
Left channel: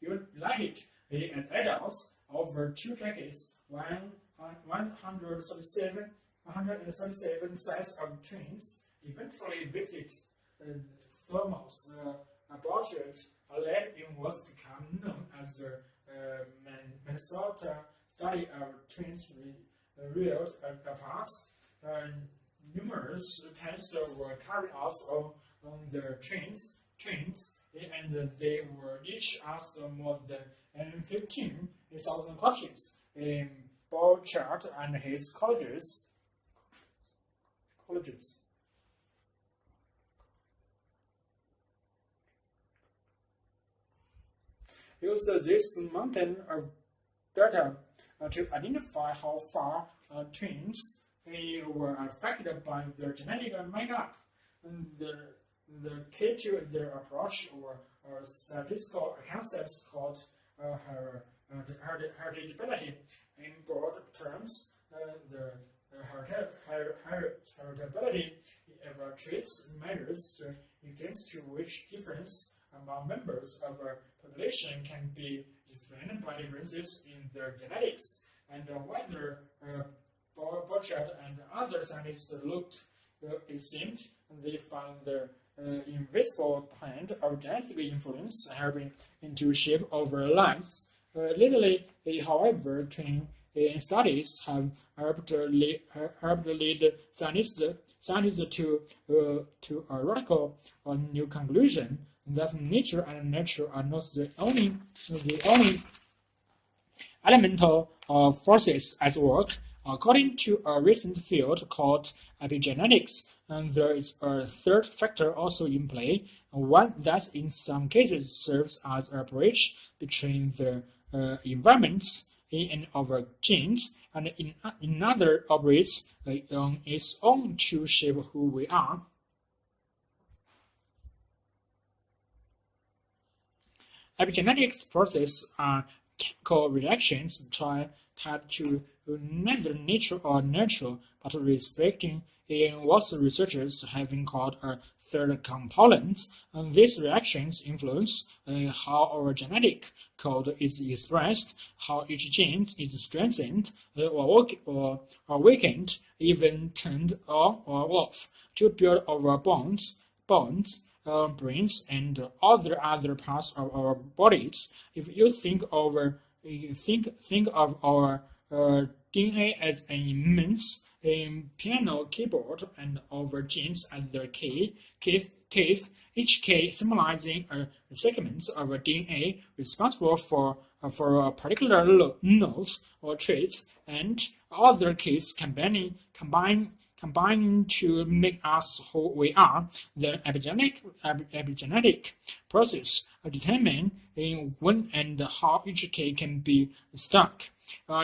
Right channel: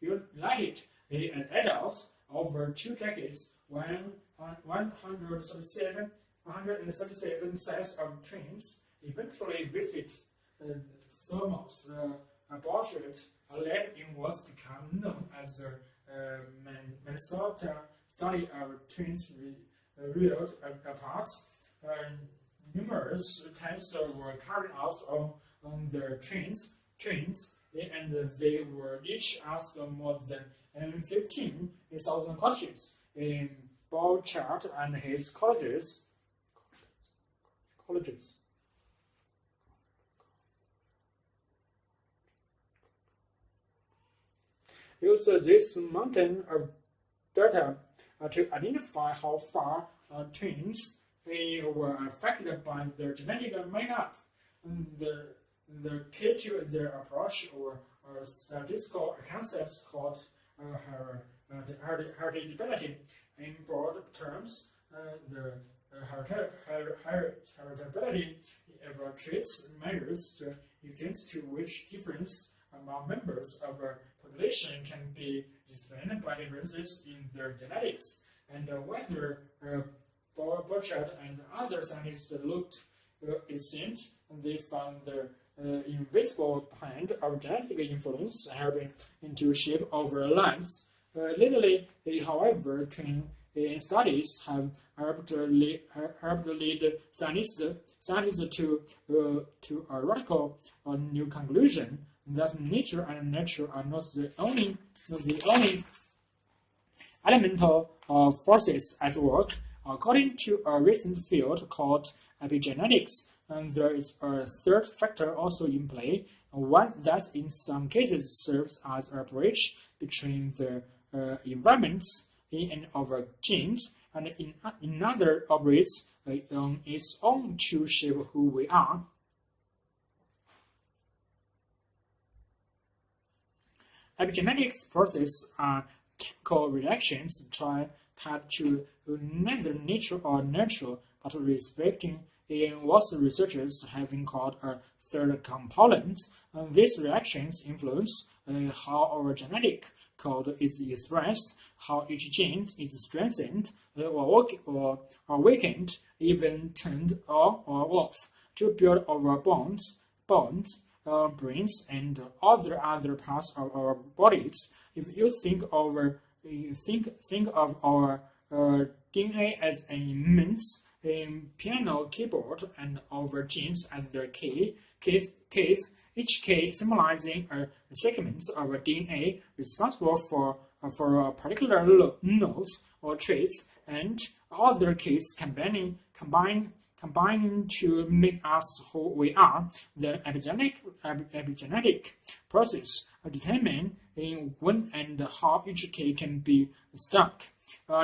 reunited as adults over 2 decades. 137 sets of twins eventually visited Thomas Aborted, led in what's become known as the Minnesota study of twins reared apart. numerous tests were carried out on their trains, and they were each asked more than 15,000 questions. In Borchardt and his colleagues used this mountain of data to identify how far twins were affected by their genetic makeup. And the key to their approach were statistical concepts called heritability. In broad terms, the heritability of traits measures the extent to which difference among members of a population can be explained by differences in their genetics, and whether Borchardt and other scientists looked, it seemed they found the invisible hand of genetic influence helping to shape our lives. Lately, however, twin studies have helped lead scientists to a radical new conclusion that nature and nurture are not the only elemental forces at work. According to a recent field called epigenetics, there is a third factor also in play, one that in some cases serves as a bridge between the environments in our genes, and in other operates on its own to shape who we are. Epigenetics processes are chemical reactions tied to neither nature or nurture, but respecting in what researchers have called a third component. And these reactions influence how our genetic code is expressed, how each gene is strengthened or weakened, even turned on or off to build our bones, brains, and other parts of our bodies. If you think of our DNA as an immense piano keyboard and our genes as their keys, each key symbolizing a segment of a DNA responsible for a particular nodes or traits, and other keys combining to make us who we are. The epigenetic process determine when and how each key can be stuck.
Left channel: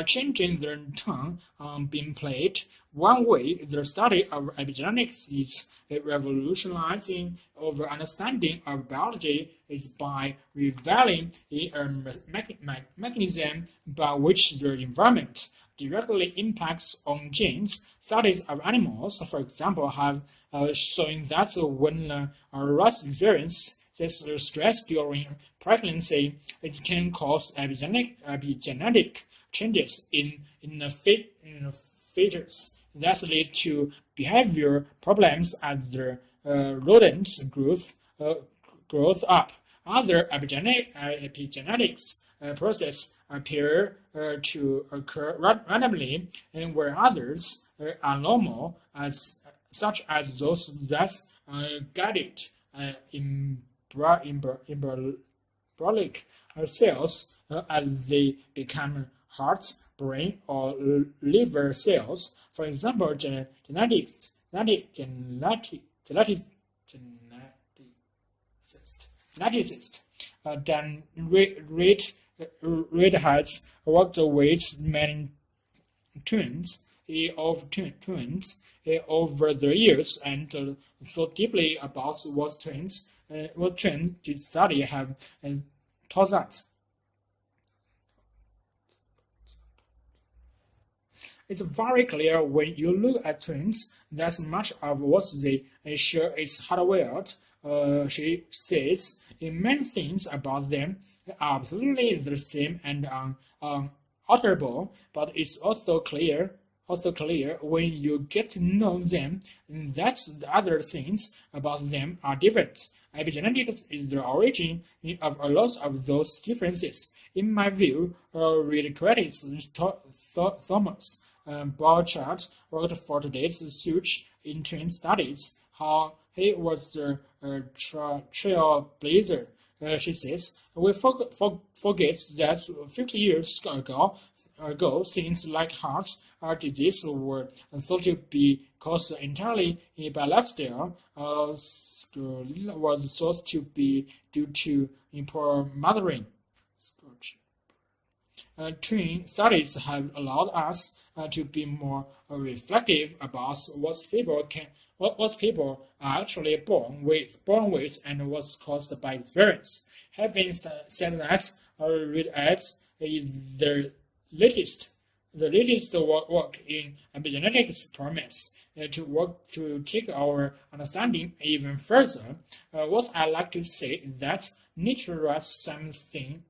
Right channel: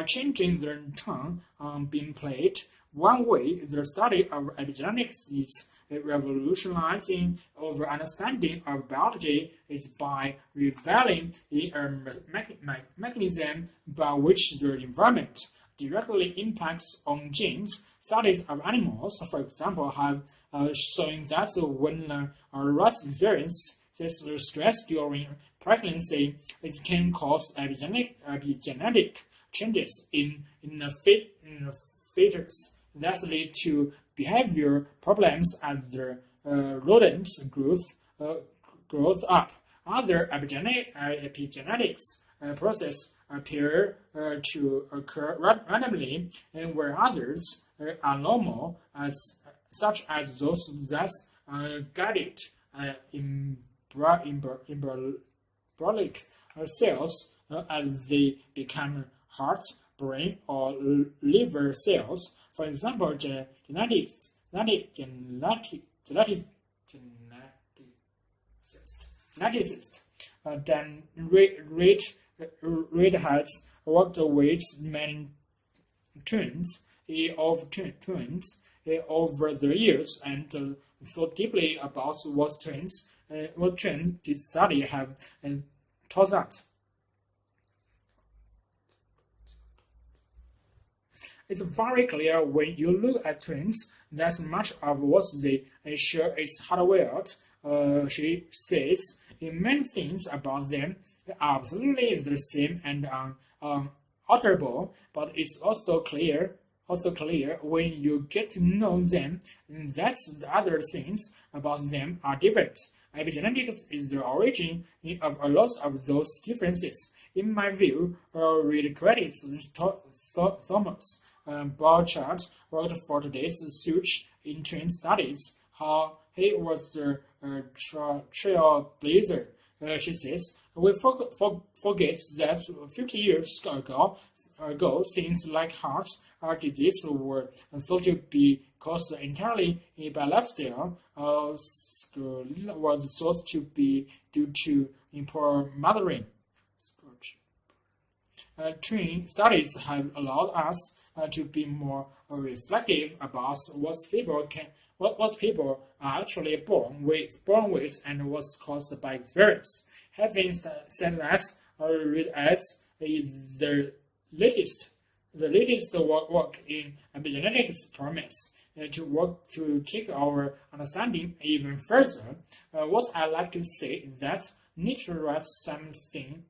Changing the tone being played. One way the study of epigenetics is revolutionizing our understanding of biology is by revealing a mechanism by which the environment directly impacts on genes. Studies of animals, for example, have shown that when a rat experiences stress during pregnancy, it can cause epigenetic changes in features that lead to behavior problems as the rodents grows up. Other epigenetics processes appear to occur randomly, and where others are normal, such as those that are guided embryonic cells as they become heart, brain, or liver cells. For example, geneticists then Reid has worked with many twins over the years and thought deeply about what twins this study have taught us. It's very clear when you look at twins that much of what they share is hardwired. She says many things about them are absolutely the same and unalterable, but it's also clear when you get to know them that the other things about them are different. Epigenetics is the origin of a lot of those differences. In my view, Reid credits Thomas Borchardt worked for today's search in studies how he was the trailblazer. She says, we forget that 50 years ago things like heart disease were thought to be caused entirely by lifestyle, was thought to be due to poor mothering. Twin studies have allowed us to be more reflective about what people are actually born with, and what's caused by experience. Having said that, read ads is the latest work in epigenetics promise to take our understanding even further. What I like to say is that nature writes something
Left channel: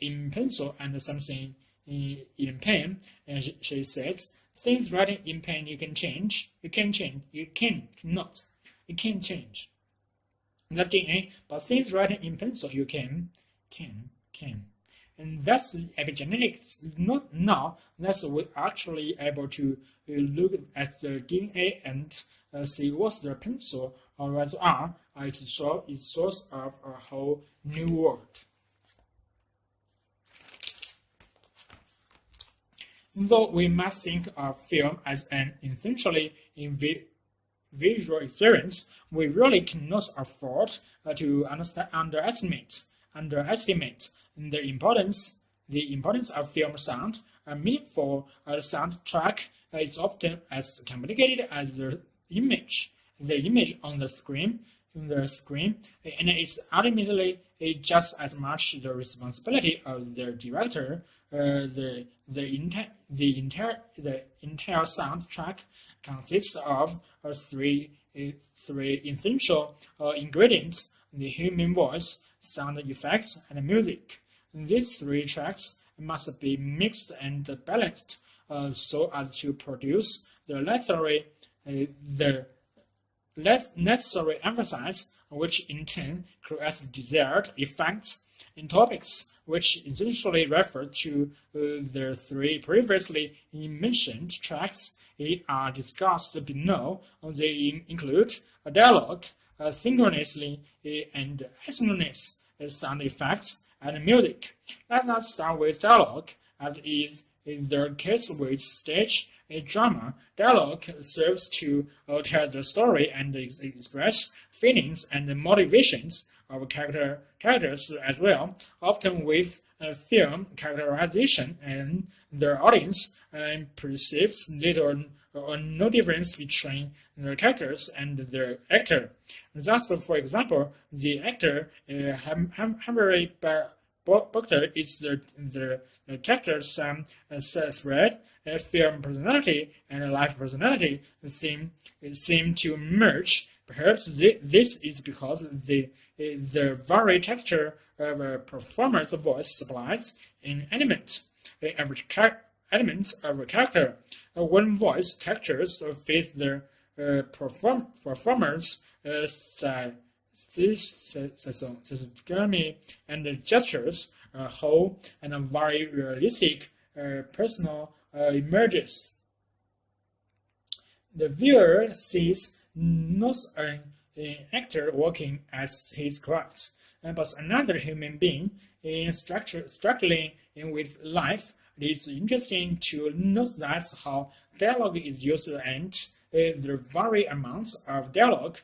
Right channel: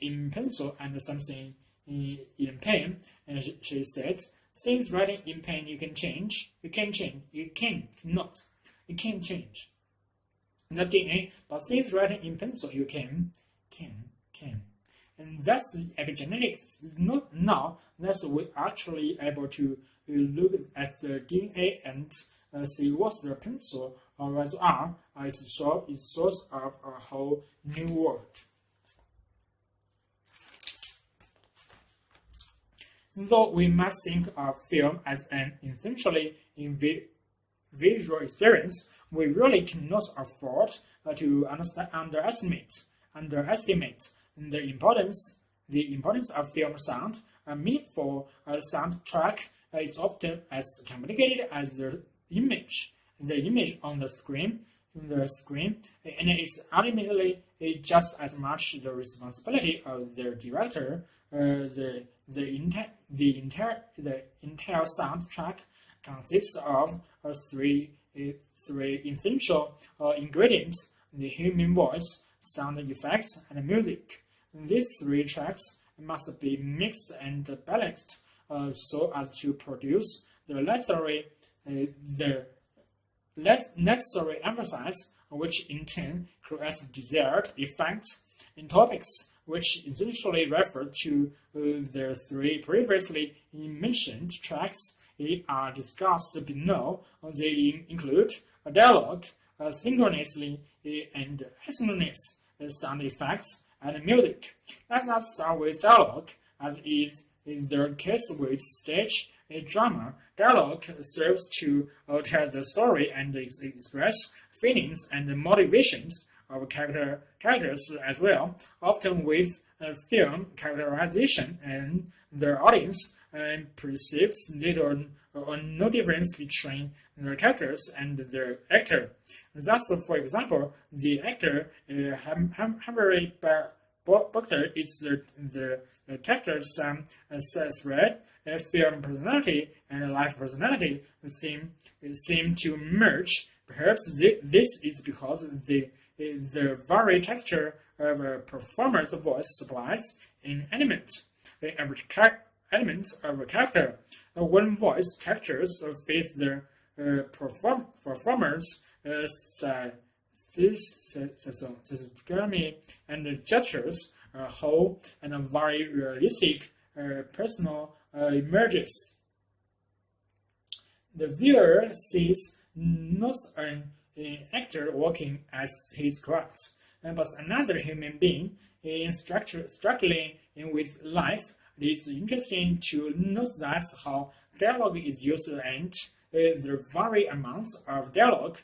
in pencil and something in pen. And she says, things written in pen you can change. You can change. You cannot. You can change the DNA, but things written in pencil you can. And that's the epigenetics. Not now. That's we're actually able to look at the DNA and see what the pencil or what are. It's source of a whole new world. Though we must think of film as an essentially visual experience, we really cannot afford to underestimate the importance of film sound. A meaningful soundtrack is often as complicated as the image on the screen, and it's ultimately just as much the responsibility of the director. The entire soundtrack consists of three essential ingredients: the human voice, sound effects, and music. These three tracks must be mixed and balanced so as to produce the necessary emphasis, which in turn creates desired effects and topics, which essentially refer to the three previously mentioned tracks are discussed below. They include a dialogue, synchronously and asynchronous sound effects, and music. Let us start with dialogue, as is the case with stage drama. Dialogue serves to tell the story and express feelings and motivations of characters as well, often with film characterization, and the audience perceives little or no difference between the characters and the actor. Thus, for example, the actor Humphrey Bogart is the character's spread, film personality and life personality seem to merge. Perhaps this is because the very texture of a performer's voice supplies an element of a character. When voice textures fit the performer's physiognomy and gestures, a whole and a very realistic personal emerges. The viewer sees not an actor working as his craft, but another human being struggling with life. It is interesting to note that how dialogue is used and the very amount of dialogue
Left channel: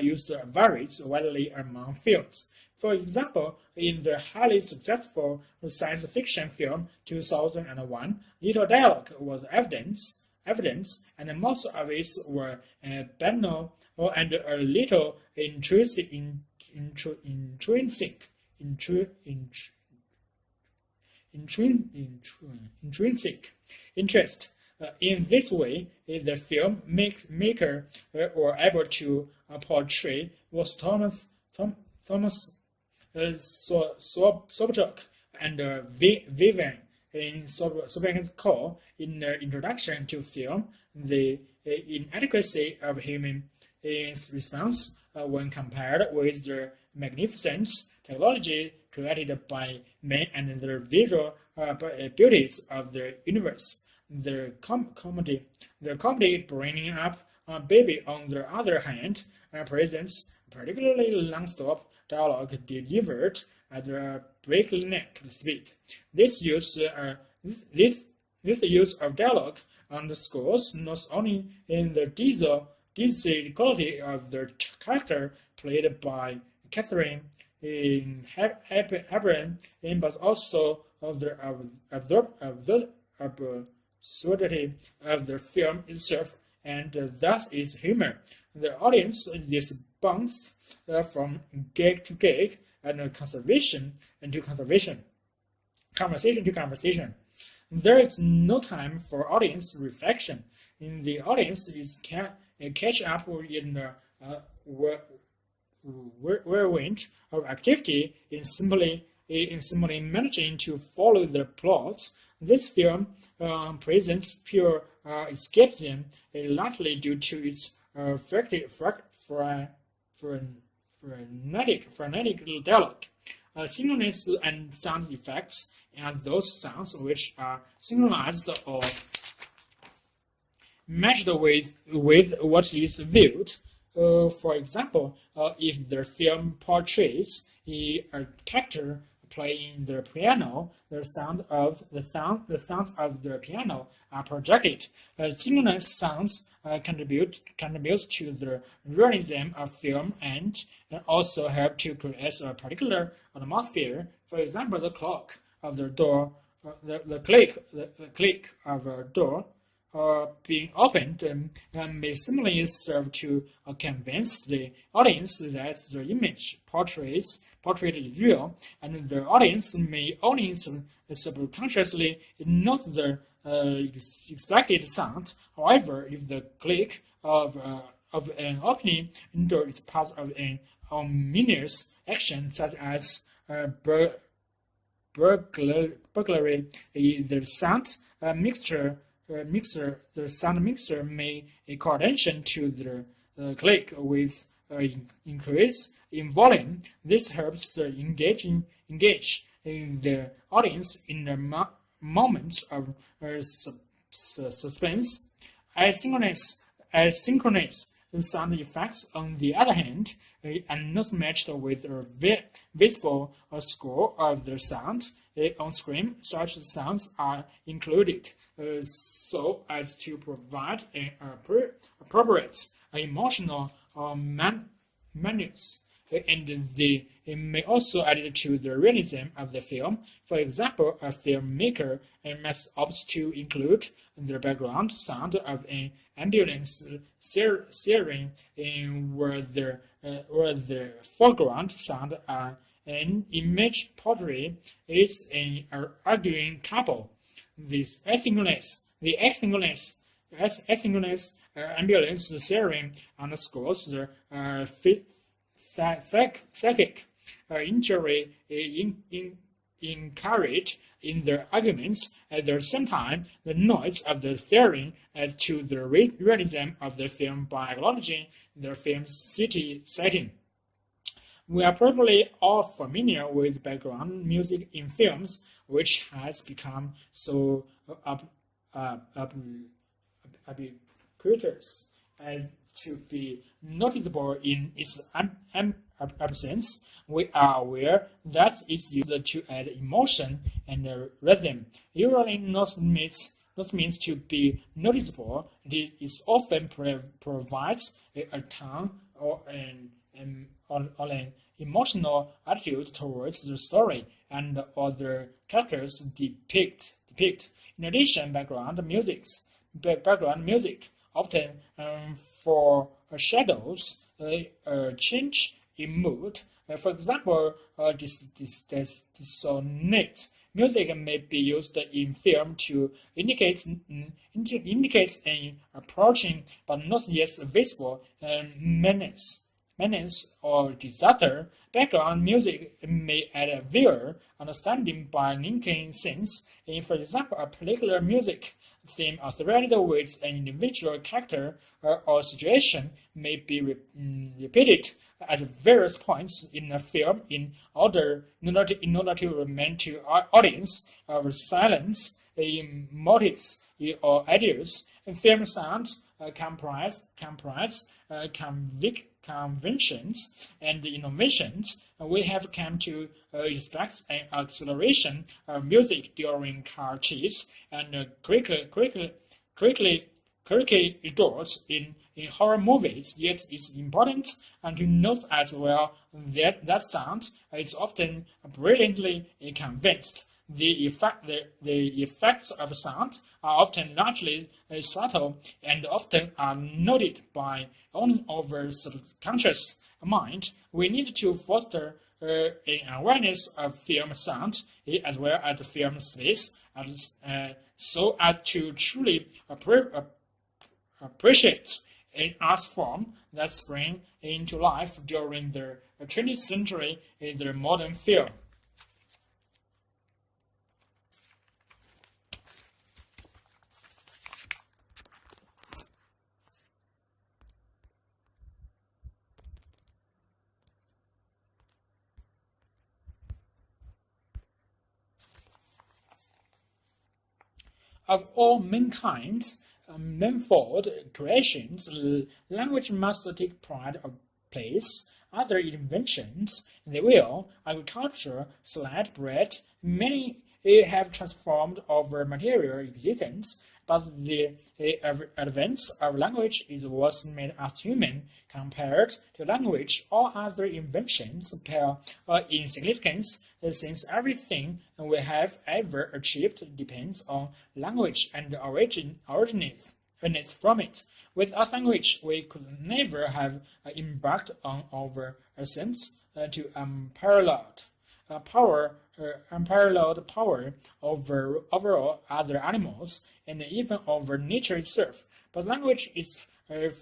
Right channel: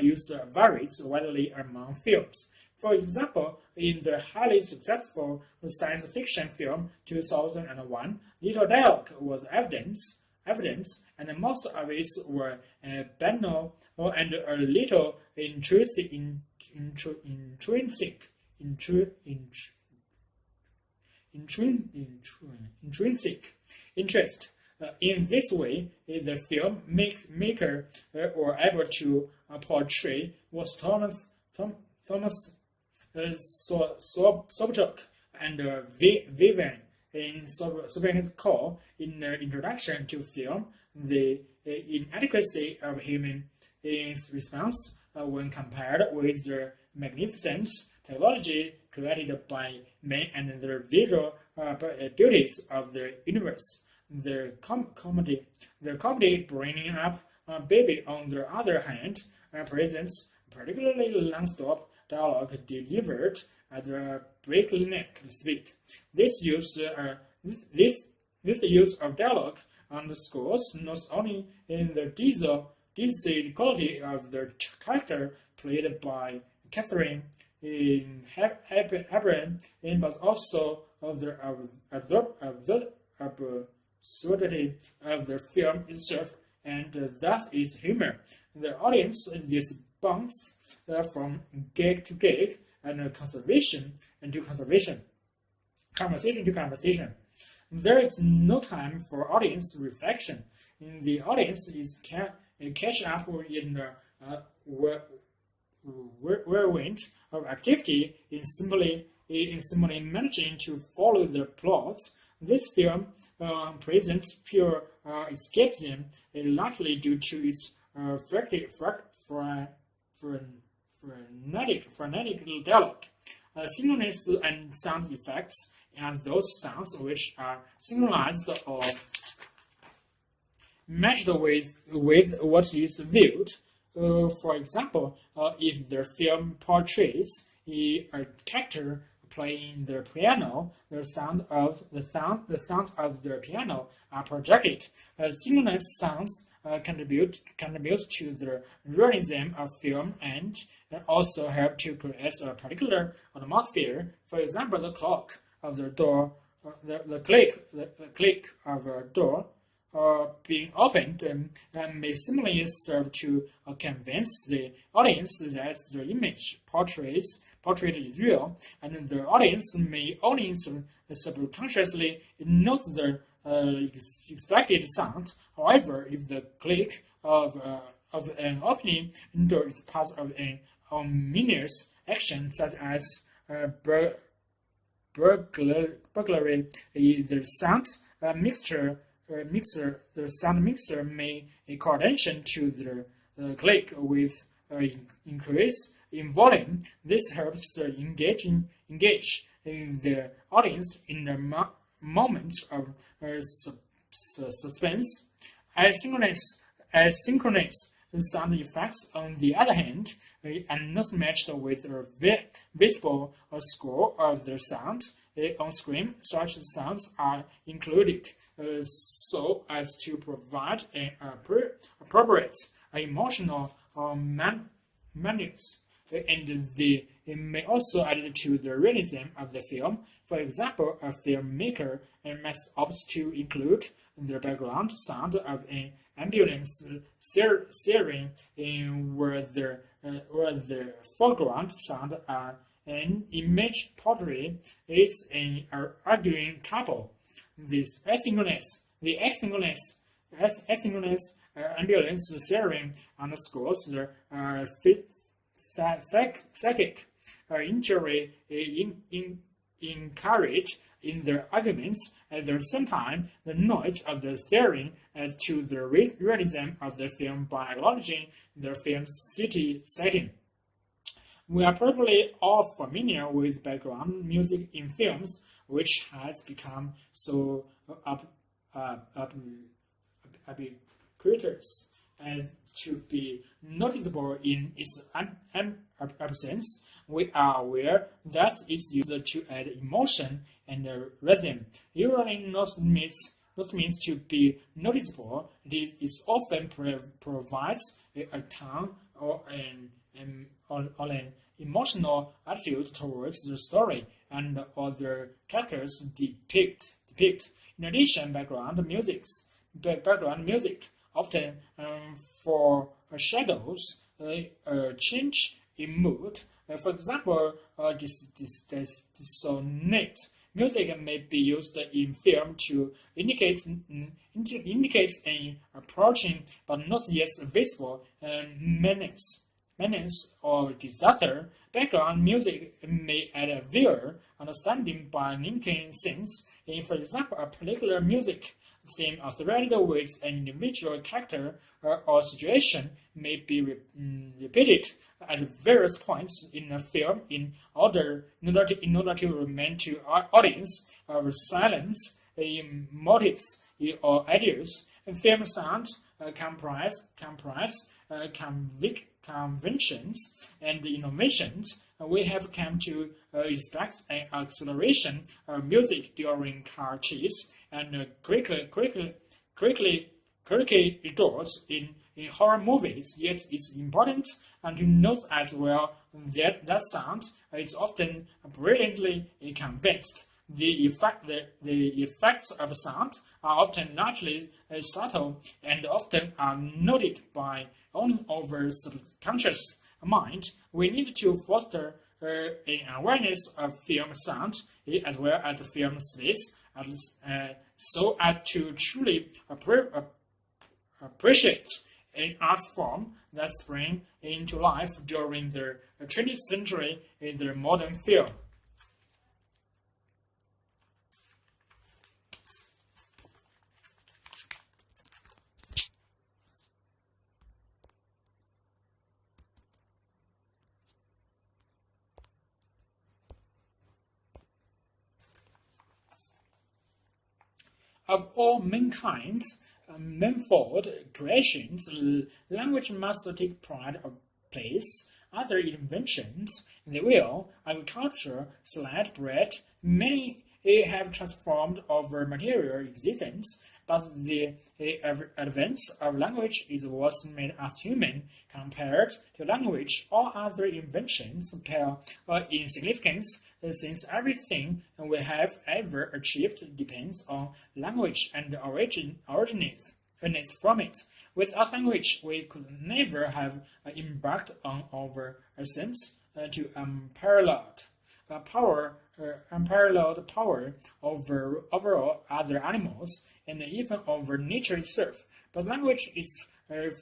used varies widely among films. For example, in the highly successful science fiction film 2001, little dialogue was evidence, and most of it were banal and a little intrinsic interest. In this way, the film maker were able to portray what Thomas Sobchak and Vivian Sobchak call in the introduction to film the inadequacy of human response when compared with the magnificent technology created by man and the visual beauties of the universe. Their comedy bringing up a baby, on the other hand, presents particularly long-stop dialogue delivered at a breakneck speed. This use this use of dialogue underscores not only in the diesel quality of the character played by Catherine in Hebron, but also of the absurdity of the film itself, and thus its humor. The audience is bounced from gag to gag and conversation to conversation. There is no time for audience reflection. The audience is catch up in the whirlwind of activity in simply managing to follow the plot. This film presents pure escapism, largely due to its frenetic dialogue, synchronous and sound effects, and those sounds which are synchronized or matched with what is viewed. For example, if the film portrays a character playing the piano, the sounds of the piano are projected. Synchronous sounds contribute to the realism of film and also help to create a particular atmosphere. For example, the clock of the door, the click of a door being opened may similarly serve to convince the audience that the image portrayed is real, and the audience may only subconsciously note the expected sound. However, if the click of an opening door is part of an ominous action, such as burglary, the sound mixer may call attention to the click with increase in volume. This helps to engage the audience in the moments of suspense. Asynchronous sound effects, on the other hand, are not matched with a visible score of the sound on screen. Such sounds are included so as to provide an appropriate emotional manners, and they may also add to the realism of the film. For example, a filmmaker must opt to include the background sound of an ambulance siren where the foreground sound an image portrait is an arguing couple. The asynchronous ambulance siren underscores the psychic injury encouraged in the arguments. At the same time, the noise of the siren adds to the realism of the film by acknowledging the film's city setting. We are probably all familiar with background music in films, which has become so ubiquitous as to be noticeable in its absence. We are aware that it's used to add emotion and rhythm. Usually not means to be noticeable. It often provides a tone or an emotional attitude towards the story and other characters depict. In addition, background music often foreshadows a change in mood. For example, dissonant music may be used in film to indicate an approaching but not yet visible menace or disaster. Background music may add a viewer understanding by linking scenes. For example, a particular music theme associated with an individual character or situation may be repeated at various points in a film in order to remain to audience of silence motives or ideas. Film sound comprise conventions and innovations. We have come to expect an acceleration of music during car chase and quickly results in horror movies. Yet it's important to note as well that sound is often brilliantly convinced. The effects of sound are often largely subtle and often are noted by only our subconscious mind. We need to foster an awareness of film sound as well as film space, so as to truly appreciate an art form that sprang into life during the 20th century in the modern film. Of all mankind's manifold creations, language must take pride of place. Other inventions, the wheel, agriculture, sliced bread, many have transformed our material existence, but the advance of language is what made us human. Compared to language, all other inventions pale in significance, since everything we have ever achieved depends on language and originates from it. Without language, we could never have embarked on our ascent to unparalleled power over all other animals and even over nature itself. But language is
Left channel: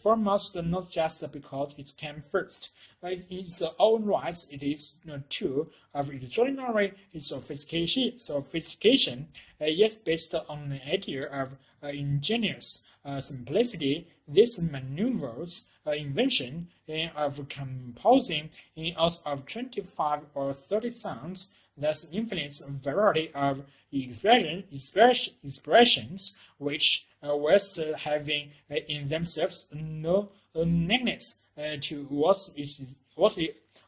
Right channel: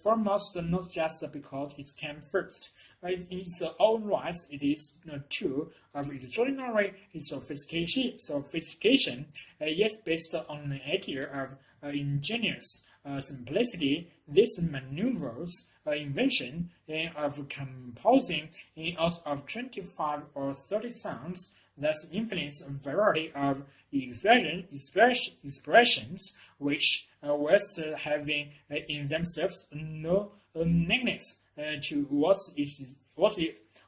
foremost, not just because it came first. In its own right, it is a tool of extraordinary sophistication, yet based on the idea of ingenious simplicity. This maneuvers invention of composing out of 25 or 30 sounds that influence a variety of expressions which whilst having in themselves no nearness to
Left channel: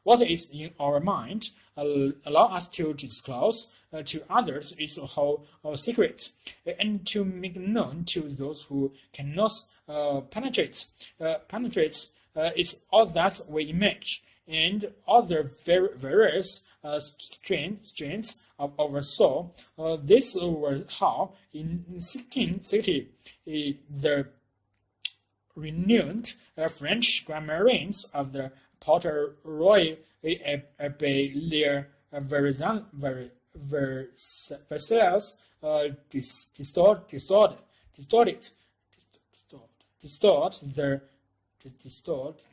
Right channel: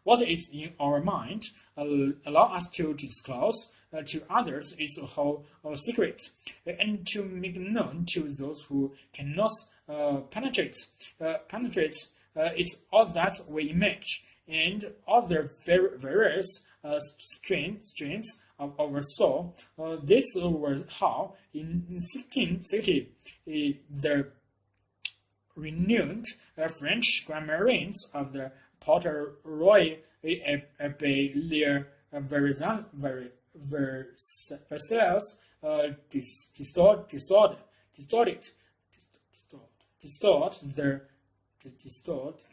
what is in our mind, allow us to disclose to others its whole secret, and to make known to those who cannot penetrate it's all that we image, and other various strains of our soul. This was how, in 1660, the renowned French grammarians of the Potter Royal Abbaye Versailles distort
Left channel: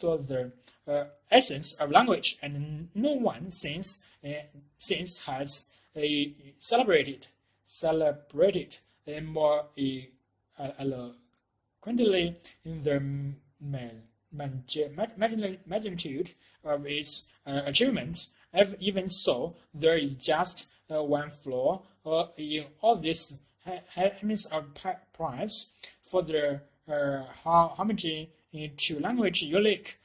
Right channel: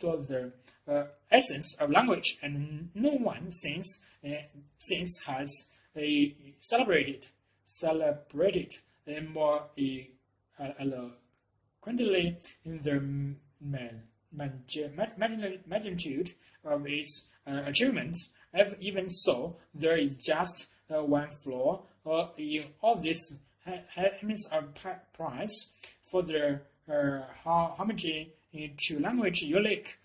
the essence of language, and no one since has celebrated more eloquently in the magnitude of its achievements. Even so, there is just one flaw in all this hymns of prize for the homage to language unique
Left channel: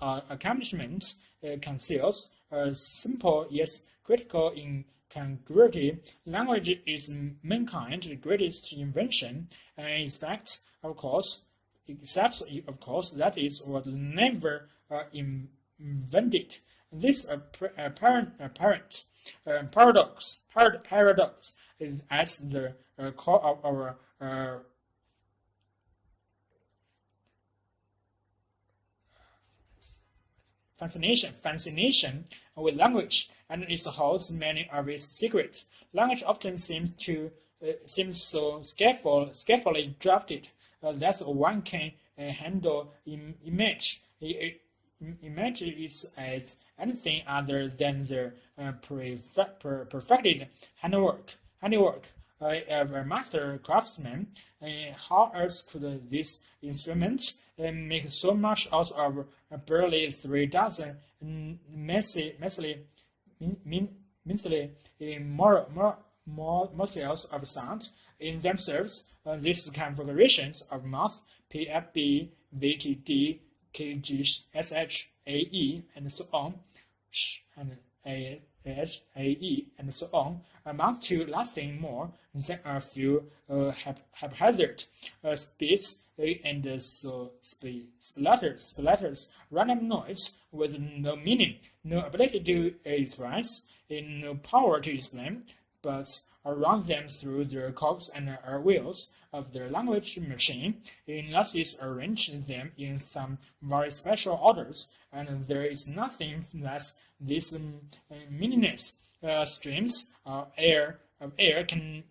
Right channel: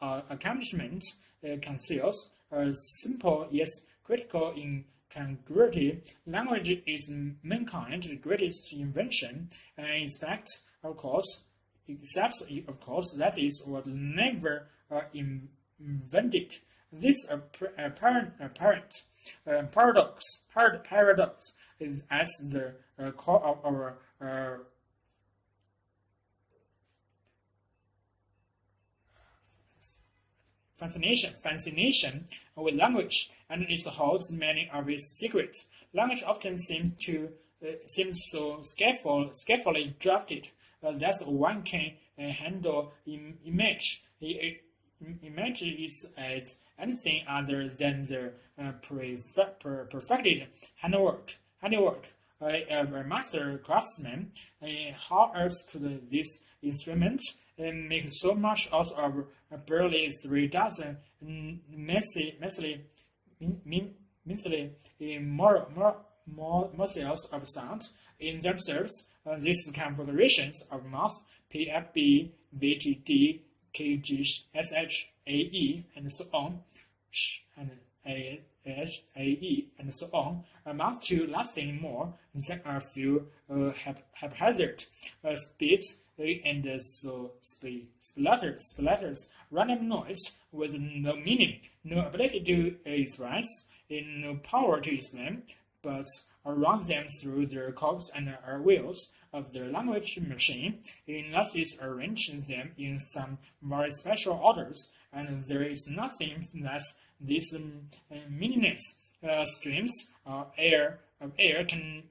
accomplishment conceals a simple yet critical incongruity. Language is mankind's greatest invention, and except of course that is what never invented. This apparent paradox is at the core of our fascination with language, and it holds many of its secrets. Language often seems so skillfully drafted that one can handle image. Image is as anything other than the perfected handiwork of a master craftsman. How else could this instrument make so much out of barely 3 dozen measly morsels of sound? in themselves. These configurations of mouth PFB, VTD, KGSH, AE, and so on, and AE, and so on, amount to nothing more than a few haphazard speeds and splatters, random noise with no meaning, no ability to express, and no power to explain, but run them through the cogs and wheels of the language machine, unless it arranges them in some very special orders, and there is nothing less these meaningless streams of air can